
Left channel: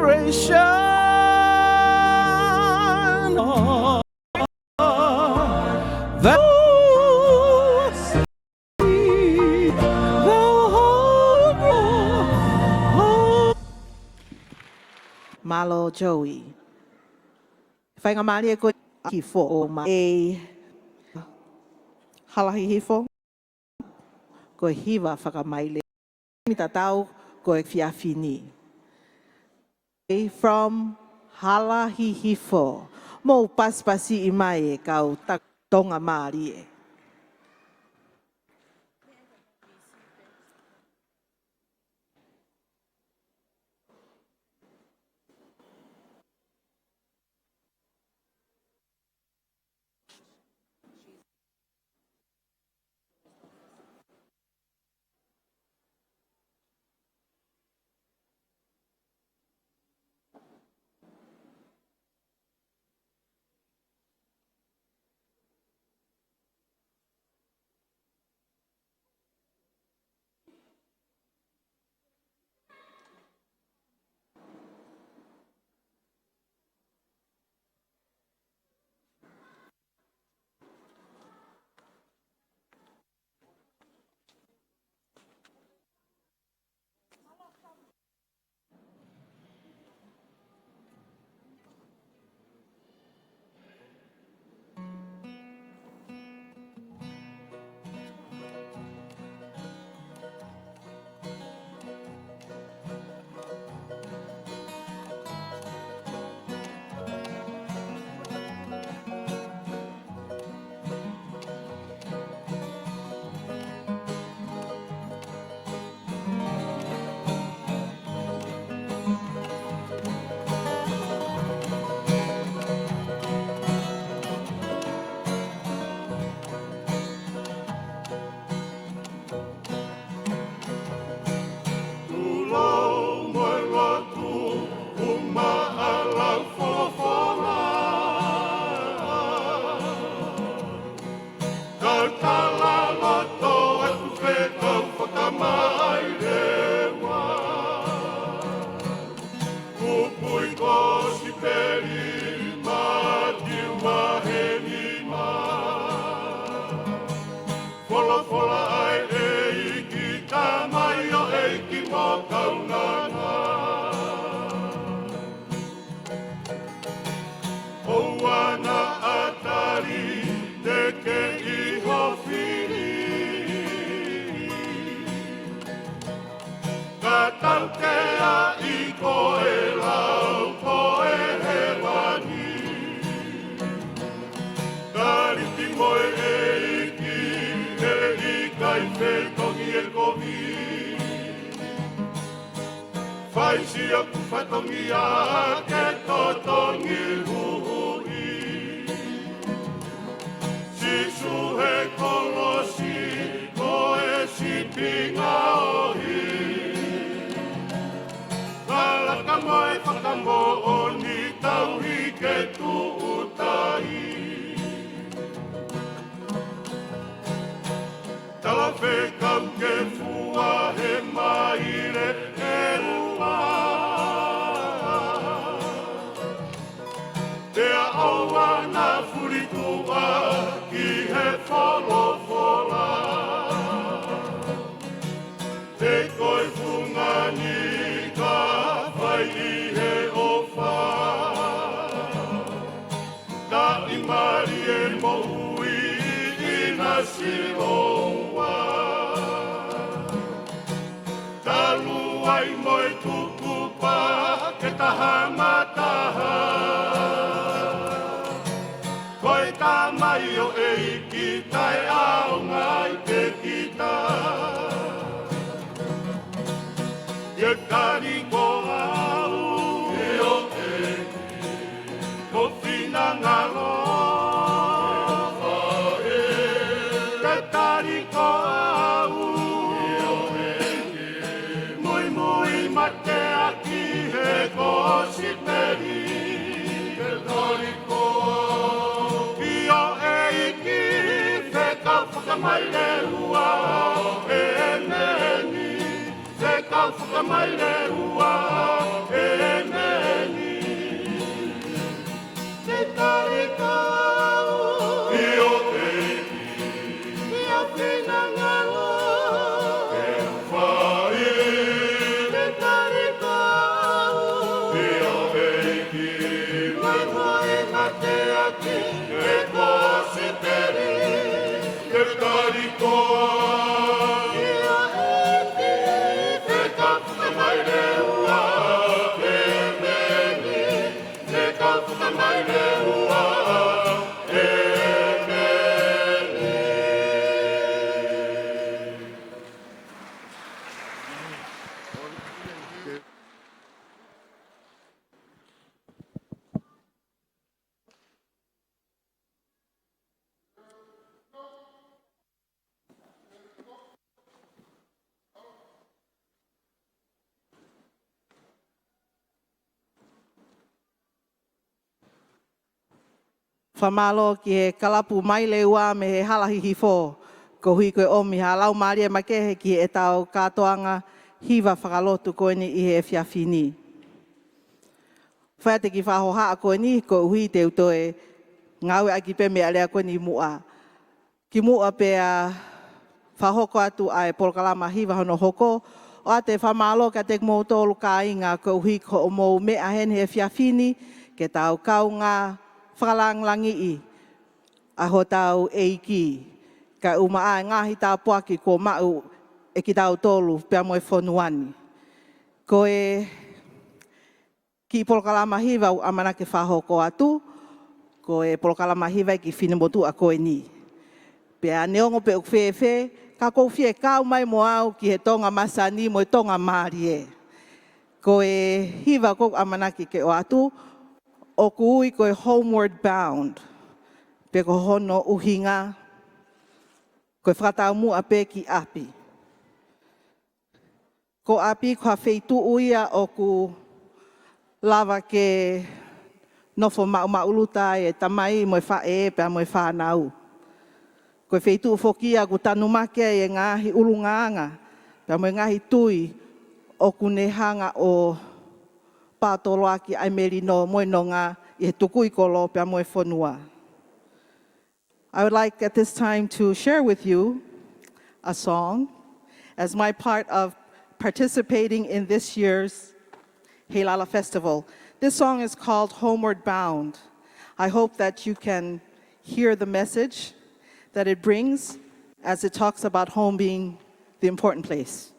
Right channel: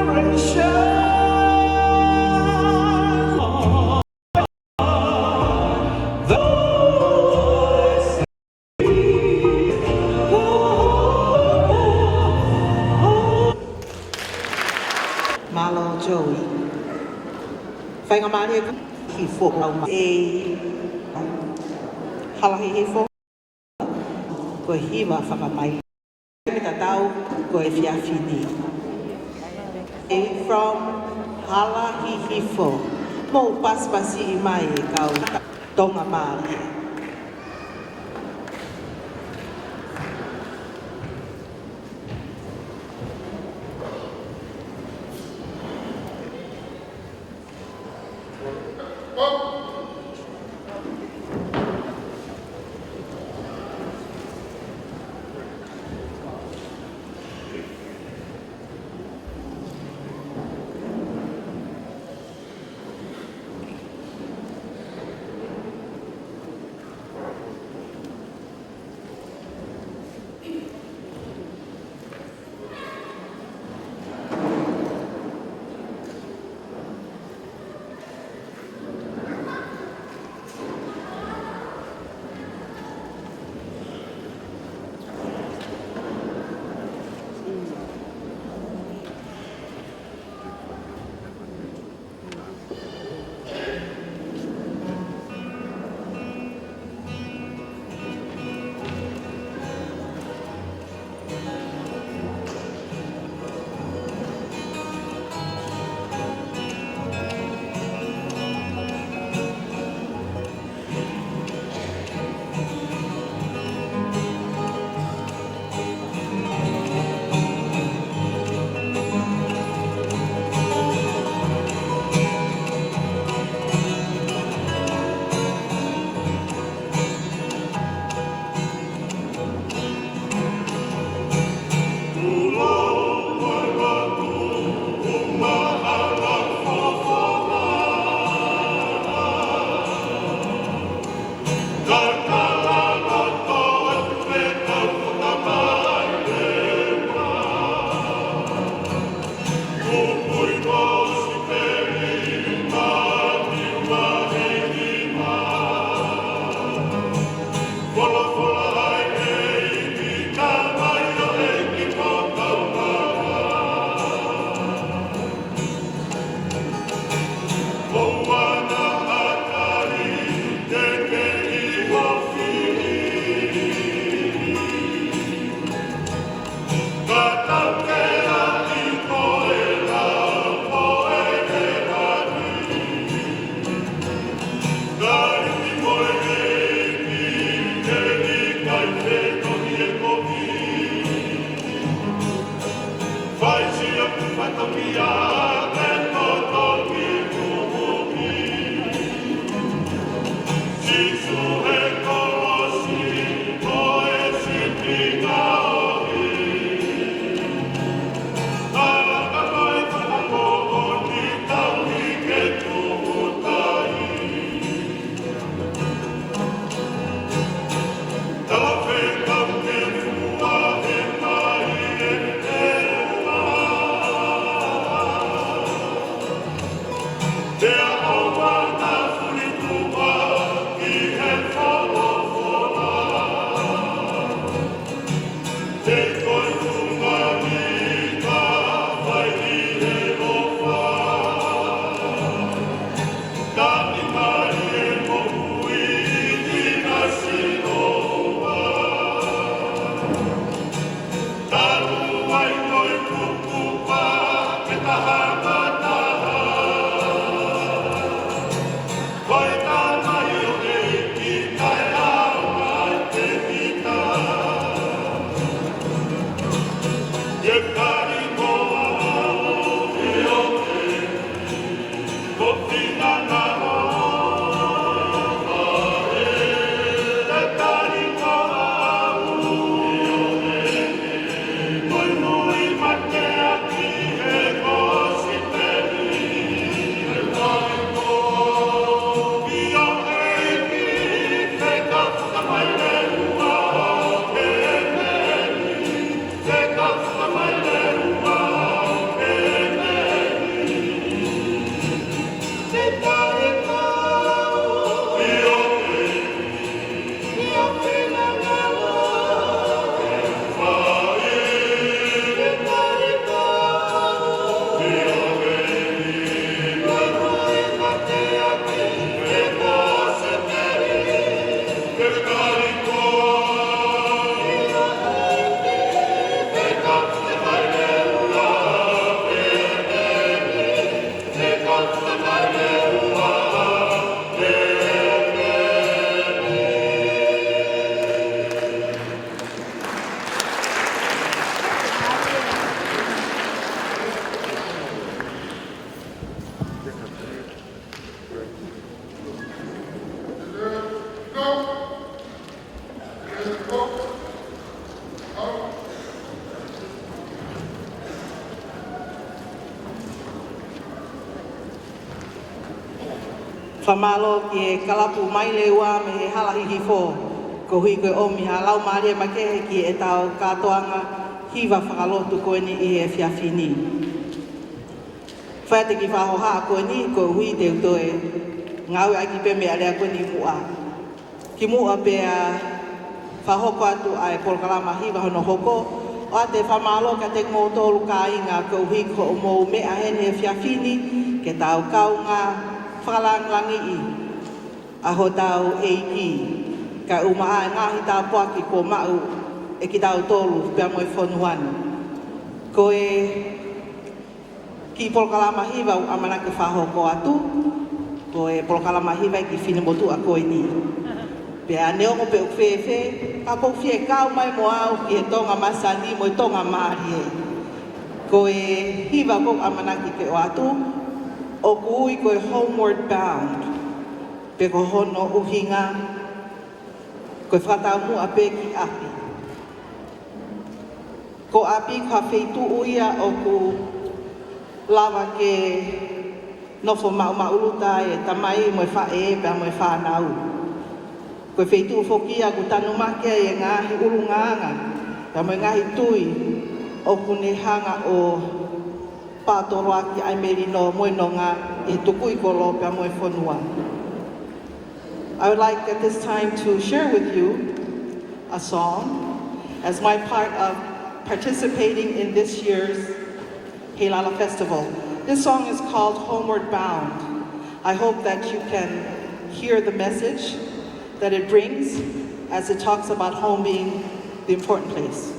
Malo Joey. Fai mali ko hifo ma e hawi hifo ko hiwa whakamai. Tatau ko e fiafini. From Hala Hihifo, mo paspasi mai kau Tonga Masani. Whamalo ki e kalapu mai le ua me he halahihi fō. Ko hui koe omi ha lau maria mai ke ki e tau katoanga hiwa whakalotu koe ni i e whiawhini. Whaete ki whahoha koe ni ko hui te utoe ngau ai ki pembe area koe ni mua. Ki mua pe a whahoko atu ai polokalama hiwa hono hoko. O a te whamalo ka te mōtolu ka inga ko hui ko mō mea hene e whiawhini ke tau kaunga whakalangangi i. Aho tau eiki. Ka umaa ngahi tā puaki ko mau e ki tau tolu pia moi whonuan. Ko e ki polokalama hiwa o amanake whahoko atu, ko e polokalama hiwa ki whinamotu a koe ni. Pea neo pe uwhewhe, ka pofie kau mai moau ki he Tonga Masani mo i Tonga Marie. Ko e hiwa ko amanake ke o atu, o kui ko e homeward bound. Pe ko hono uhinga, koe whatamu a peki api. Ko api kua wheitu uia o ku lawa ke nofo mauta e tamai mo e whae pia mo e whanau. Koe wheitu whokia ku tanumake e ngahi urunganga pia mo e ngahi tui o ku ne hanga o pātoroa ki ai meri no moinonga e tukui koro pia mo e whonua. I would like at this time to share with you a song as my part of participating in this year's Heilala Festival. This song is called Homeward Bound. I hope that you can hear the message that it brings as it talks about home being the important place.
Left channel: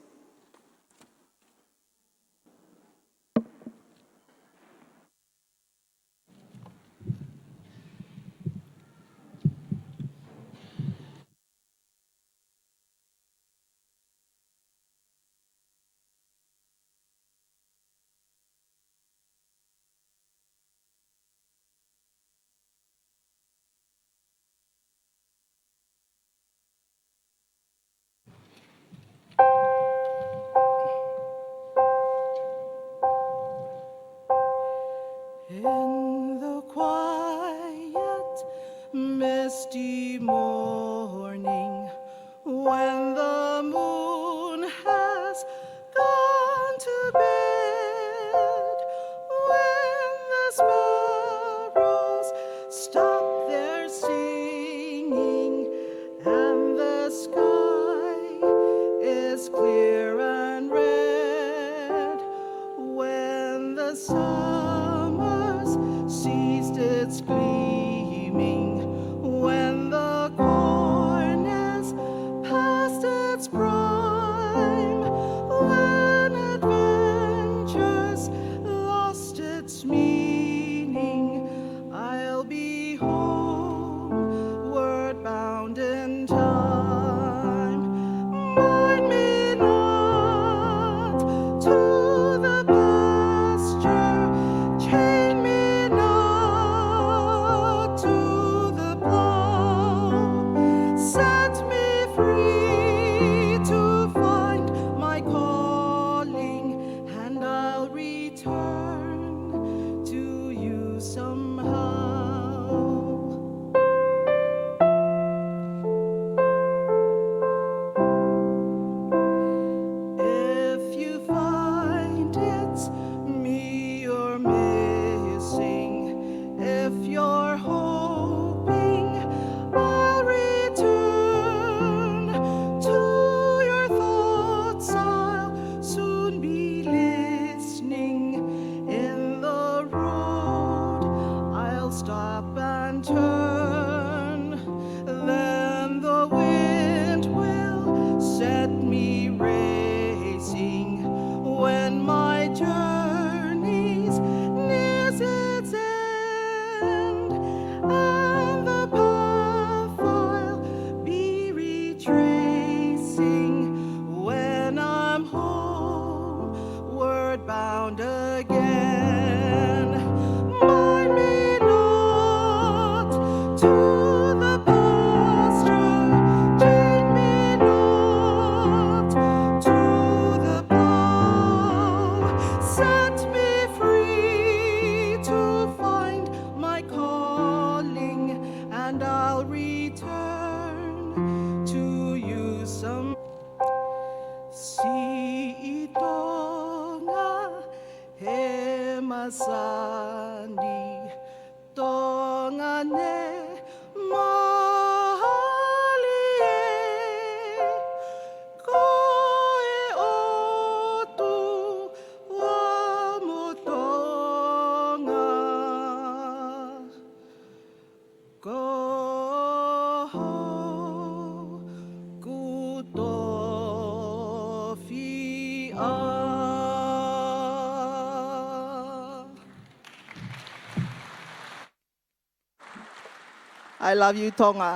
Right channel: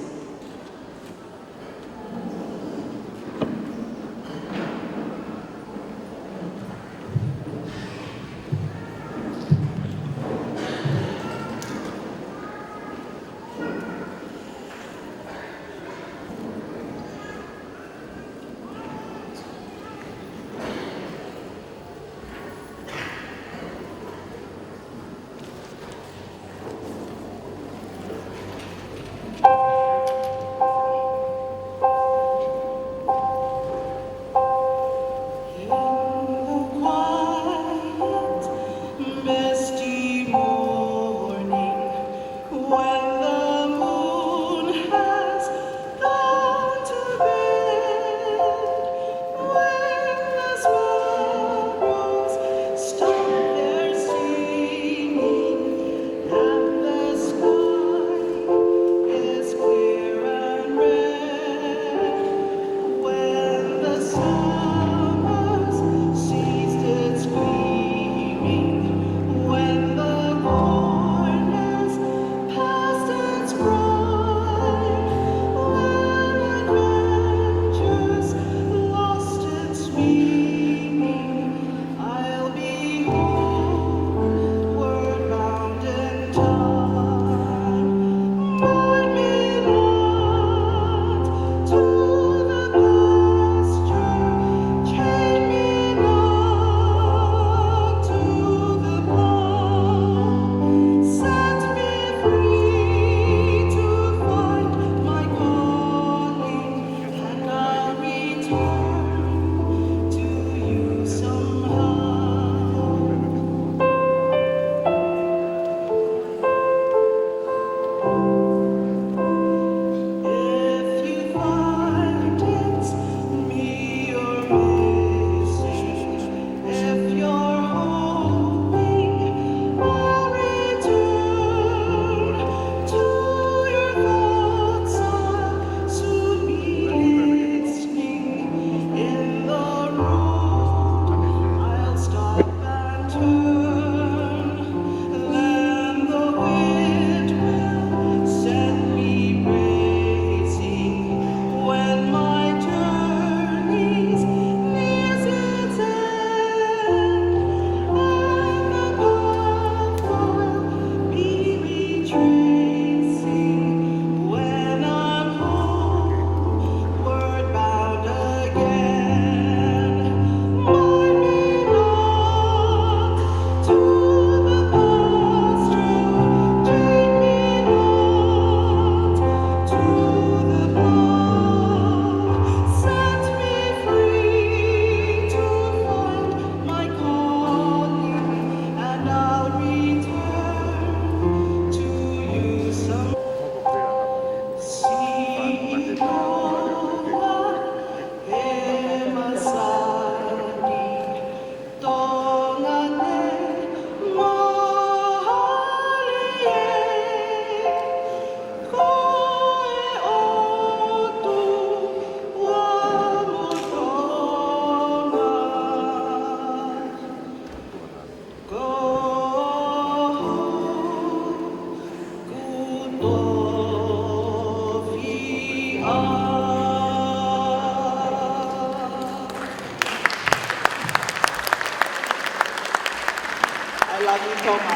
Waiu Tonga.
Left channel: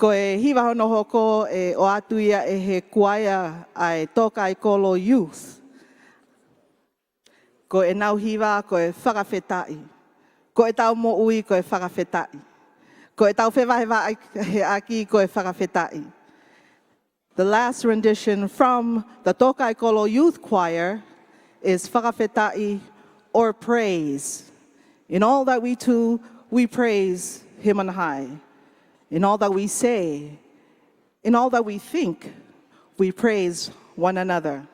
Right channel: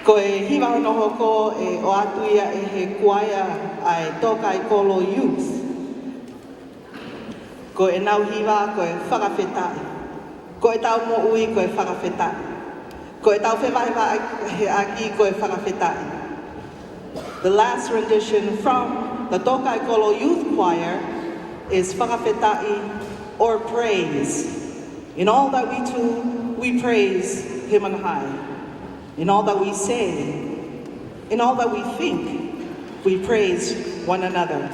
Ko e hiwa no hoko e o atu ia e he kuaia ai toka i kolo youth. Ko e nau hiwa ko e Fakafeta'i. Ko e tau mo ui ko e Fakafeta'i. Ko e tau whemai he aki ko e Fakafeta'i. The last rendition from the Tokai Kolo Youth Choir is Fakafeta'i or praise. In all that we do, we praise Him on high. In all that we say, in all that we think, we praise one another.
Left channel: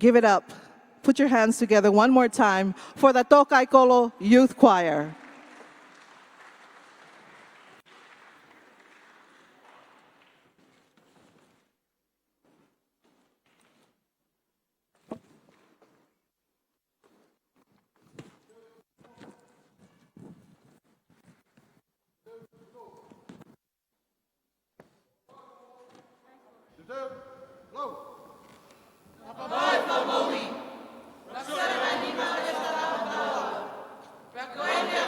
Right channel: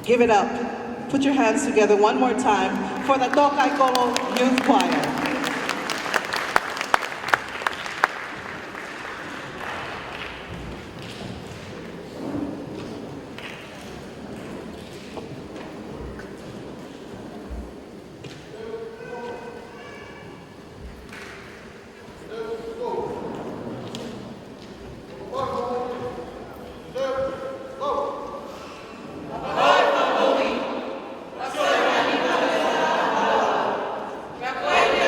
Give it up. Put your hands together one more time for the Tokai Kolo Youth Choir. Thank you.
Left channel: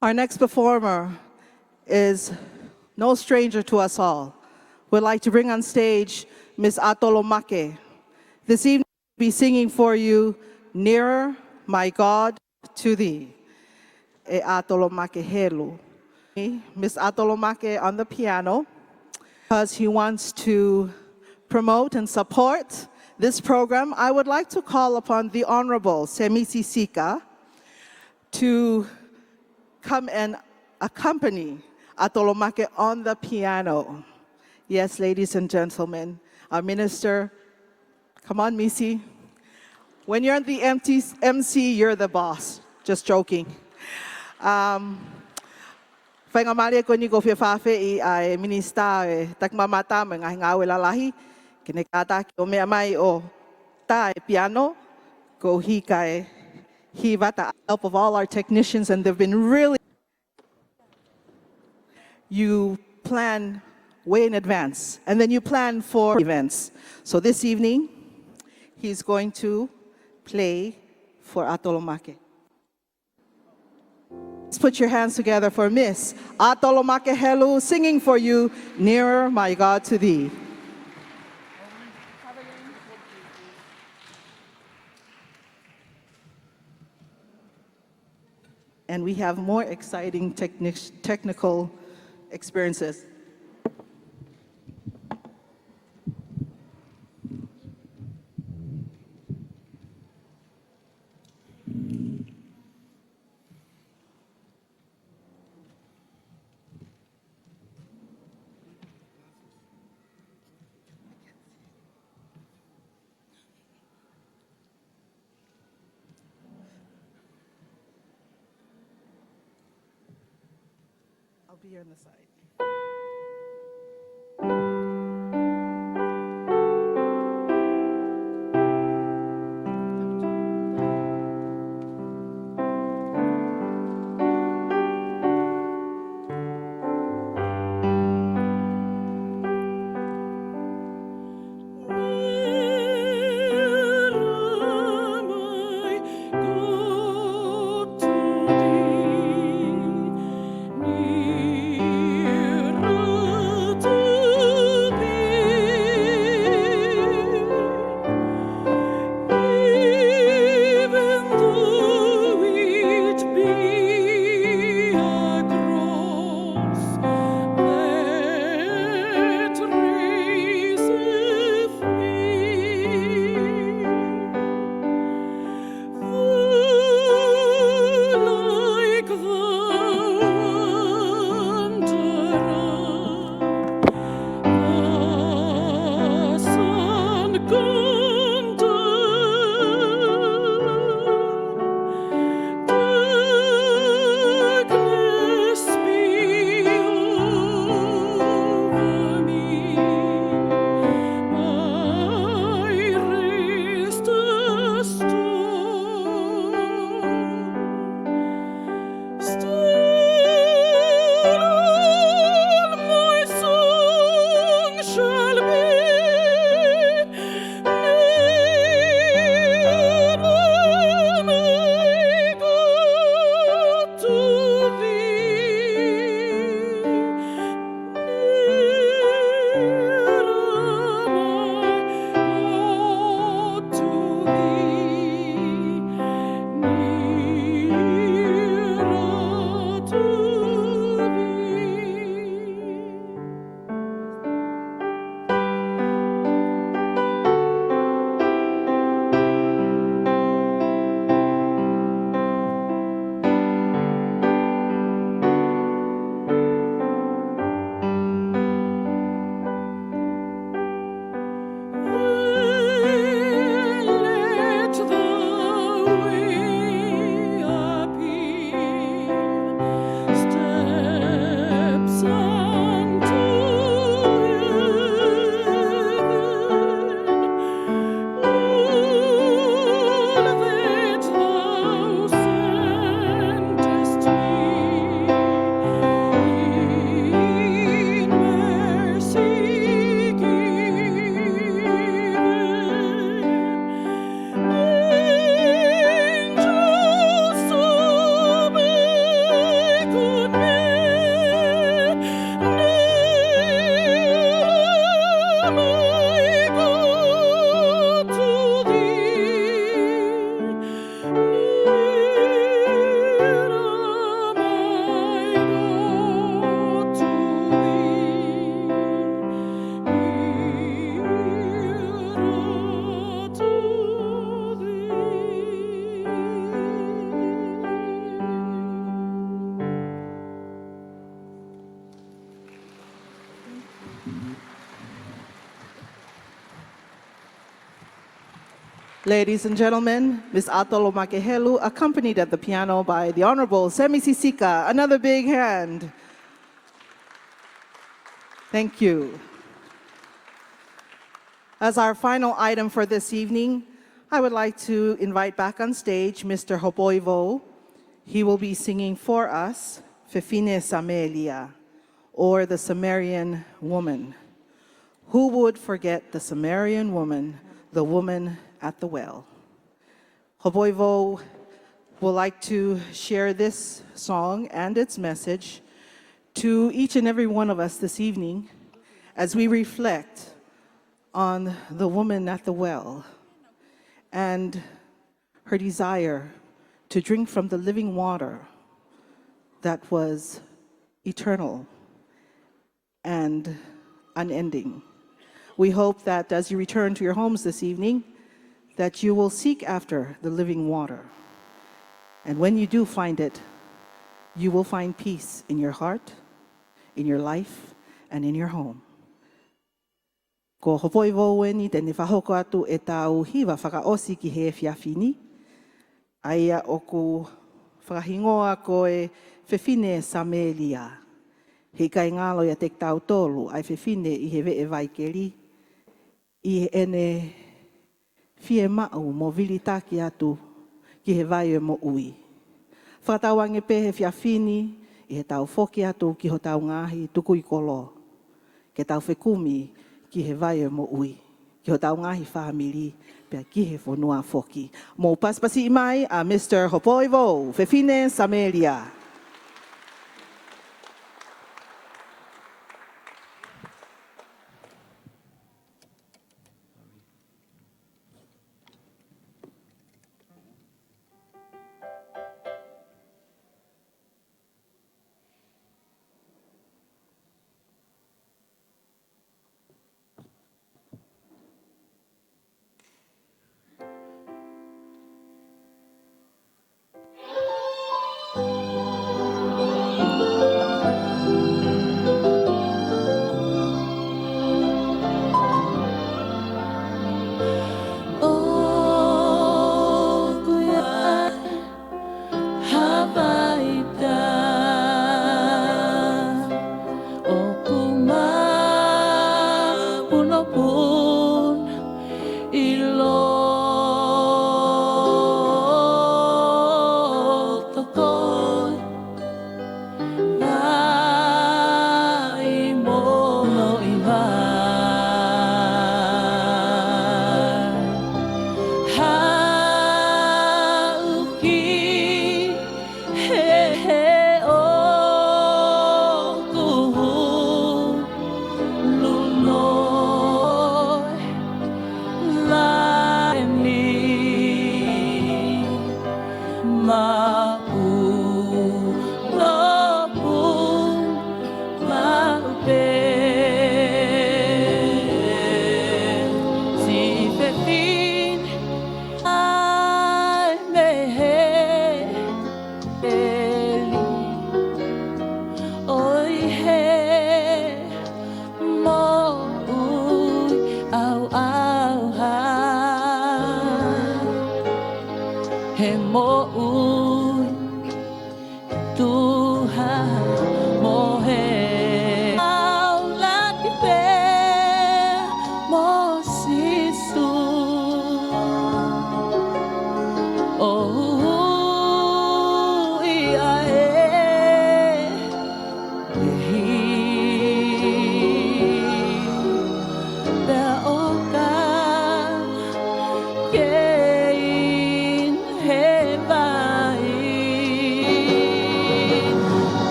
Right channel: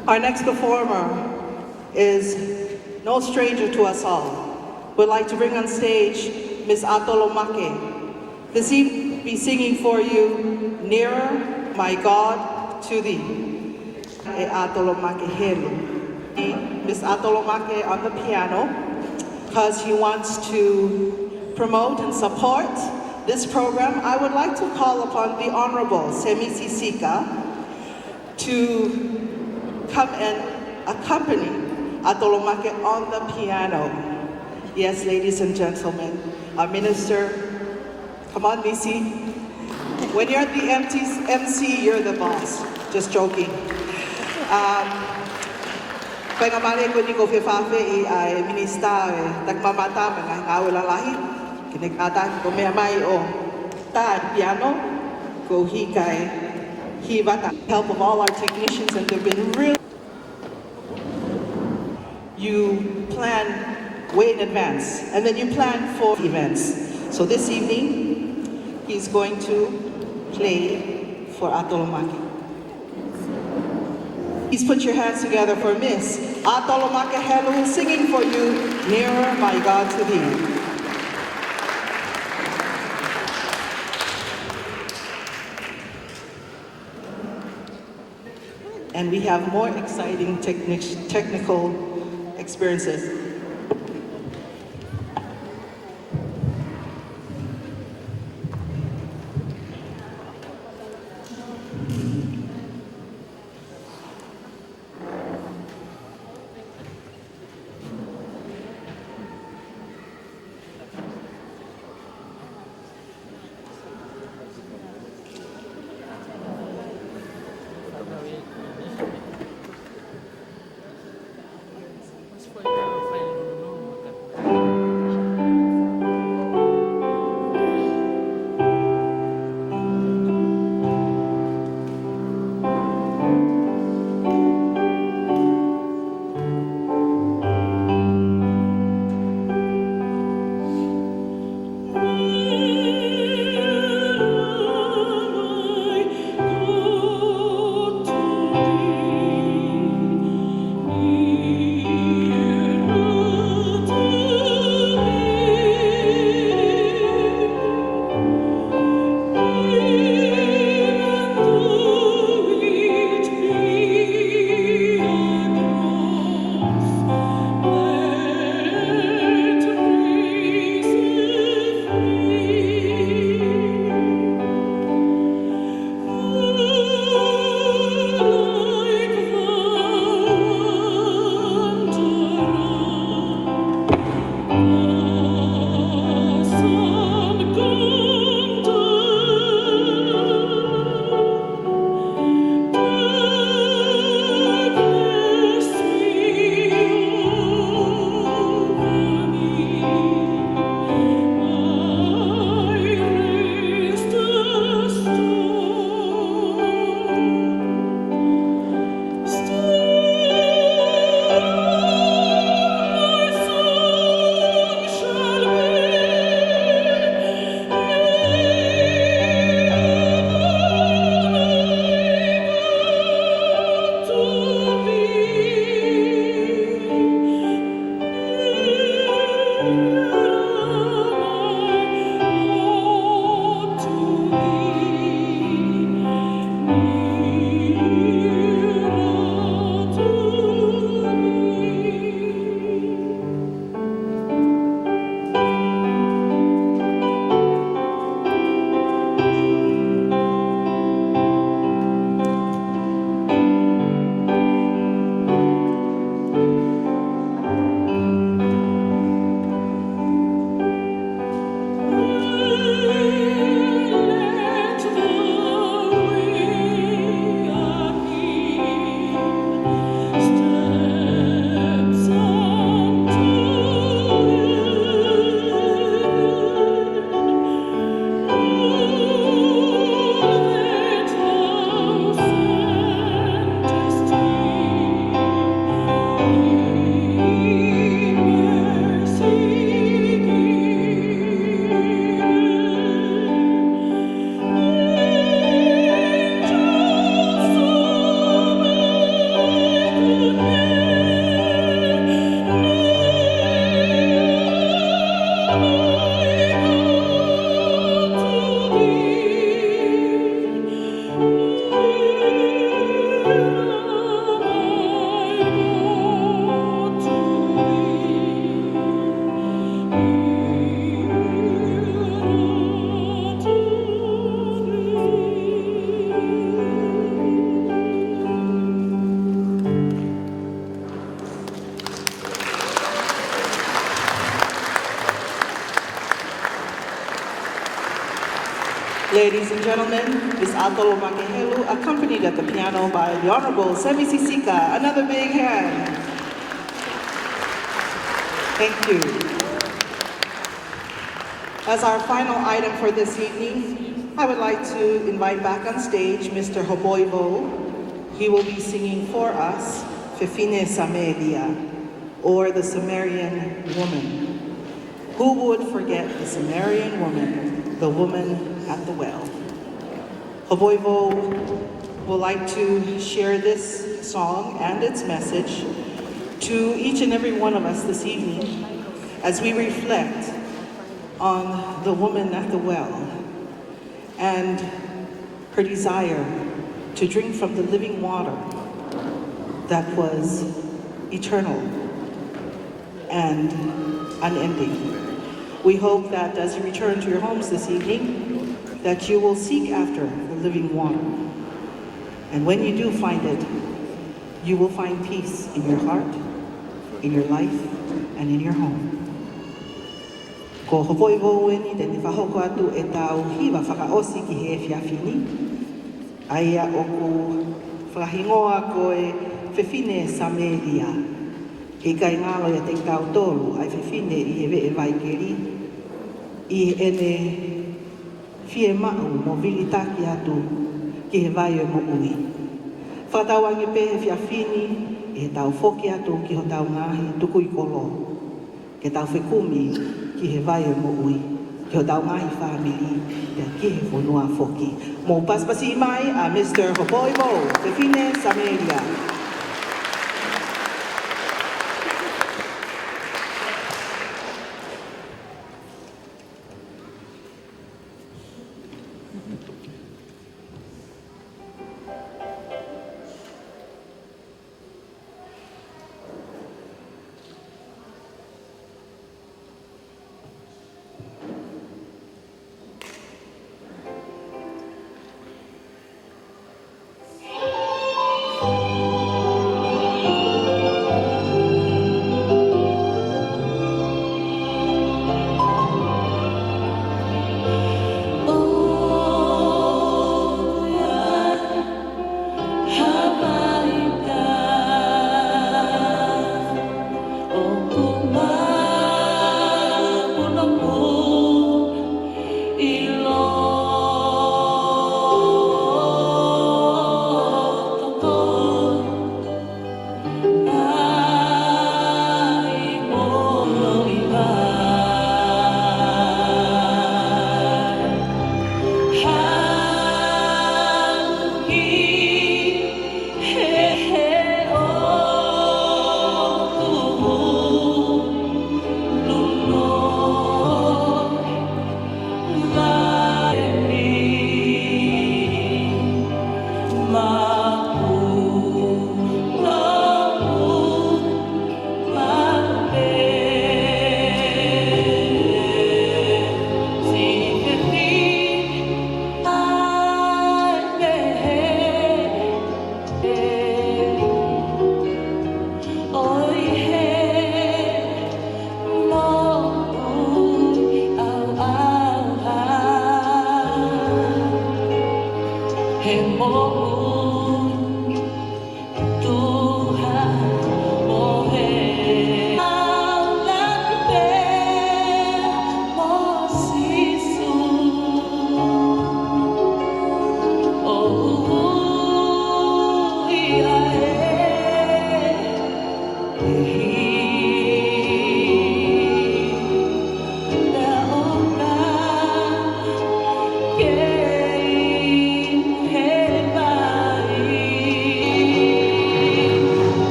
Our next performer is no stranger to us all. We'd like to bring on stage Miss Atolomake. This evening be singing for you, Nearer, My God, to Thee. Atolomake Helu. Miss Atolomake on the piano, because he wants to promote and support this program. I would like to call upon the Honorable Semisi Sika to come and accompany Atolomake on the piano. Yes, ladies and gentlemen, our minister, come on, Nisi. When you're the MC, you're the boss. Just joking. Pagmamali ko ni Fakafeta'i ay minista tagmamata ng kaulalahi. Kinikata ko may o ta piano ko hikay hibata. Help of all our technicians, and they've been really. You plan way in advance, and then you plan for events. So this evening, he's going to play for Atolomake. Please put your hands together for Miss Atolomake Helu singing for you, Nearer, My God, to Thee. And we have more exciting technical experiences. Ladies and gentlemen, Ms. Atolo Makehelu, accompanied at the piano by the Honorable Semi Sisika. Another big hand. Thank you. As our final item for this evening, I would like to invite back on stage Mr. Hoboivo. He will be singing for us Fefine Sameria, or the Sumerian woman. Who would forget the Sumerian woman, the woman at the well? Hoboivo would like to share this song and its message to each and every one of us this evening as we reflect on the woman at the well and her desire to drink from the living water that was eternal and unending. We hope that as you return to your homes this evening, that you will seek after the living water. And when you do find it, you will find peace in your heart, in your life, and in your home. Ko hoi owen te whahoko atu e tau hiwa whakaosi ki he whiawhini. Aia o ku whakahimoa koe Fefine Sameria. He kai ngāo e te tau tōru ai Fefine i he vee vai neri. I ene fie mao mo vili taki atu ki he vai e mo ui. Whatau angi pē whiawhini e tau whoki atu ki ho tau ngahi tuku i kolo. Ke tau whekumi ki he vai o mo'ui, ki ho tau ngahi whāmiri, te ki he whanua whoki. Mō paspasi mai a Mr. Hoboivo, Fefine Sameria.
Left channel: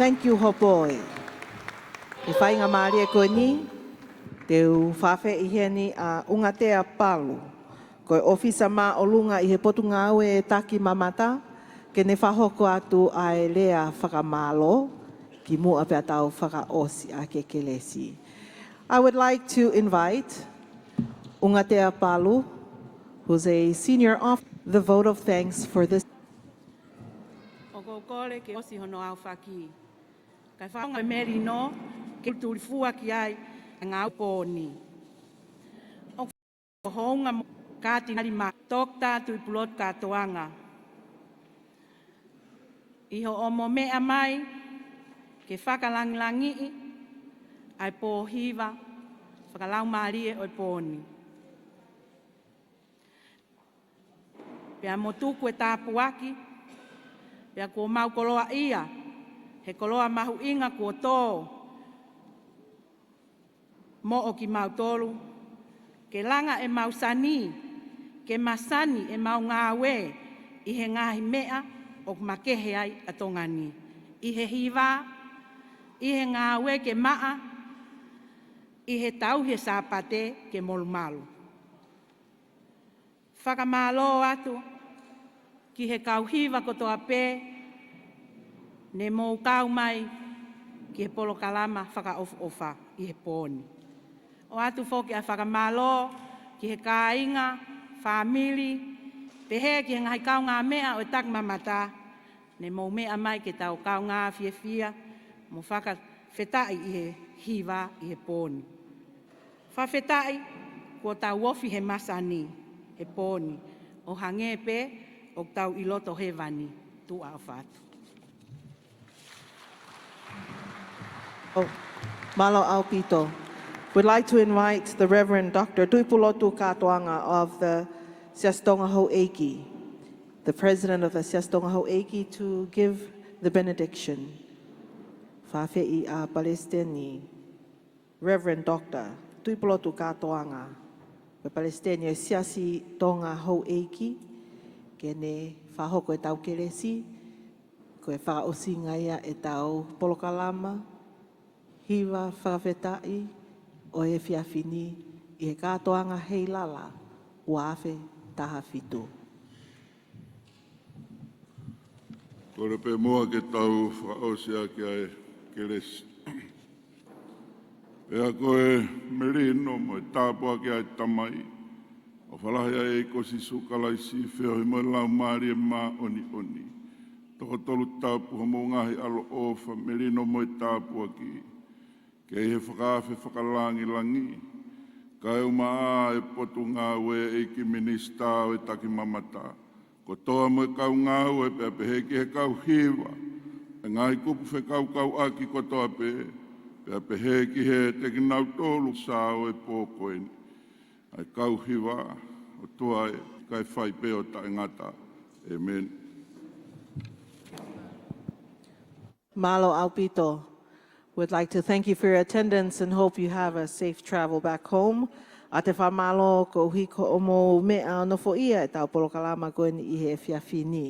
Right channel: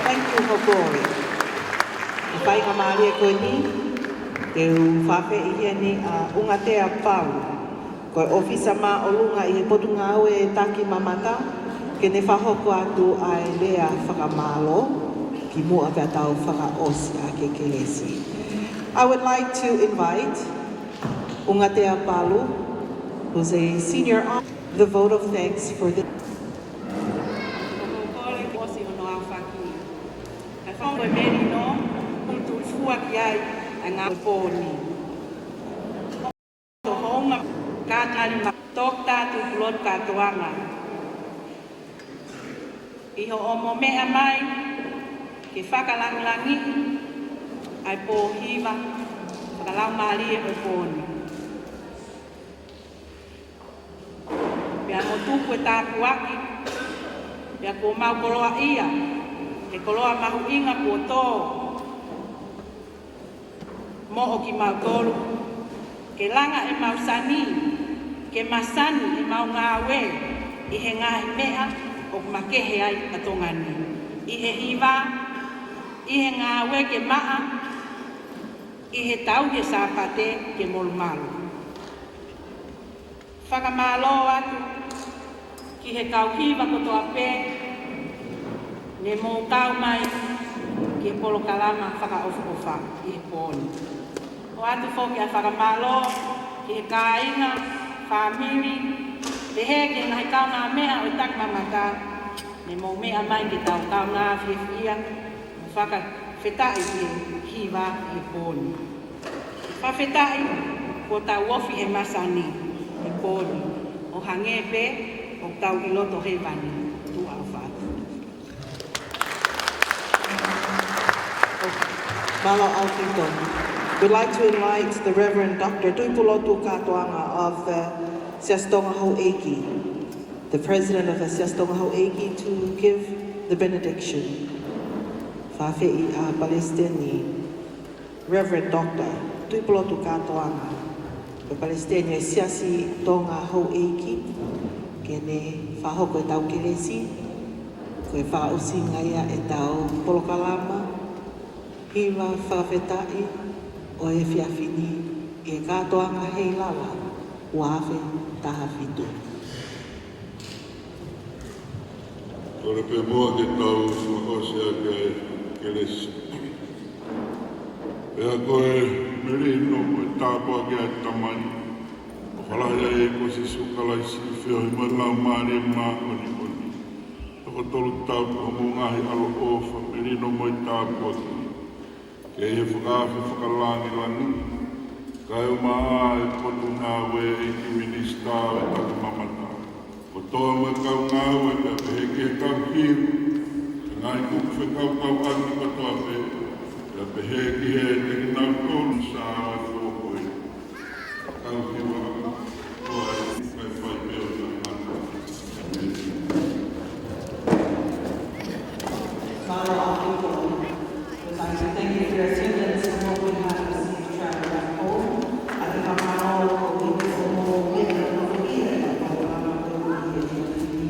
Thank you, Hokoi. E whainga maile koe ni, te lu whawhe I heni a unga tea Paula. Koe ofisa mā olunga I he potu ngā ue e taki mamata, ke ne whahoko atu ai rea whakamalo, ki mua te tau whakaos a ke kelesi. I would like to invite Unga Tea Paula, who's a senior on the vote of thanks for this. Iho omo mea mai, ke whakalangangi, ai pō hiwa, karau malie o pōni. Ia no tūku e tāku aki, ia ko maukoroa ia, ke koroa mahu inga kua tō. Mo o ki maukoro, ke langa e mausani, ke masani e mau ngāwe, I he ngāhi mea, o makehe ai katongani. I he hiwa, I he ngāwe ke maa, I he tau he sāpate ke morumaru. Whakamalo atu, ki he kauhiwa kotoa pē, me mō tau mai, ki he polo karama whakaofofa, ki he pōni. O atu fōke a whakamalo, ki he kāinga, whamiri, pe ke hai kauna mea o tak mamata, me mo mea mai ki tau kauna whiwhia, Fakafeta'i ke hiwa ke pōni. Fakafeta'i ko tau ofi ke masani ke pōni, o hangepe o tau ki roto he wani, Nuku'alofa. Malo Altito. We'd like to invite the Reverend Dr. Nuku'alofa of the Tonga Masani, the president of the Tonga Masani, to give the benediction. Fakafeta'i a Palestini, Reverend Dr. Nuku'alofa, the Palestinian Siasi Tonga Masani, kene whahoko tau keresi, koe whaosi ngaia e tau polokalama, hiwa Fakafeta'i, o e whiawhini, I he katoanga Heilala, uawe taha whitu. Ora pe moa ke tau whakosea ke keresi. Ea koe merino me tāpua ke a tamani. O halaia e ko se sukala I si whio I mana o mani mā oni oni. Toko tolu tāpua mo ngahi aro ofa merino mo I tāpua ki. E he whakawhi whakalangi lanu. Kai o maa e totu ngā wei I ministau e tau mamata. Ko toa me kau ngā wei me pehe ke kau kiwa. E ngai kuwhi kau atu katoa pe. E pehe ki he ke nā kōru sāwe kōkoi. E kau kiwa toa e kai whai peo tai ngata. Amen. Malo Altito. We'd like to thank you for your attendance and hope you have a safe travel back home. A te whamaro ko hiko o mō mea no fo ia ka polokalama koe ni e whiawhini.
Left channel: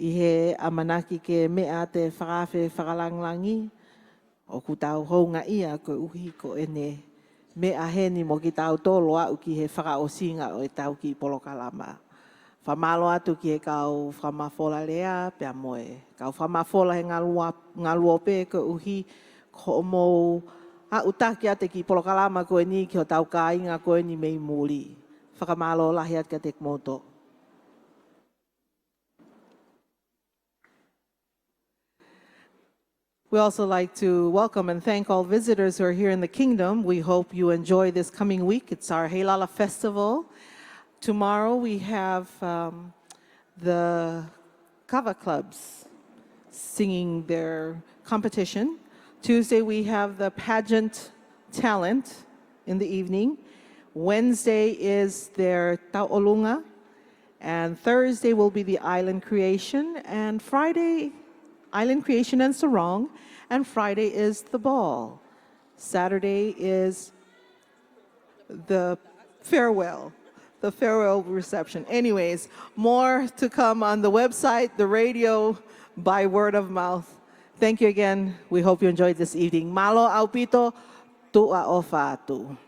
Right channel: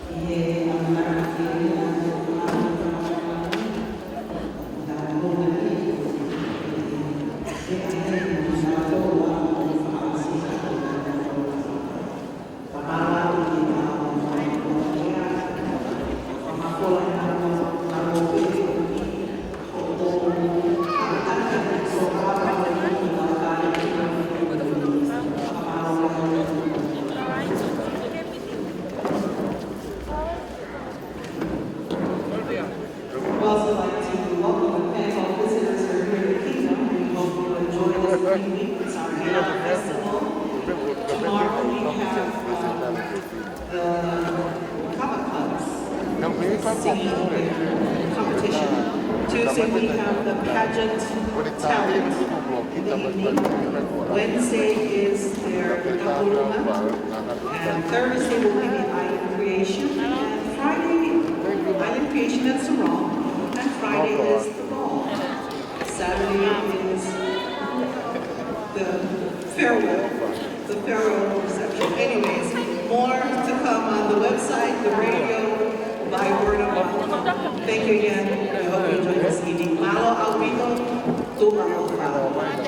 I he amanaki ke mea te whakate whakalangangi, o ki tau kounga ia ko mea heni mo ki tau toro a I he whakaosina I tau ki polokalama. Whamalo atu ki kau whamafora mea, whamafola I ngā uope ke uhi ho mō hautaki ati ki polokalama koe ni ko tau kai na koe ni me whakamalo lai atu ki koe. We also like to welcome and thank all visitors who are here in the kingdom. We hope you enjoy this coming week. It's our Heilala festival. Tomorrow we have the Kapa clubs singing their competition. Tuesday we have the pageant talent in the evening. Wednesday is their Kapaluna. And Thursday will be the island creation. And Friday, island creation and sarong. And Friday is the ball. Saturday is the farewell reception. Anyways, more to come on the website, the radio, by word of mouth. Thank you again. We hope you enjoyed this eating. Malo Alpito, Tu'alofa.